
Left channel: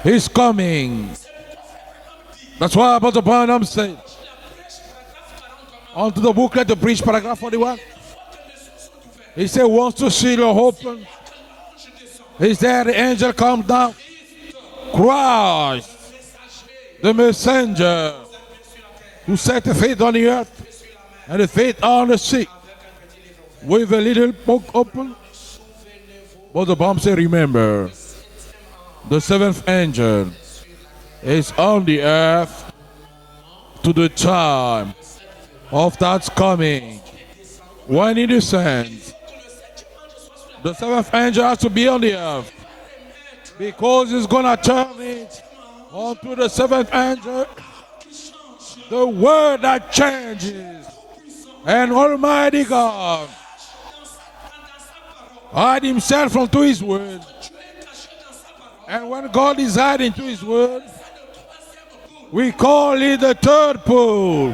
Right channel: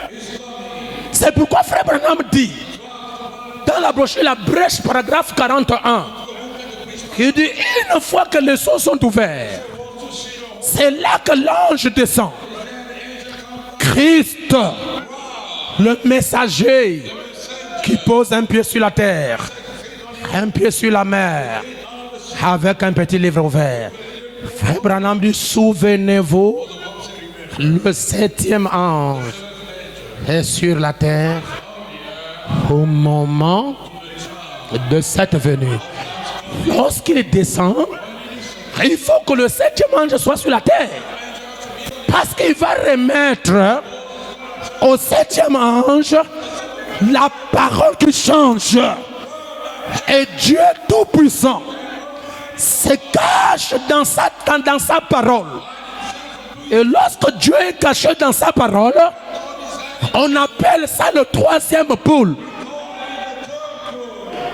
is coming. C'est pourquoi Frère Branham dit That's why Apostle Branham dans la said brochure La Brèche, paragraphe 41, onto the booklet to preach il paragraph dit 41. une fois que les cieux sont He ouverts, said wants to see the hope. c'est là que l'ange descend. He said the angel come down. Christ, Christ, le messager, the qui messenger, pose un pied sur la who terre, set the feet on the earth, un pied sur la the mer, feet on the sea, avec un petit livre ouvert. with a little book Frère open. Branham dit, souvenez-vous, What the Bible say, remember, le septième the ange seventh angel est sur la terre is on the earth au moment to the child de cette venue. of that's coming. Lorsqu'il descend, When he descends, il faut que le septième ange soit sur la the terre, seventh angel has to be on the parce earth. qu'il va remettre Because he's gonna turn au septième ange to the seventh la angel, parole qui change. the word that Et changes. Dieu tout-puissant And Almighty se God cache dans sa parole. hide himself unto his Et word. lorsque Dieu est caché dans sa parole, And when God is hiding on his word, appelle ça le troisième pôle. we call it the third pole.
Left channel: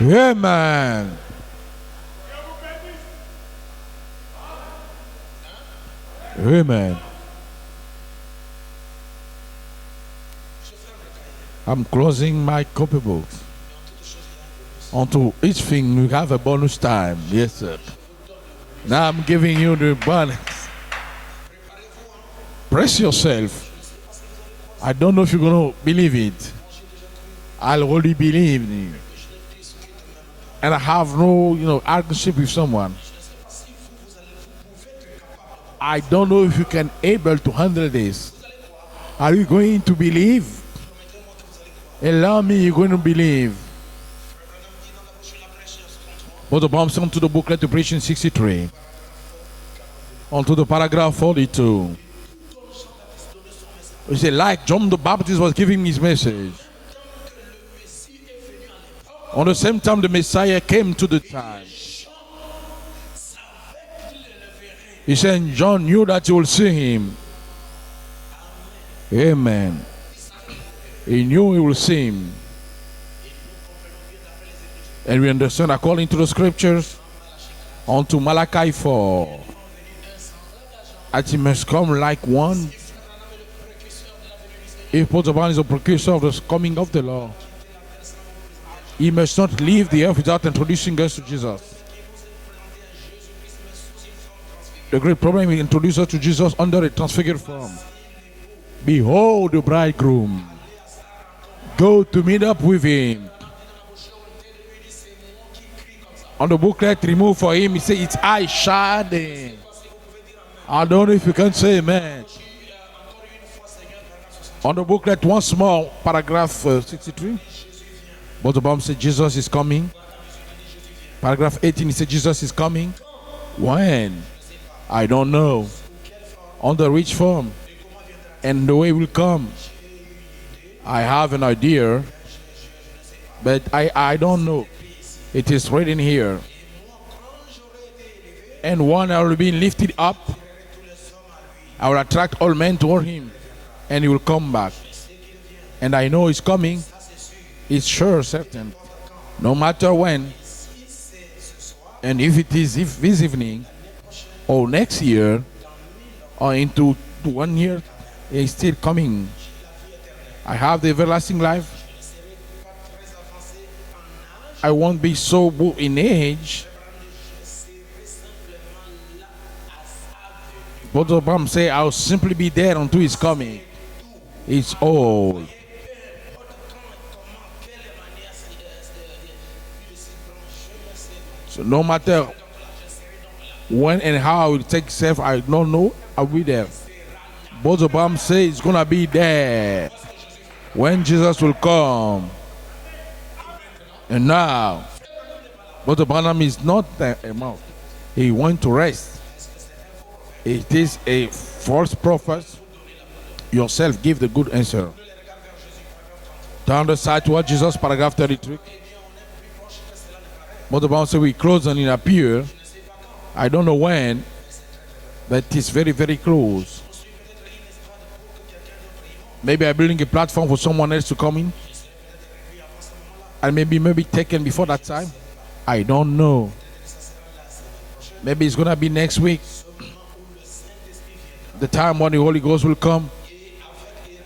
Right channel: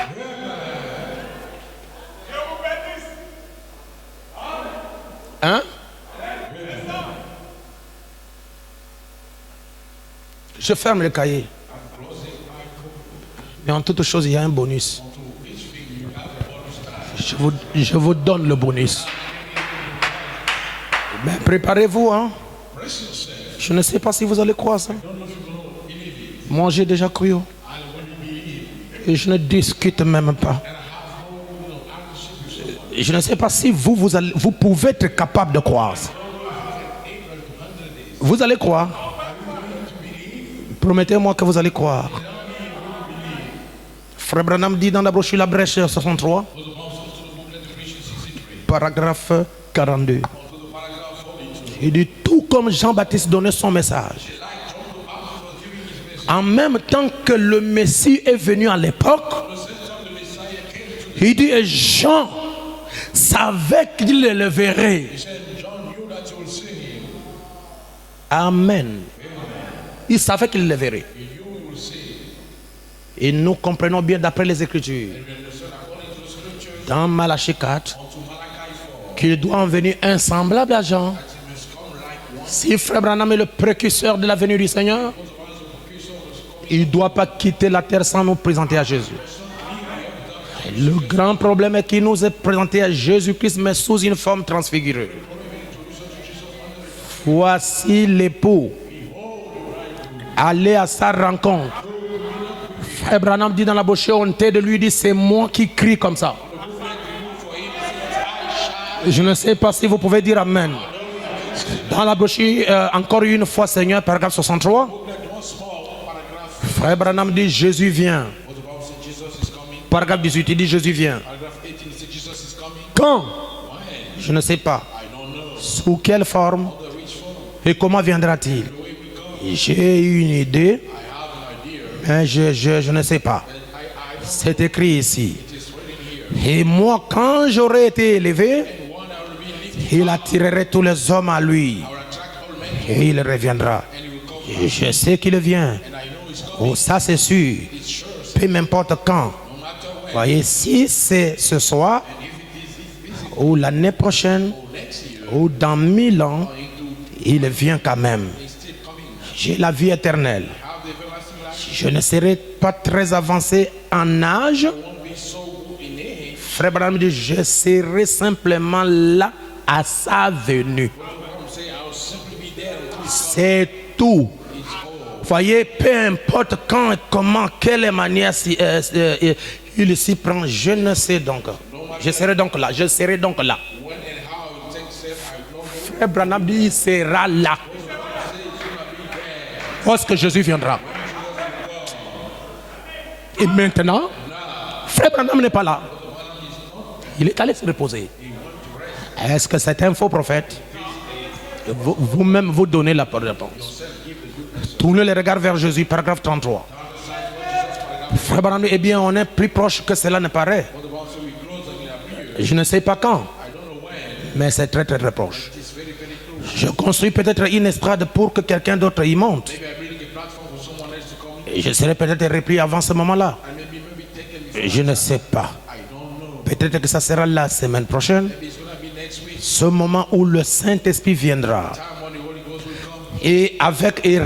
Amen. Hein? Amen. Je ferme le cahier. I'm closing my copybook. Mais en toute chose, il y a un bonus. Onto each thing you have a bonus time. Yes, sir. Je vous donne le bonus. Now I'm giving you the bonus. Mais préparez-vous, hein. Brace yourself. Je ne sais pas si vous allez croire ça. I don't know if you're going to believe it. Moi, j'ai déjà cru. I'll really believe. Et je ne discute même pas. And I have no, argument with someone. Et je ne sais pas si vous pouvez être capable de croire. I don't know if you can able to handle this. Vous allez croire. Are you going to believe? Promettez-moi que vous allez croire. Allow me, you're going to believe. Frère Branham dit dans la brochure La Brèche 63, What the Bible says to the booklet to preach in 63. paragraphe 42. Onto the paragraph 42. Il dit tout comme Jean-Baptiste donnait son message. You say, like John the Baptist was giving his message. En même temps que le Messie est venu à l'époque, On the same time, the Messiah came to the il dit town. et Jean savait qu'il le verrait. He said, John knew that you will see him. Amen. Amen. Il savait qu'il le verrait. He knew he will see him. Et nous comprenons bien d'après les Écritures, And we understand according to the scriptures, dans Malachie 4, onto Malachi 4, qu'il doit en venir un semblable à Jean. that he must come like one. Si Frère Branham est le précurseur de la venue du Seigneur, If Paul is the precursor of the coming il ne of the doit Lord, pas quitter la terre sans nous présenter à he Jésus. must not leave the earth without introducing Le us to grand Jesus. problème est qu'il nous est présenté à Jésus-Christ, mais sous une forme The transfigurée. great problem is introduce us to Jesus under a transfigured form. Voici l'époux. Behold the bridegroom. Allez à sa rencontre. Go to meet up with him. Frère Branham dit dans la brochure, on t'a de lui dit, c'est moi qui crie comme ça. On the booklet remove for him, he said, it's I shouting. Je ne sais pas si vous pouvez dire Amen. I don't know if you can say Dans la amen. brochure, encore une fois, Seigneur, paragraphe On the 63. booklet once more, paragraph. Frère Branham dit, Jésus vient. What the Bible said, Jesus is coming. Paragraphe 18, il dit, Jésus vient. Paragraph 18, he said, Jesus is coming. Quand? When? Je ne sais pas. I don't know. Sous quelle forme? On the which form? Et comment viendra-t-il? And the way will come. J'ai une idée, I have an idea, mais je ne sais pas. but I don't C'est know. écrit ici. It is written here. Et moi, quand j'aurai été élevé, And one I will be lifted il up. attirerait tous les hommes à lui. I will attract all men toward Et him, il reviendra. and he will come back. Je sais qu'il vient. And I know he's coming. Oh, ça, c'est sûr. It's sure. Peu m'importe quand. No matter when. Voyez, si c'est ce soir, And if it is this ou evening, l'année prochaine, or next year, ou dans 1000 ans, or into il 1 vient year, quand même. he's still coming. J'ai la vie éternelle. I have the everlasting life. Je ne serai pas très avancé en âge. I won't be so in age. Frère Branham dit, je serai simplement là à sa venue. Brother Branham say, I'll simply be there until He's coming. C'est tout. It's all. Voyez, peu importe quand, comment, quelle manière il s'y prend, je ne sais donc. No matter Je serai donc là, je serai donc là. when and how I will take self, I don't know. Frère I'll Branham be dit, there. sera là. Brother Branham say it's gonna be there Lorsque Jésus viendra. when Jesus will come. Et maintenant, And now, Frère Branham n'est pas là. Brother Branham is not there. Il est allé se reposer. He went to rest. Est-ce que c'est un faux prophète? It is a false Vous-même, prophet. vous donnez la réponse. Yourself give the good answer. Tournez les regards vers Jésus, paragraphe 33. Down the side to what Jesus, paragraph Frère 32. Branham, eh bien, on est plus proche que cela ne paraît. Brother Branham say we close and it appears. Je ne sais pas quand, I don't know when, mais c'est très très très proche. but it's very, very close. Je construis peut-être une estrade pour que quelqu'un d'autre y monte. Maybe I'm building a platform for someone else to come in. Je serai peut-être repris avant ce moment-là. And maybe taken before that Je ne time. sais pas. I don't know. Peut-être que ça sera la semaine prochaine. Maybe it's gonna be next week. Ce moment où le Saint-Esprit viendra The time when the Holy Ghost will come et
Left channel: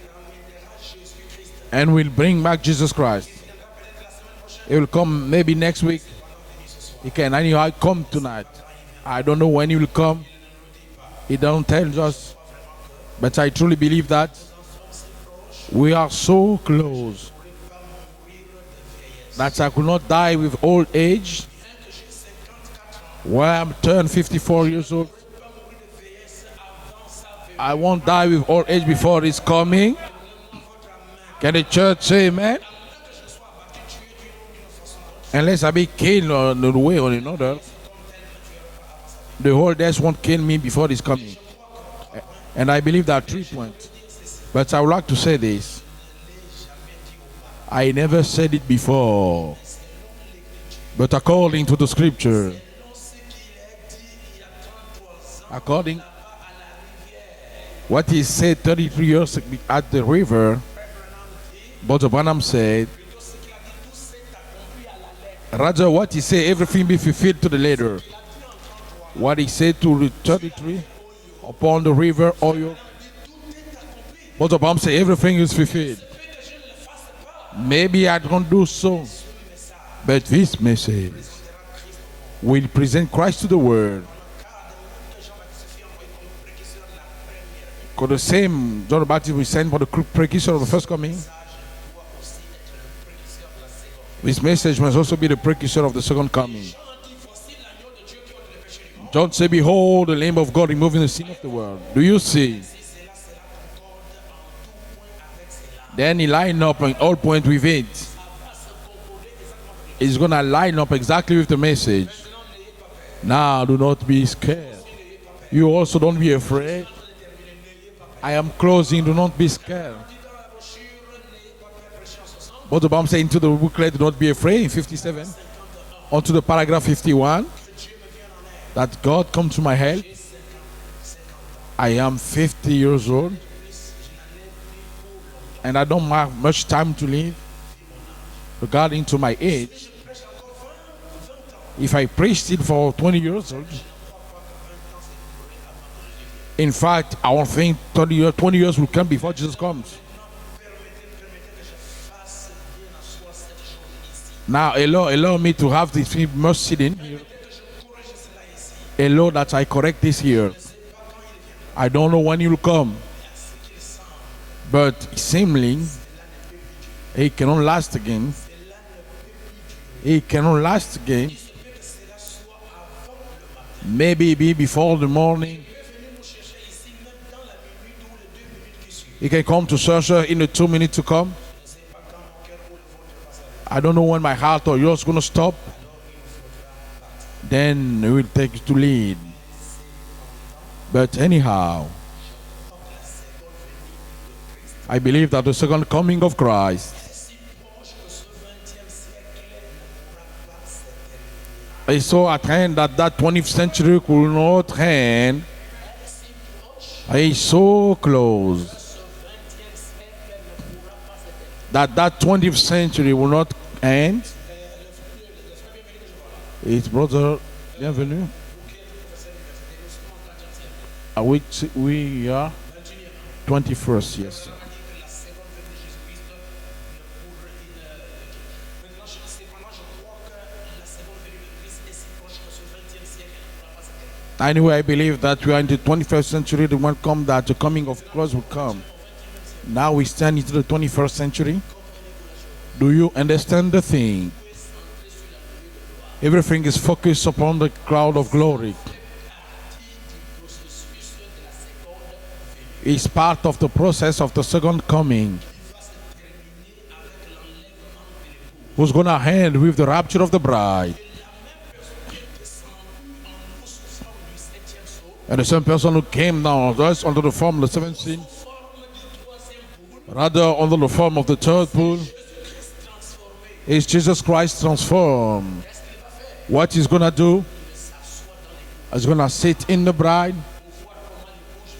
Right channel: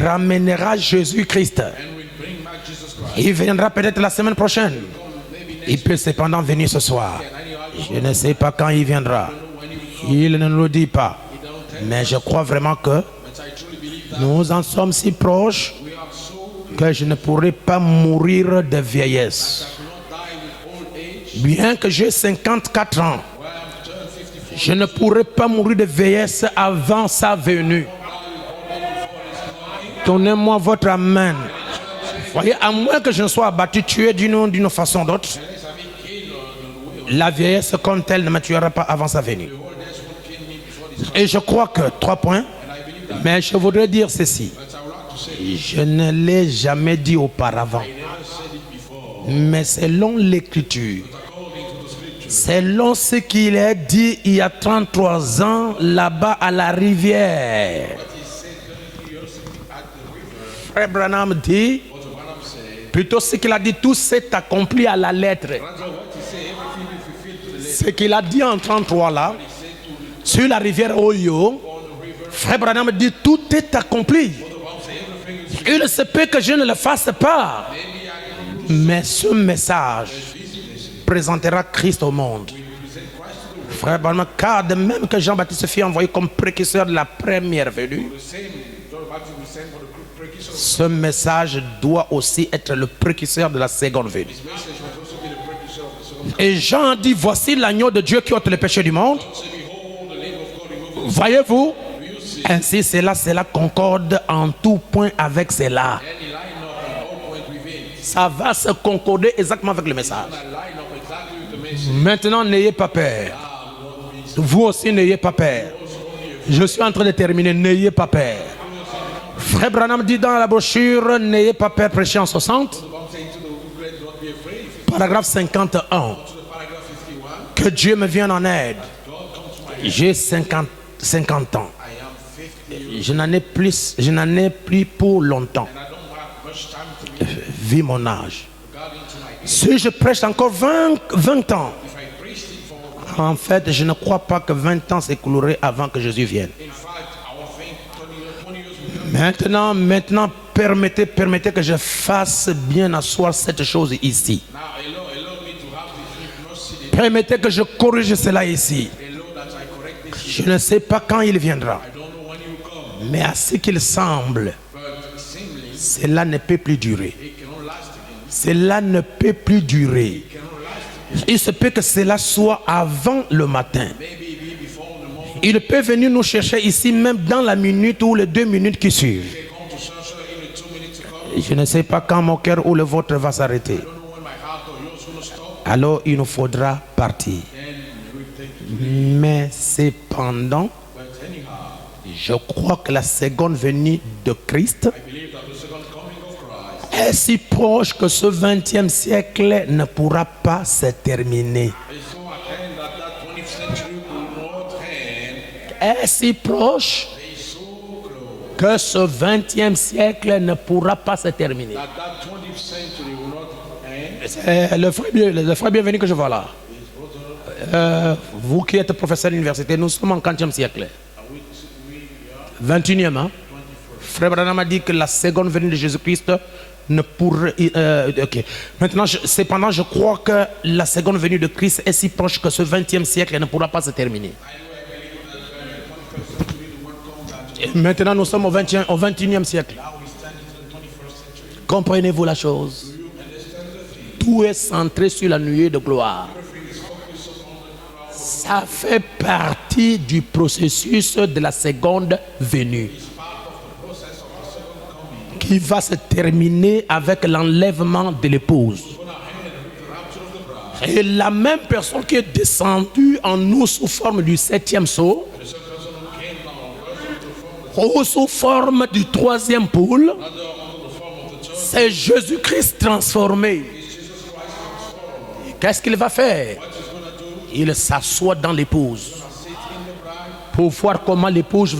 ramènera Jésus-Christ. and will bring back Jesus Christ. Il viendra peut-être la semaine He prochaine. will come maybe Il next peut week. cependant venir ce soir. Can anyhow Je come ne sais tonight? pas quand il I viendra. don't know when he will come. Il ne nous le dit pas. He don't tell Mais je us. crois vraiment que But I truly believe that nous en sommes si proches we are so que close je ne pourrai pas mourir de that vieillesse. I could not die with old age. Bien que j'ai 54 ans, When I'm turned 54 je ne years old, pourrai pas mourir de vieillesse avant sa I venue. won't die with old age before his coming. Donnez-moi votre amen. Can the church say Voyez, amen? à moins que je ne sois abattu, tué d'une façon ou d'autre, Unless I be killed on the way or la another, vieillesse comme telle ne me tuera pas avant sa the venue. old age won't kill me before his Et coming. je crois que, 3 points, And I believe that. mais je voudrais dire ceci. But I would like to say this. Je ne l'ai jamais dit auparavant, I never said it before. mais selon l'écriture, But according to the scripture, selon ce qu'il est dit il y a 33 ans According- là-bas à la rivière, what he said 33 years at the river, Frère Branham dit, Brother Branham said, plutôt ce qu'il a dit, tout s'est accompli à la lettre. rather what he said, everything be fulfilled to the Ce letter. qu'il a dit en 33 là, What he said to the sur la rivière Oyo, upon the river, Frère Branham dit, tout est accompli. Brother Branham said, everything is Il fulfilled. se peut que je ne le fasse pas, Maybe I don't do so, mais ce message but this message présentera Christ au monde. will present Christ to the Frère world. Branham, car de même que Jean-Baptiste fut envoyé comme précurseur de la première venue, For the same, John the Baptist will send for the precursor of the ce first coming. message doit aussi être le précurseur de la seconde venue. This message must also be the precursor of the second Et coming. Jean dit, voici l'agneau de Dieu qui ôte le péché du monde. John said, behold, the Lamb of God removing the sin of the Voyez-vous? world. Do you see? Ainsi, cela concorde en tout point avec cela. Then he line up on all points with it. Ça va se concorder exactement avec le He's message. going to line up exactly with the message. Maintenant, n'ayez pas peur. Now, do not be scared. Vous aussi, n'ayez pas peur. You also don't be Je afraid. suis en train de terminer, n'ayez pas I peur. am closing. Do not be Frère scared. Branham dit dans la brochure, n'ayez pas peur, prêchez en 60. What the Bible says into the booklet, do not be afraid. 57. Paragraphe 51. Onto the paragraph 51. Que Dieu me vienne en aide. That God come to my head. J'ai 50 ans. I am 50 years Je n'en old. ai plus pour longtemps. And I don't have much time to live. Vu mon âge. Regarding to my age. Si je prêche encore 20 ans, If I preached it for 20 en years. fait, je ne crois pas que 20 ans s'écouleraient avant que Jésus vienne. In fact, I don't think 20 years will come before Jesus comes. Maintenant, permettez que je fasse bien asseoir cette chose ici. Now, allow me to have this much sitting. Permettez que je corrige cela ici. Allow that I correct this Je here. ne sais pas quand il viendra, I don't know when he will come, mais à ce qu'il semble, but seemingly cela ne peut plus durer. he cannot last again. Cela ne peut plus durer. He cannot last again. Il se peut que cela soit avant le matin. Maybe be before the morning. Il peut venir nous chercher ici même dans la minute ou les 2 minutes qui He suivent. can come to search in the 2 minutes to come. Je ne sais pas quand mon cœur ou le vôtre va s'arrêter. I don't know when my heart or yours going to stop. Alors il nous faudra partir. Then we will take to leave. Mais cependant, But anyhow, je crois que la seconde venue de Christ I believe that the second coming of Christ est si proche que ce 20e siècle ne pourra pas se terminer. is so at hand that that 20th century will not end. Est si proche Is so close que ce 20e siècle ne pourra pas se terminer. that that 20th century will not end. C'est le frère bienvenu que je vois là. It's brother. Vous qui êtes professeur d'université, nous sommes en 40e siècle. We are 21e, hein? 21st. Frère Branham a dit que la seconde venue de Jésus-Christ ne pourrait... ok. Maintenant, cependant, je crois que la seconde venue de Christ est si proche que ce 20e siècle ne pourra pas se terminer. Anyway, I believe that we are in the 21st century. The one come that the coming Maintenant, of nous God sommes au will come. 21e siècle. Now we stand into the 21st century. Comprenez-vous la chose? Do you understand the thing? Tout est centré sur la nuée de gloire. Everything is focused upon the cloud of Ça glory. fait partie du processus de la seconde venue It's part of the process of the second coming. qui va se terminer avec l'enlèvement de l'épouse. Who's going to end with the rapture of the bride. Et la même personne qui est descendue en nous sous forme du 7e sceau, And the same person who came down us under the form of the ou seventh sous forme du 3e pôle, rather under the form of the third c'est pool, Jésus-Christ transformé. is Jesus Christ transformed. Qu'est-ce qu'il va faire? What he's going to do? Il s'assoit dans He's l'épouse going to sit in the bride pour voir comment l'épouse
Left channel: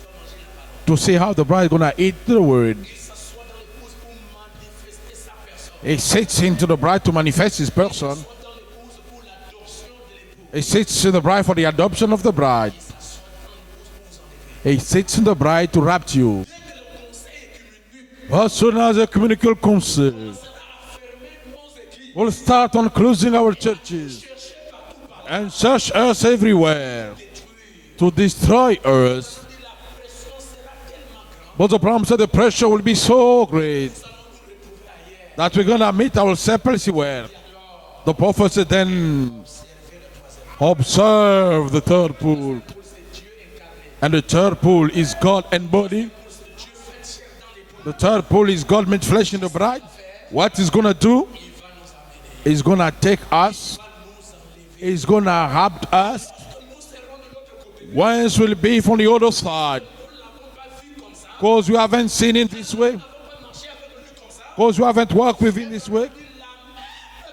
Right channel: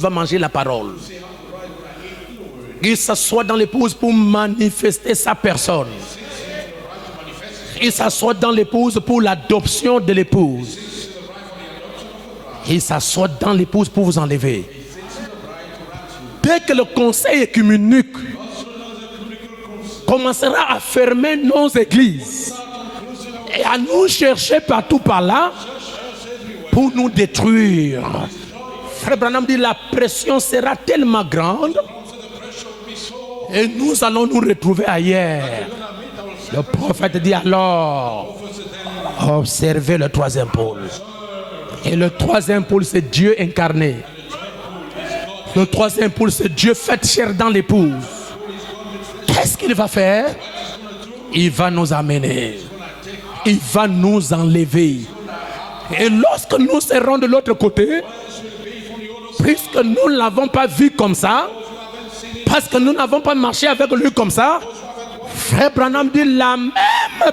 va manger la parole. to see how the bride is going to eat the word. Il s'assoit dans l'épouse pour manifester sa personne. He sits into the bride to manifest his Il person. s'assoit dans l'épouse pour l'adoption de He l'épouse. sits in the bride for the adoption of the bride. Il s'assoit dans l'épouse pour vous enlever. He sits in the bride to rapture you. Dès que le conseil œcuménique As soon as the communicable council commencera à fermer nos églises will start on closing our et à church, nous chercher partout par là search us everywhere pour nous détruire. to destroy Frère us. Branham dit la pression sera tellement But grande the problem said the pressure will be so et great nous allons nous retrouver ailleurs. that we're going to meet ourselves Le prophète elsewhere. dit The alors, prophet said then, observez le 3e pôle. observe the Et le third pool. 3e pôle, c'est Dieu incarné. And the third pool is God Le embodied. 3e pôle, c'est Dieu fait chair dans l'épouse. Third pool is God made flesh in the Qu'est-ce qu'il bride. va faire? What he's going to do? Il va nous amener. He's going to take Il us. va nous enlever. He's going to wrap Et us. lorsque nous serons de l'autre côté, Once will be from the other puisque side. nous ne l'avons pas vu comme ça, Because we haven't seen it. parce que nous n'avons pas marché avec lui comme ça, Because we haven't walked with Frère him. Branham dit la même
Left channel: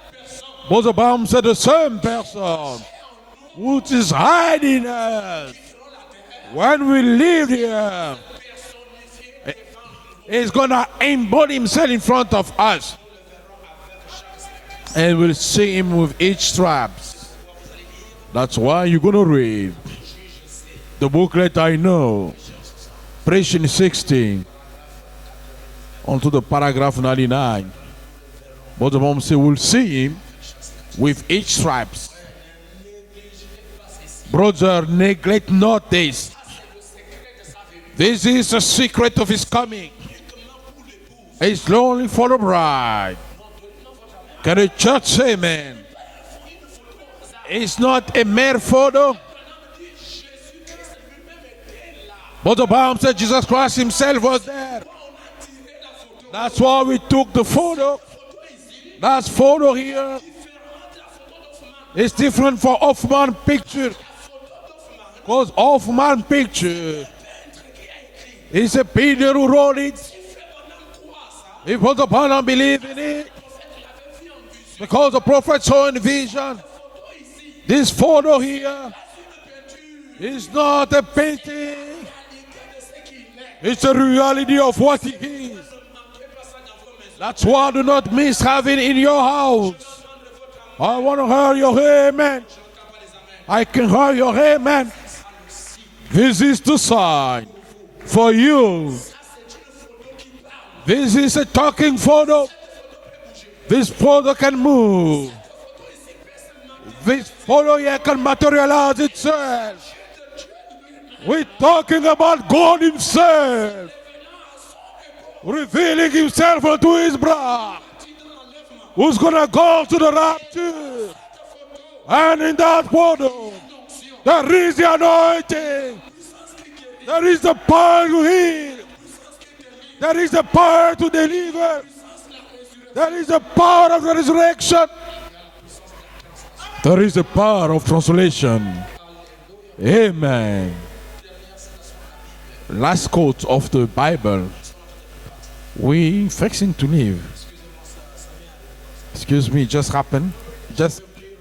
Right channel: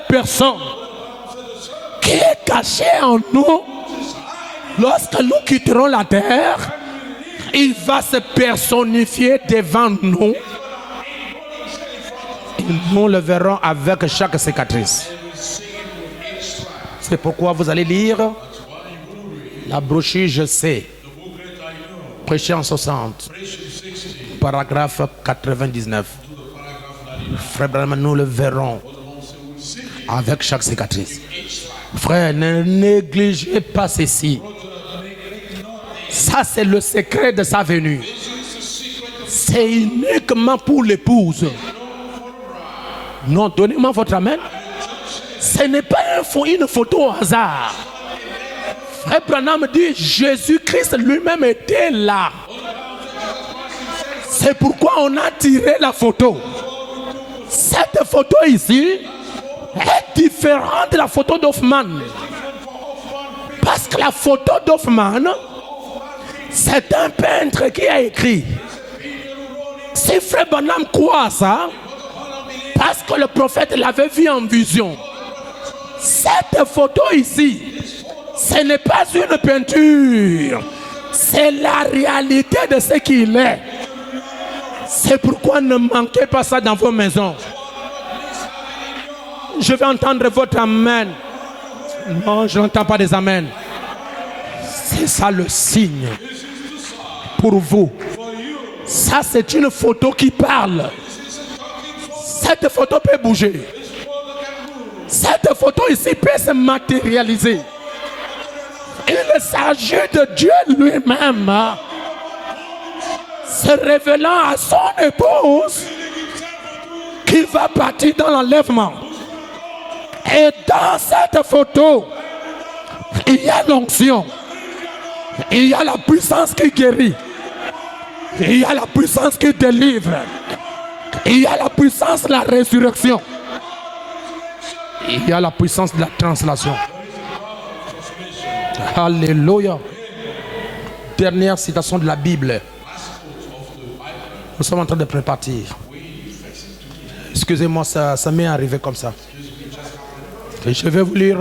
personne Because the Bible said the same qui est person cachée en nous, which is hiding lorsque nous quitterons la terre, when we leave il here, va se personnifier devant nous. he's going to embody himself in front of us. Nous le verrons avec chaque cicatrice. And we'll see him with each strap. C'est pourquoi vous allez lire That's why you're going to read la brochure Je sais, the booklet I know, prêché en 60, preaching 16, paragraphe 99. onto the paragraph 99. Frère Branham, nous le verrons But the mom say we'll see him avec chaque cicatrice. with each stripe. Frère, ne négligez pas ceci. Brother, neglect not this. Ça, c'est le secret de sa venue. This is the secret of his C'est coming. uniquement pour l'épouse. It's only for the bride. Non, donnez-moi votre amen. Can the church say Ce amen? n'est pas une photo au hasard. It's not a mere photo. Frère Branham dit Jésus-Christ lui-même était là. But the Bible said Jesus Christ himself was. C'est pourquoi on a tiré la photo. That's why we took the photo. Cette photo ici That photo est here différente de la photo d'Hoffman. is different for Hoffman Parce picture. que la photo d'Hoffman, Because Hoffman picture c'est un peintre qui a écrit. is a painter who wrote it. Si Frère Branham croit à ça, It was upon unbelief. parce que le prophète l'avait vu en vision. Because the prophet saw in vision. Cette photo ici, This photo ce here n'est pas une is peinture. not a painting. C'est la réalité de ce qu'il est. It's the reality of what. C'est pourquoi ne manquez pas ça dans vos maisons. That's why do not miss having in your house. Je vais entendre votre I amen. want to hear your amen. Non, je n'entends pas des amen. I can hear your amen. C'est ça le signe This is the sign pour vous. for you. Ça, c'est une photo qui parle. This is a talking photo. Cette photo peut bouger. This photo can move. Cette photo ici peut se matérialiser. Photo here can materialize Il itself. s'agit de Dieu We're lui-même talking about God himself. se révélant à son épouse Revealing himself unto his qui va bride. partir dans l'enlèvement. Who's gonna go to the Et rapture? dans cette photo, And in that photo, il y a l'onction, there is the anointing. il y a la puissance qui guérit, There is the power to il heal. y a la puissance qui délivre, There is the power to il y a la deliver. puissance de la There résurrection, is the power of the resurrection. il y a la puissance de la translation. There is the power of translation. Alléluia. Amen. Dernière citation de la Bible. Last quote of the Bible. Nous sommes en train de préparer. We fixing to leave. Excusez-moi, ça m'est arrivé comme ça. Excuse me, it just happened. Je vais vous lire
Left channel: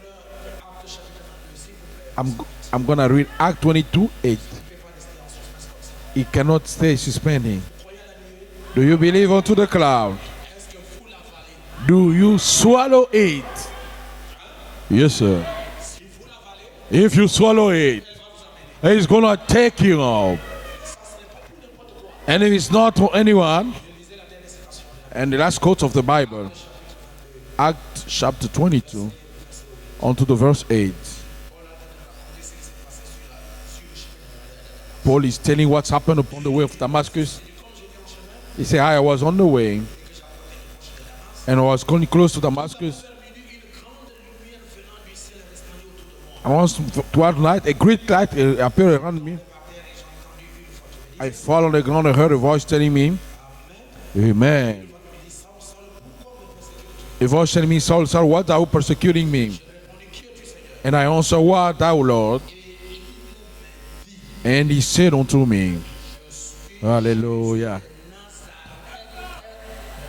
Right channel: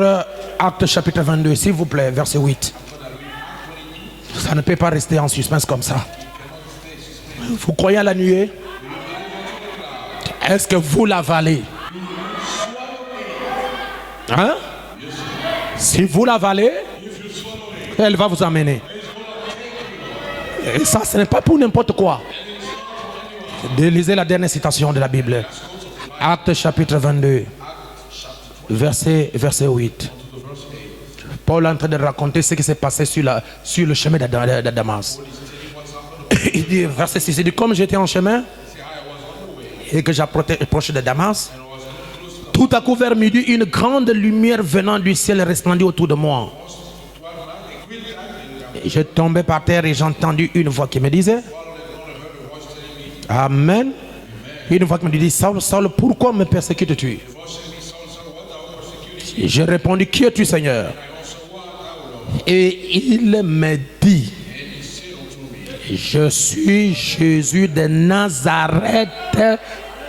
Actes chapitre 22, s'il vous plaît, verset 8. I'm gonna read Act 22:8. Ça ne peut pas rester en suspense comme ça. It cannot stay suspended. Vous croyez à la nuée? Do you believe unto the cloud? Est-ce que vous l'avalez? Do you swallow it? Hein? Yes, sir. Si vous l'avalez, if you swallow it, elle va vous amener. it's gonna take you off. Et ça, ce n'est pas pour n'importe quoi. And it is not for anyone. Lisez la dernière citation de la And the Bible. last quote of the Bible, Acte chapitre 22, Acts chapter 22, verset 8. on to the verse 8. Paul est en train de raconter ce qui s'est passé sur le chemin de Damas. Paul is telling what's happened on the way Il of dit, verset 6, Damascus. il dit, comme j'étais en chemin He said, I was on the way, et que j'approchais de Damas, and I was going close to tout à coup Damascus. vers midi, une grande lumière venant du ciel resplendit autour de moi. Once toward night, a great light Je appeared around me. tombais par terre et j'ai entendu une voix qui me I disait, fall on the ground and heard a voice telling me, Amen. Amen. Une voix qui me dit, Saul, Saul, pourquoi me persécutes-tu? A voice telling me, Saul, Saul, what are you persecuting me? J'ai répondu, qui es-tu, Seigneur? And I answered, what thou, Lord? Et il me dit, And he said unto me, je suis Alléluia. Jésus de Nazareth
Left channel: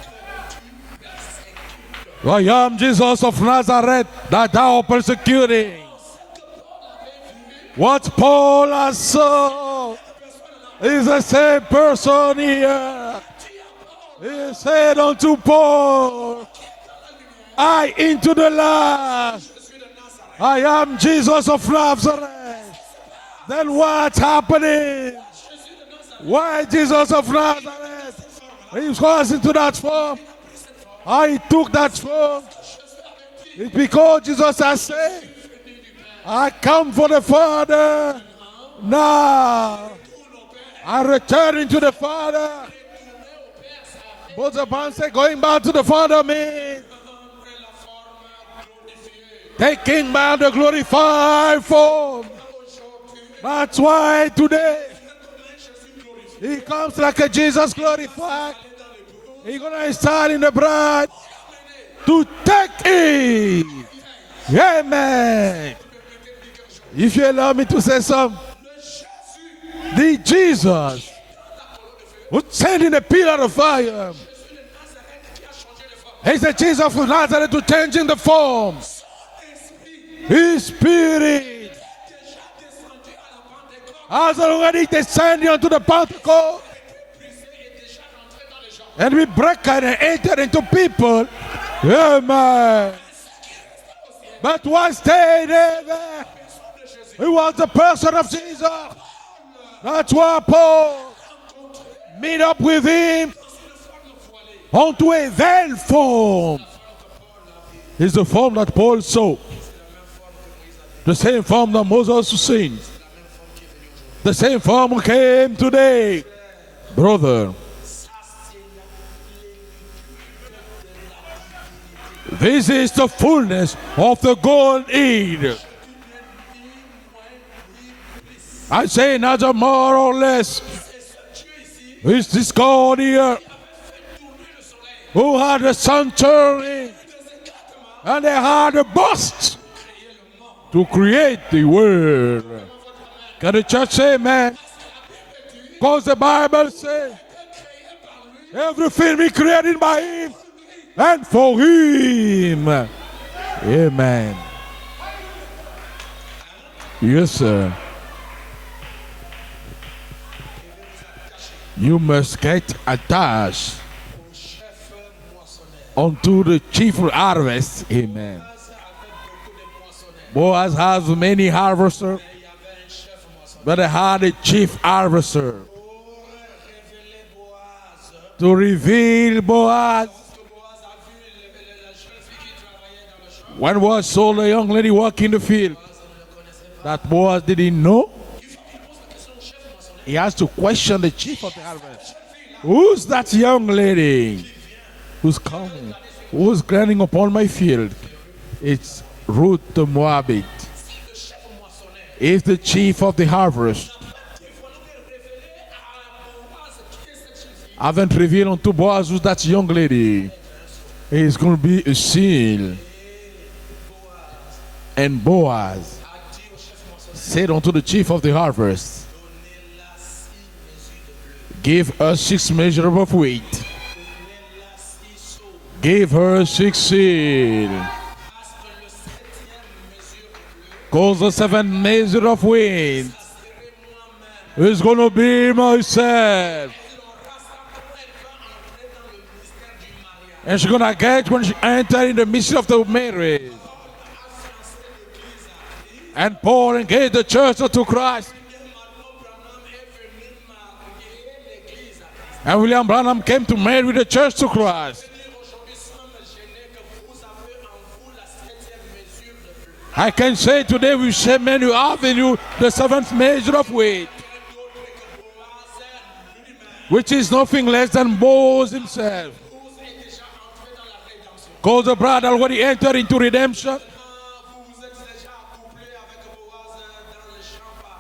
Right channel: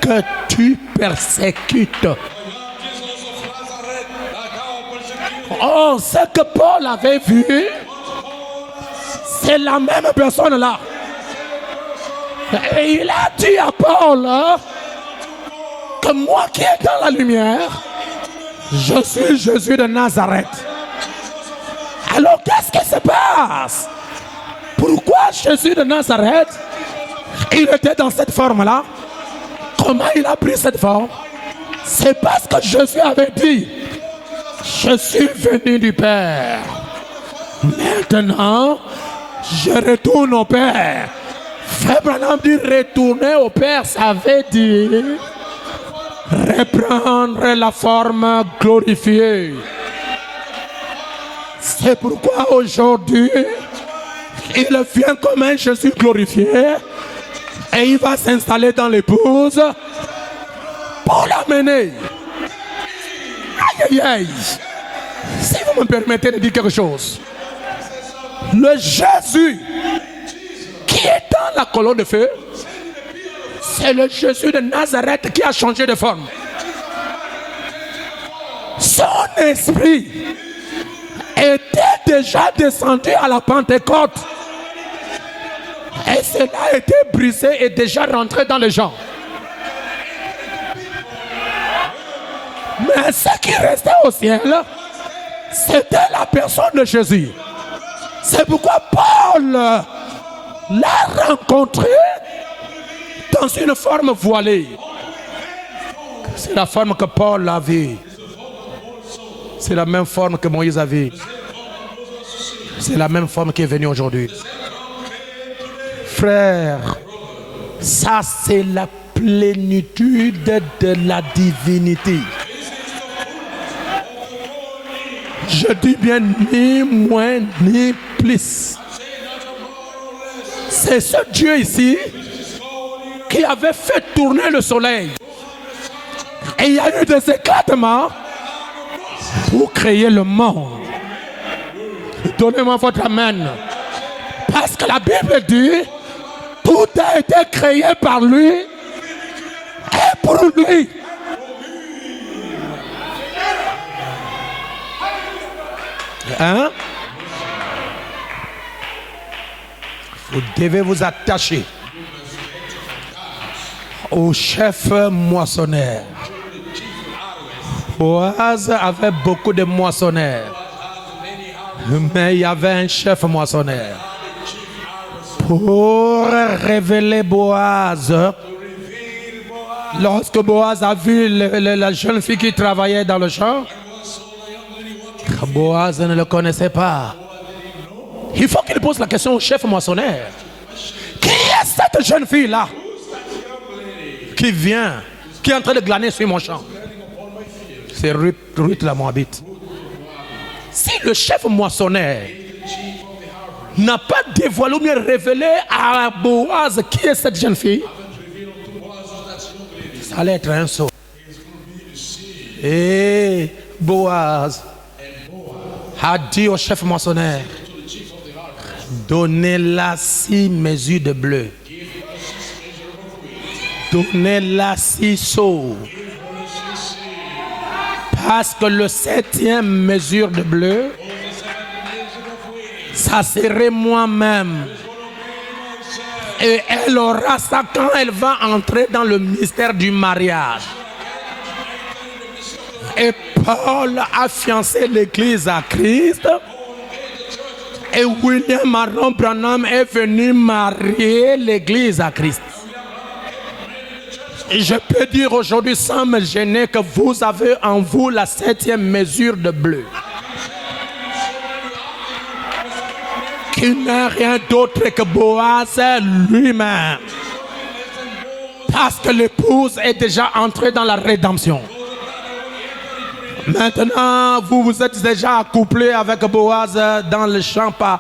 que tu persécutes. I am Jesus of Nazareth that thou persecuting. Oh, ce que Paul avait vu, What Paul has saw c'est la même personne là. is the same person here. Et il a dit à Paul hein, Said unto Paul, que moi qui est dans la lumière, I into the je light. suis Jésus de Nazareth. I am Jesus of Nazareth. Alors qu'est-ce qui se And passe? what's happening? Pourquoi Jésus de Nazareth, Why Jesus of Nazareth? il était dans cette forme-là? He was into that Comment form. il a pris cette forme? I took that C'est form parce que Jésus avait dit, because Jesus has je said, suis venu du I Père. come for the Father. Maintenant, Now je retourne au I Père. return into the Frère Branham Father. dit retourner au Père, ça veut What the man said, dire going back to the Father, means reprendre la forme glorifiée. taking back the glorified C'est form. pourquoi aujourd'hui, That's why today il vient comme un Jésus glorifié comes like a Jesus et il va glorified. s'installer dans l'épouse I stand in the bride pour l'amener. to take it. Aïe, aïe, aïe. Amen. Si vous me permettez de dire quelque chose, If you allow me to say something, le Jésus the Jesus qui est dans la colonne de feu, who stand in the pillar of c'est le fire Jésus de Nazareth qui a changé de forme. is the Jesus of Nazareth to changing the form. Son esprit His spirit était déjà descendu à la Pentecôte has already descended onto the et Pentecost, cela a été brisé et déjà rentré dans les gens. and we break and enter into people. Amen. Mais ce qui restait au ciel, That was stayed there. c'était la personne de Jésus. He was the person of C'est pourquoi Paul That's why Paul l'a rencontré meet up with him dans une forme voilée. onto a veil C'est form. la forme que Paul a vue. It's the form that Paul saw. C'est la même forme que Moïse a vue. The same form that Moses seen. C'est la même forme qui est venue aujourd'hui. The same form came today. Frère, Brother, ça c'est la plénitude de la divinité. this is the fullness of the Godhead. Je dis bien ni moins ni plus. I say neither more or less. C'est ce Dieu ici It's this God here qui avait fait tourner le soleil. who had the sun turn Et il y a eu des éclatements and they had a bust pour créer le monde. to create the world. Donnez-moi votre amen. And the church say, man, Parce que la Bible dit, because the Bible tout says a été créé par lui everything we created by et him pour lui. and for him. Amen. Hein? Yes, sir. Vous devez vous attacher You must get attached au chef moissonneur. unto the chief harvest. Boaz avait beaucoup de moissonneurs, Boaz has many harvesters, mais il y avait un chef but they moissonneur. had a chief harvester Pour révéler Boaz, to reveal Boaz. lorsque Boaz a vu la jeune fille qui travaillait dans le champ, When Boaz saw the young lady walking the field, Boaz ne le connaissait pas. Boaz didn't know. Il faut qu'il pose la question au chef He moissonneur. has to question the Qui chief. est cette jeune fille-là Who's that young lady qui vient, qui est en train de glaner sur mon who's champ? grinding upon my field? C'est Ruth la Moabite. Ruth the Moabite. Si le chef moissonneur Is the chief of the harvest. n'a pas dévoilé ou bien révélé à Boaz qui est cette jeune fille, Haven't revealed unto Boaz who's that young lady. ça allait être un saut. It's going to be a sin. Et Boaz And Boaz a dit au chef moissonneur, said unto the chief of the harvest, donnez-la 6 mesures de bleu, give her 6 measures of wheat. donnez-la 6 seaux, Give her 6 seed. Parce que le 7e mesure de bleu, Because the 7th measure of wheat ça serait moi-même. is going to be Et myself. elle aura ça quand elle va entrer dans le mystère du And mariage. she's going to get when she enters in the mystery of the Et marriage. Paul a fiancé l'église à Christ. And Paul engaged the church to Et Christ. William Marron Branham est venu marier l'église à Christ. And William Branham came to marry the church to Et je Christ. peux dire aujourd'hui sans me gêner que vous avez en vous la 7e mesure de bleu. I can say today we say, man, you have in you the 7th measure Qui of n'est wheat, rien d'autre que Boaz lui-même. which is nothing less than Boaz. Parce que l'épouse est déjà entrée dans la rédemption. Because the bride already entered into redemption. Maintenant, vous êtes déjà accouplé avec Boaz dans le champ par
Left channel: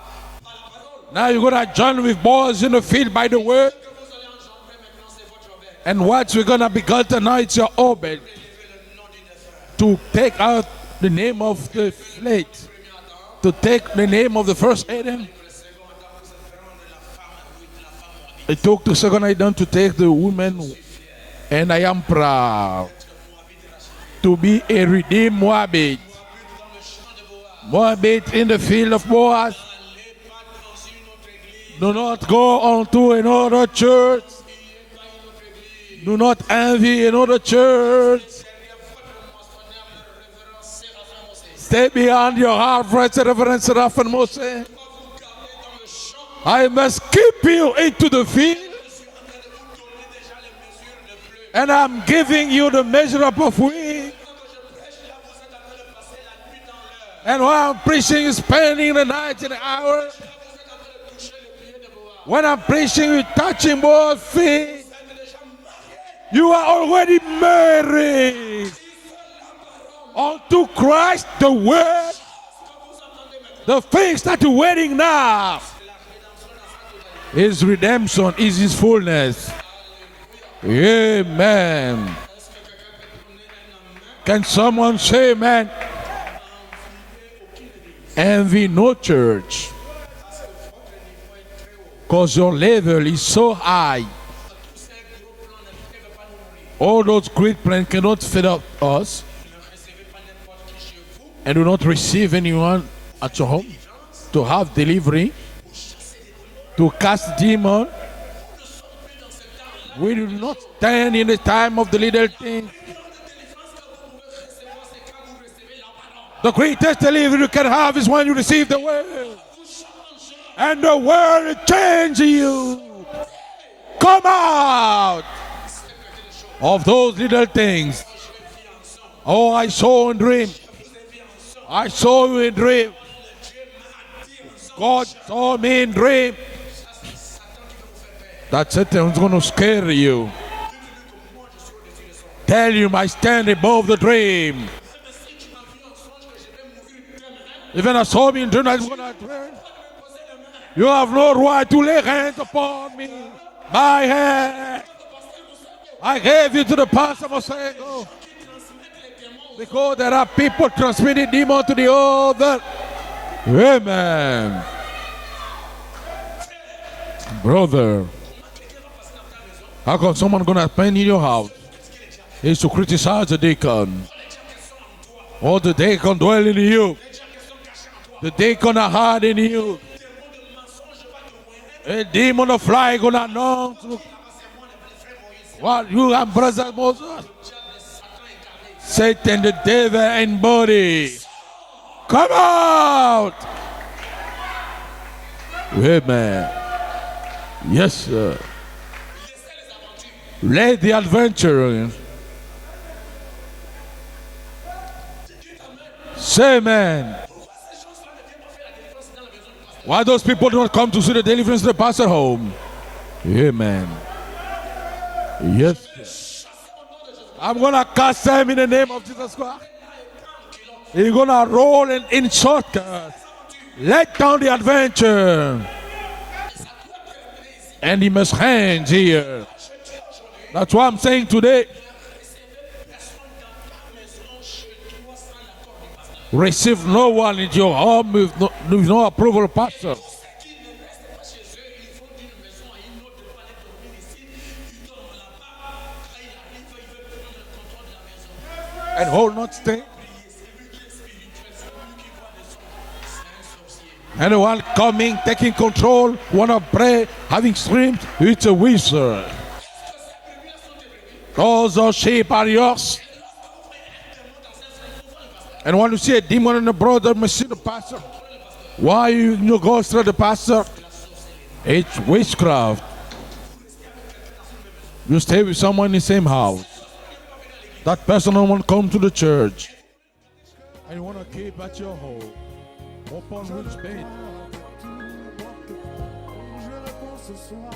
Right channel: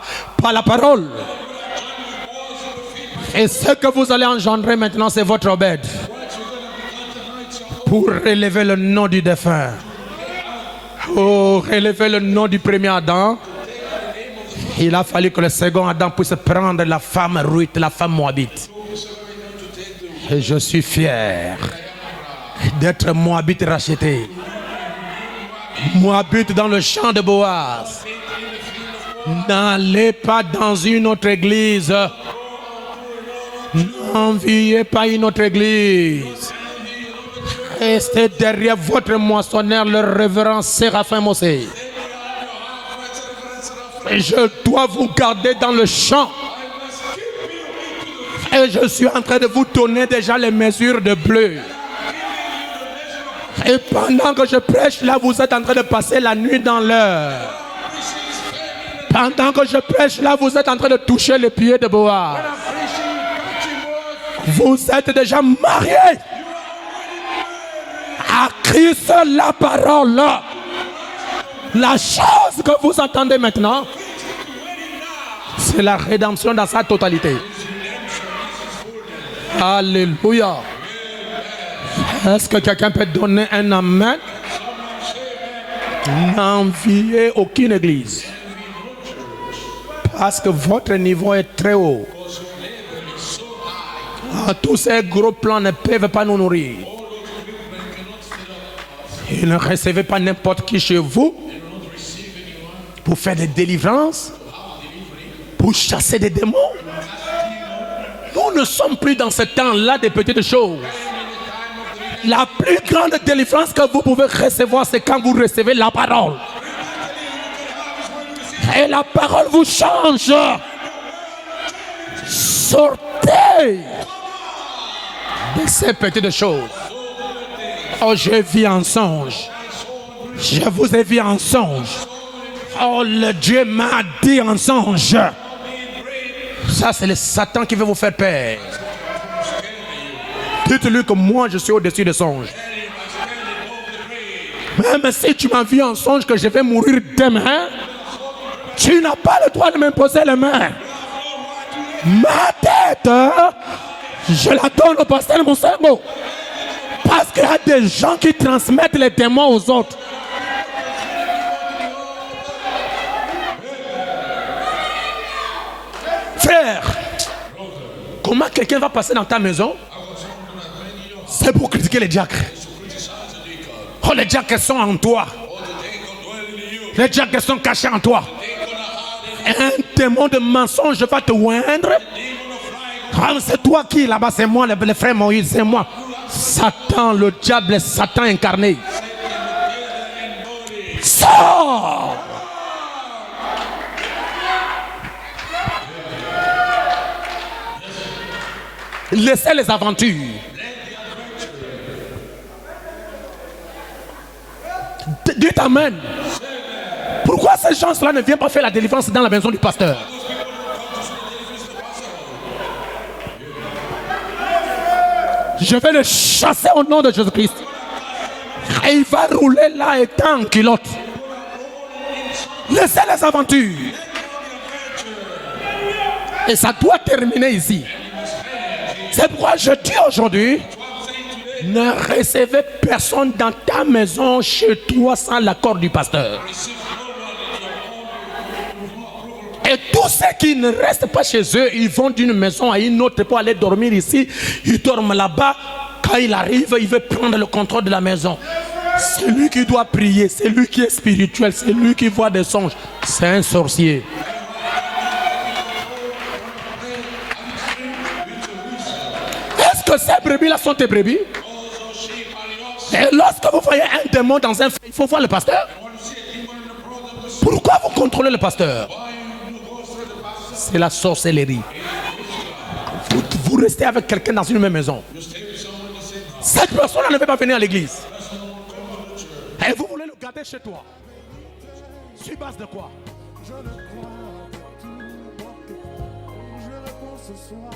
la parole. Now you're going to join with Boaz in the field by the Et ce word. que vous allez engendrer maintenant, c'est votre Obed. And what you're going to begotten now, it's your Pour own relever le nom du défunt. to take out the name Pour of relever le nom du premier Adam. to take the name of the first Il a Adam. fallu que le second Adam puisse prendre la femme Ruth, la femme moabite. It took the second Adam to take the Et woman. je suis fier And I am proud d'être moabite racheté. to be a redeemed Moabite. Moabite dans le champ de Boaz. Moabite in the field of Boaz. N'allez pas dans une autre église. Do not go on to another church. N'enviez pas une autre église. Do not envy another church. Restez derrière votre moissonneur, le révérend Séraphin Mossé. Stay behind your harvest, Reverend Seraphin Et Moses. je dois vous garder dans le champ. I must keep you into the field. Et je suis en train de vous donner déjà les mesures de bleu. And I'm giving you the measure of Et wheat. pendant que je prêche, là, vous êtes en train de passer la nuit dans And l'heure. while I'm preaching, spending the night. Pendant que je prêche, là, vous êtes en train de toucher les pieds de Boaz. When I'm preaching, you touching both feet. Vous êtes déjà mariés You are already married à Christ, la parole. to Christ, the La word. chose que vous entendez maintenant, The things that you're waiting now. c'est la rédemption dans sa totalité. His redemption is his fullness. Alléluia. Amen. Est-ce que quelqu'un peut donner un amen? Can someone say, man, N'enviez aucune église. envy no church? Parce que votre niveau est très haut. Because your level is so high. Tous ces gros plans ne peuvent pas nous nourrir. All those great plans cannot feed up us. Et ne recevez pas n'importe qui chez vous And do not receive anyone pour faire at des your home délivrances, to have delivery, pour chasser des démons. to cast demons. Nous ne sommes plus dans ce temps-là des petites choses. Stand in the time of the little La things. plus grande délivrance que vous pouvez recevoir, c'est quand vous recevez la parole. The greatest delivery you can have is when you receive Et the la parole vous change. and the word changes you. Sortez Come out de ces petites choses. of those little things. Oh, je vis en songe. Oh, I saw in dream. Je vous ai vu en I songe. saw you in dream. Oh, le Dieu m'a dit en Oh, songe. you saw me in dream. Ça, c'est le Satan qui veut vous faire peur. That's it. I'm going to scare you. Dites-lui que moi, je suis au-dessus des songes. Tell you I stand above the dream. Même si tu m'as vu en songe que je vais mourir demain, Even I saw me in dream. tu n'as pas le droit de m'imposer les mains. You have no right to lay hands Ma upon tête, my je hand. la donne au pasteur de mon cerveau. I gave you to the Parce pastor. qu'il y a des gens qui transmettent les démons aux Oh, autres. there are people transmitting demon to the other. Amen. Frère, Brother, comment quelqu'un va passer dans ta maison? how come someone gonna spend in your house? C'est pour critiquer les diacres. Is to criticize the deacon. Oh, les diacres sont en toi. Oh, the deacon dwell in you. Les diacres sont cachés en toi. The deacon are hid in you. Un démon de mensonge va te oindre. A demon of lie gonna Ah, c'est toi qui là-bas, c'est moi, le frère Moïse, c'est moi. You have brother Satan, le diable, Satan incarné. Satan, the devil and body. Sors! Come out. Amen. Yes, sir. Laissez les aventures. Let the adventure. Dites amen. Say amen. Pourquoi ces gens-là ne viennent pas faire la délivrance dans la maison du pasteur? Why those people do not come to see the deliverance of the pastor home? Amen. Je vais le chasser au nom de Jésus-Christ. I'm gonna cast him in the Et name. il va rouler là étant en culotte. He's gonna roll and insult. Laissez les aventures. Let down the adventure. Et ça doit terminer ici. And he must hang here. C'est pourquoi je dis aujourd'hui, That's what I'm saying today. ne recevez personne dans ta maison, chez toi, sans l'accord du pasteur. Receive no one in your home with no approval of Et pastor. tous ceux qui ne restent pas chez eux, ils vont d'une maison à une autre pour aller dormir ici. Ils dorment là-bas. Quand il arrive, il veut prendre le contrôle de la maison. and C'est lui hold qui doit prier, c'est lui qui est spirituel, c'est lui qui voit des songes. C'est un sorcier. And the one coming, taking control, wanna pray, having dreams, it's a wizard. Est-ce que ces brebis-là sont tes brebis? All those sheep are yours. Et lorsque vous voyez un démon dans un frère, il faut voir le pasteur. And when you see a demon in a brother, Pourquoi vous contrôlez le pasteur? why you go through the pastor? C'est la sorcellerie. It's witchcraft. Vous restez avec quelqu'un dans une même maison. You stay with someone in the same house. Cette personne ne veut pas venir à l'église. That person don't want to come to the church. Et vous voulez le garder chez toi. And you want to keep at your home. Sur base de quoi? Je réponds ce soir.